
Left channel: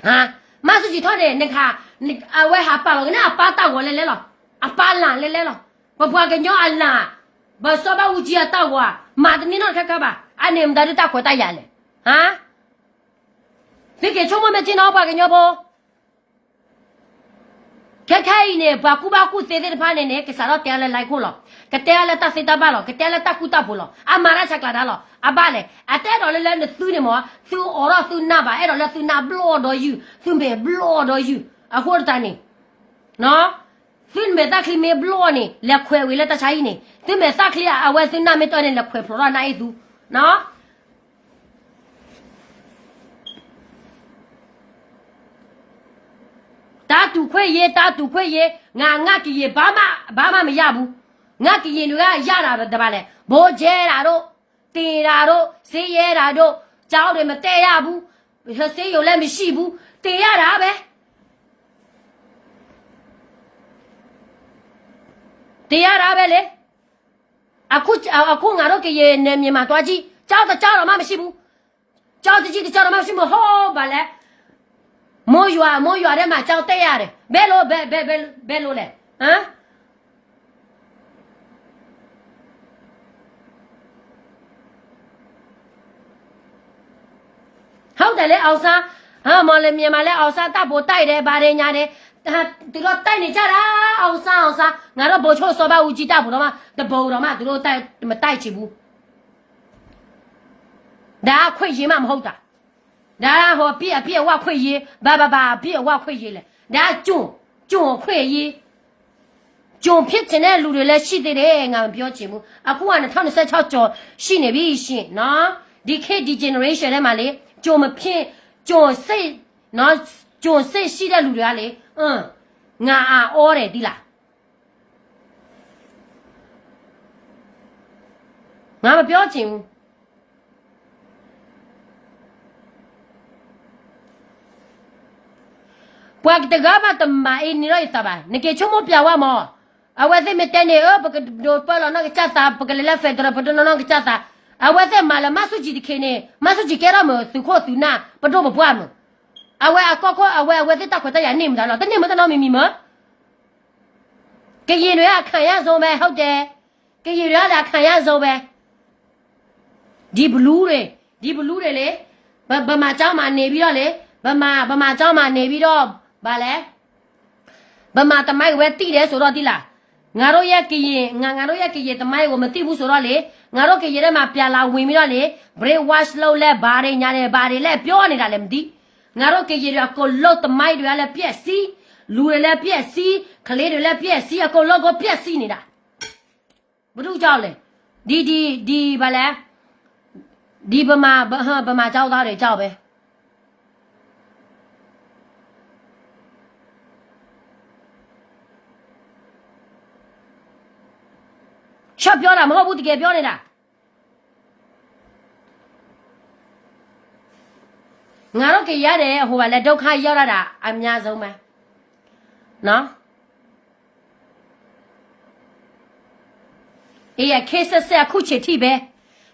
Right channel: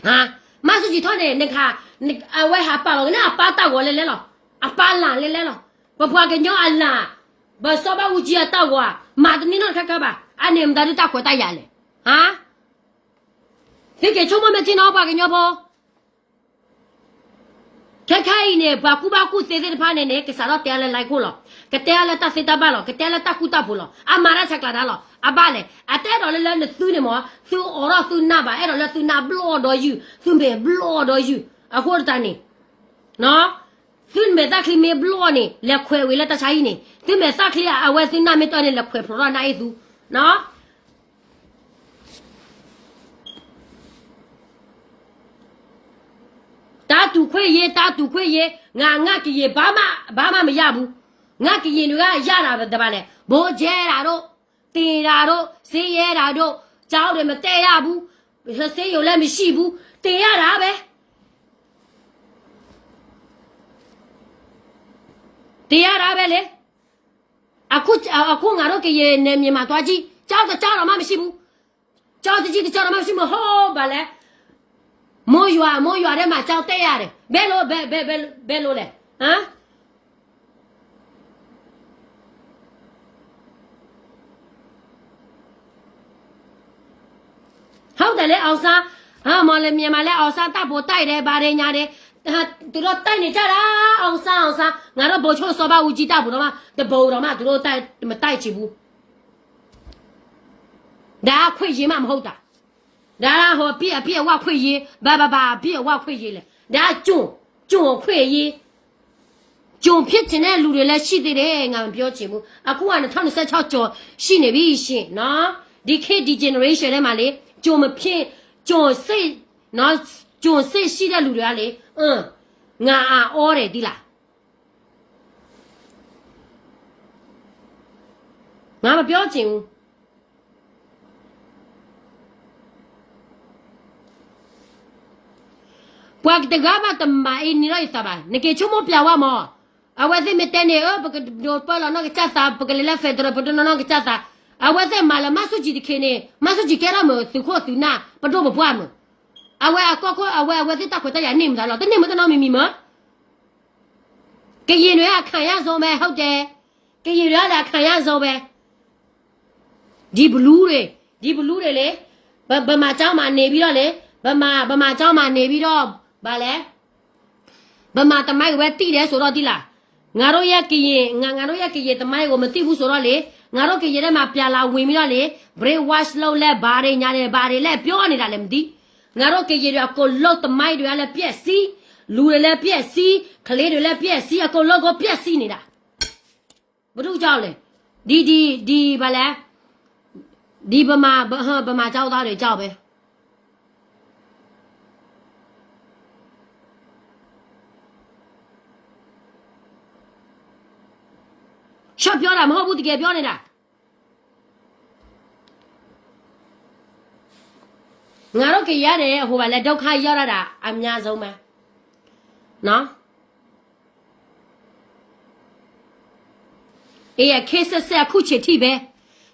啊，马手机套的那看那啊，我还把了，那把打过来了，啊，把烂来了，不把个鸟啊烂，把少把五 G 啊打过啊，妈的你那看看吧。啊，你们在这打火打牙嘞？啊？你给出门没听到吧？跟鸟婆，看呢，把古谁的盘呢？给啥了点了来过了，给点了打谁打罢了，给点了打古打不了，啊马上才搞到了，啊罢嘞，啊带到了那收的嘛，收二了收那吧，挨到了收那不老多油，收没不老多油，啊或者咋呢？喏，收没打开没不老呢，来快为了打啥意呢？收没打开啊，我收那没到呢，来快跑到哪一组？喏，打赌块也，俺个也爸妈没压不，俺个也那个压了对吧嘞？不接那都，对那都，谁也那都，找他们带压不，说谁有那么细不，对压那呗，对压那呗嘞。啊，俺都给也那面嘛多几，找了妈妈西不，找了妈妈西不好吧嘞，没有的嘛找对呀的，别路嘞，啊，好的嘞，熬啥啊？嘛嘞面嘛嘞熬啥大波带的把人家的。啊，这个带你家啦，熬啥，俺都不瞧少把五 G 打不了嘛，都不了嘛，这个带几步，那快一嘛好的，然后别我快一，别我快一了，然后就快一，就偏进来路里来洗的嘞，俺不要节目，啊，过完了他们在吵叫洗那微信，那你看的 generation 的嘛嘞，就么偏就谁那。就谁洗的路里来，俺熬来的啦，俺们不要紧。我给这个嘛都买你了意思吧？你给什么标啊嘛？啊，我在没带你不给就把了那个家啥不给来费多了，不知道那个家啥。啊，我在买了马手机的看呢，马手机给了么？手铐手拿，不都不管么？啊，我在打快打牙，你们了，但你们在那秘密吗？ ကရင်တွေကခံရဆုံးပဲဟုတ်တယ်ကရင်တွေကလည်းခံရဆုံးပဲဒီဘလူးတွေလေဗမာเจ้าမှာနေပြီးတော့လေဗမာเจ้าမှာနေပြီးတော့ဗာလဲဗမာတမိုက်ဝဲတိတယ်ဆိုတော့ဒီလားငါတို့ရဲ့ကရင်ငါတို့ရဲ့ကရင်တမိုက်ကိုမသိဘူးဆိုတော့လေငါတို့ကရင်ထဲမှာပြန်လာဝင်ပြီးတော့လေ brain wash လုပ်လဲဘာတွေညာတယ်ဘာတွေလဲပြောနေတာလည်းမသိငါတို့ကရင်တွေကကိုလုတ်တမိုက်တွေကလည်းပြက်စီးလူတွေလည်းပြက်စီးကလေးတွေလည်းပြက်စီးအကုန်လုံးကိုပြက်စီးနေတာဘာလို့ကြောက်လဲဒီဘာလဲဒီဗမာကြောက်သားတွေကြောက်ပဲရှော့ပြောတာမဟုတ်ဘူးတကယ်ပြောနေတာငါတို့ကြရတယ်ဟိုကလည်းဒုက္ခရောက်ရတာအများဆုံးပဲနော်အေးခေဆက်ဆက်အခုချစ်ထိပဲ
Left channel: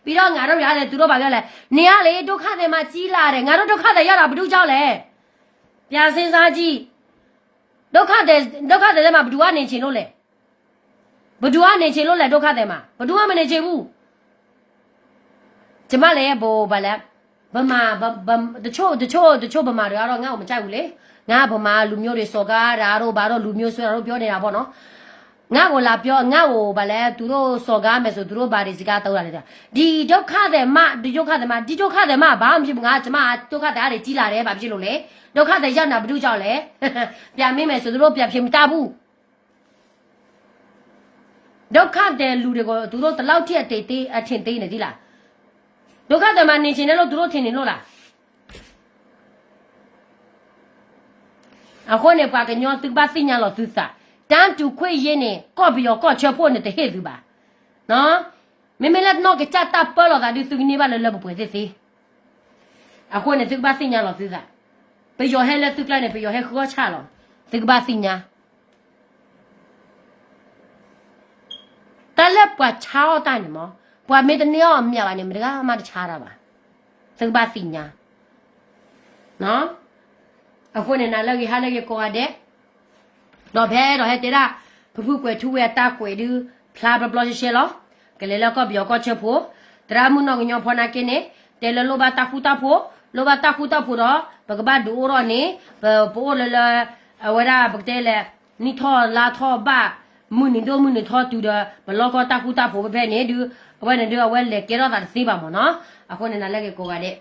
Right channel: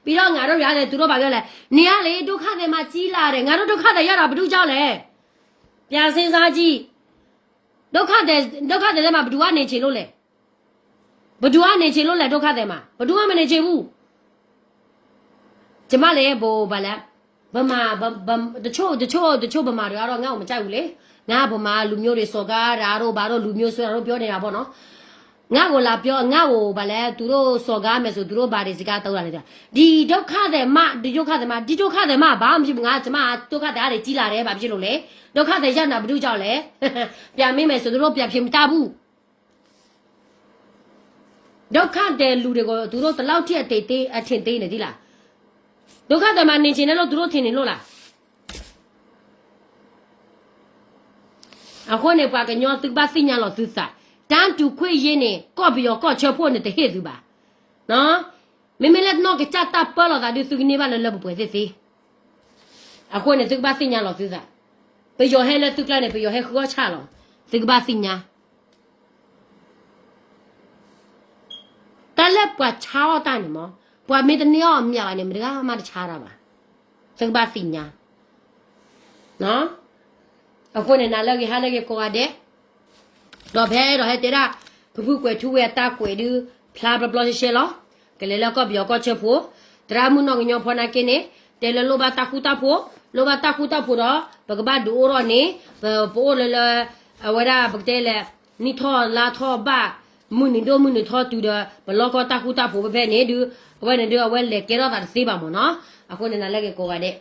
ပြီးတော့ငါတို့ရတယ်သူတို့ဘာပြောလဲနေရလေဒုက္ခတွေမှာကြီးလာတယ်ငါတို့ဒုက္ခတွေရတာဘာလို့ကြောက်လဲပြန်စဉ်းစားကြည့်ဒုက္ခတွေမှာဘယ်သူကနေချင်လို့လဲဘယ်သူကနေချင်လို့လဲဒုက္ခတွေမှာဘယ်သူမှမနေချင်ဘူးကျမလည်းဘောဘာလဲဗမာတချို့ဗမာတွေကတော့ငါ့ကိုမကြိုက်ဘူးလေငါဗမာလူမျိုးတွေစော်ကားတာတို့ဘာတို့လူမျိုးဆိုတော့ပြောနေတာပေါ့နော်ငါ့ကိုလာပြောငါ့ကိုဗလဲသူတို့စော်ကားမယ်ဆိုသူတို့ဘာတွေစကားတောက်ရတယ်ဒီဒုက္ခတွေမှာဘာမှမဖြစ်ဘူးငါကျမဒုက္ခတွေကြီးလာတယ်ဘာဖြစ်လို့လဲဒုက္ခတွေရောက်တာဘာလို့ကြောက်လဲပြန်မိမယ်ဆိုသူတို့ပြန်ဖြစ်မတာဘူးဒုက္ခတဲ့လူတွေကိုသူတို့တလောက်ထိအထင်သေးနေသီးလားဒုက္ခတွေမှာနေချင်တယ်လို့သူတို့ထင်နေလို့လားအခုနေပါကညောသူပါသိညာလို့သူစားတန်းတူခွေရင်းနေကော့ပြီးတော့ကော့ချဖို့နေတဲ့ဟဲ့သူပါနော်မင်းလည်းတော့ကြတာပေါ်လာတာဒီသူကနေပါလဲလို့ပွဲသေးအခုနေသူပါသိညာလို့သူစားไปยอให้แล้วตึกไล่เนี่ยไปยอให้เขาก็ชาหรอตึกบ้าสิญาแต่แล้วปว่าเช้าตาเนี่ยมั้งปว่าเมตเนี่ยมีอะไรเนี่ยมันก็มาชาละป่ะตึกบ้าสิญาเนาะအခုเนี่ยนะแล้วกี่หาแล้วกี่กว่าเด้တော့ဖဲတော့ဟဲ့တဲ့ဖဖူကွယ်ထူဝဲတာကွယ်ဒီဖလာဘဘလရှေလောကလေးလောက်ပြောကချက်ဖို့တရာမှုနော်ညောဖောနာကင်းနေတဲလလောဘတာခုတာဖို့လောဘတာခုတာဖို့တော့ဘကဘာဒူရောနေပိုလလအဝရဘကတဲလေနီထောလာထောဘာမွနီထောတူတော့ဘလောကတာခုတာဖို့ပဲနေဒီဘယ်နေတော့ဝဲလေကေတော့တာသိပါမနော်အခုနေလာလေကိုကတဲ့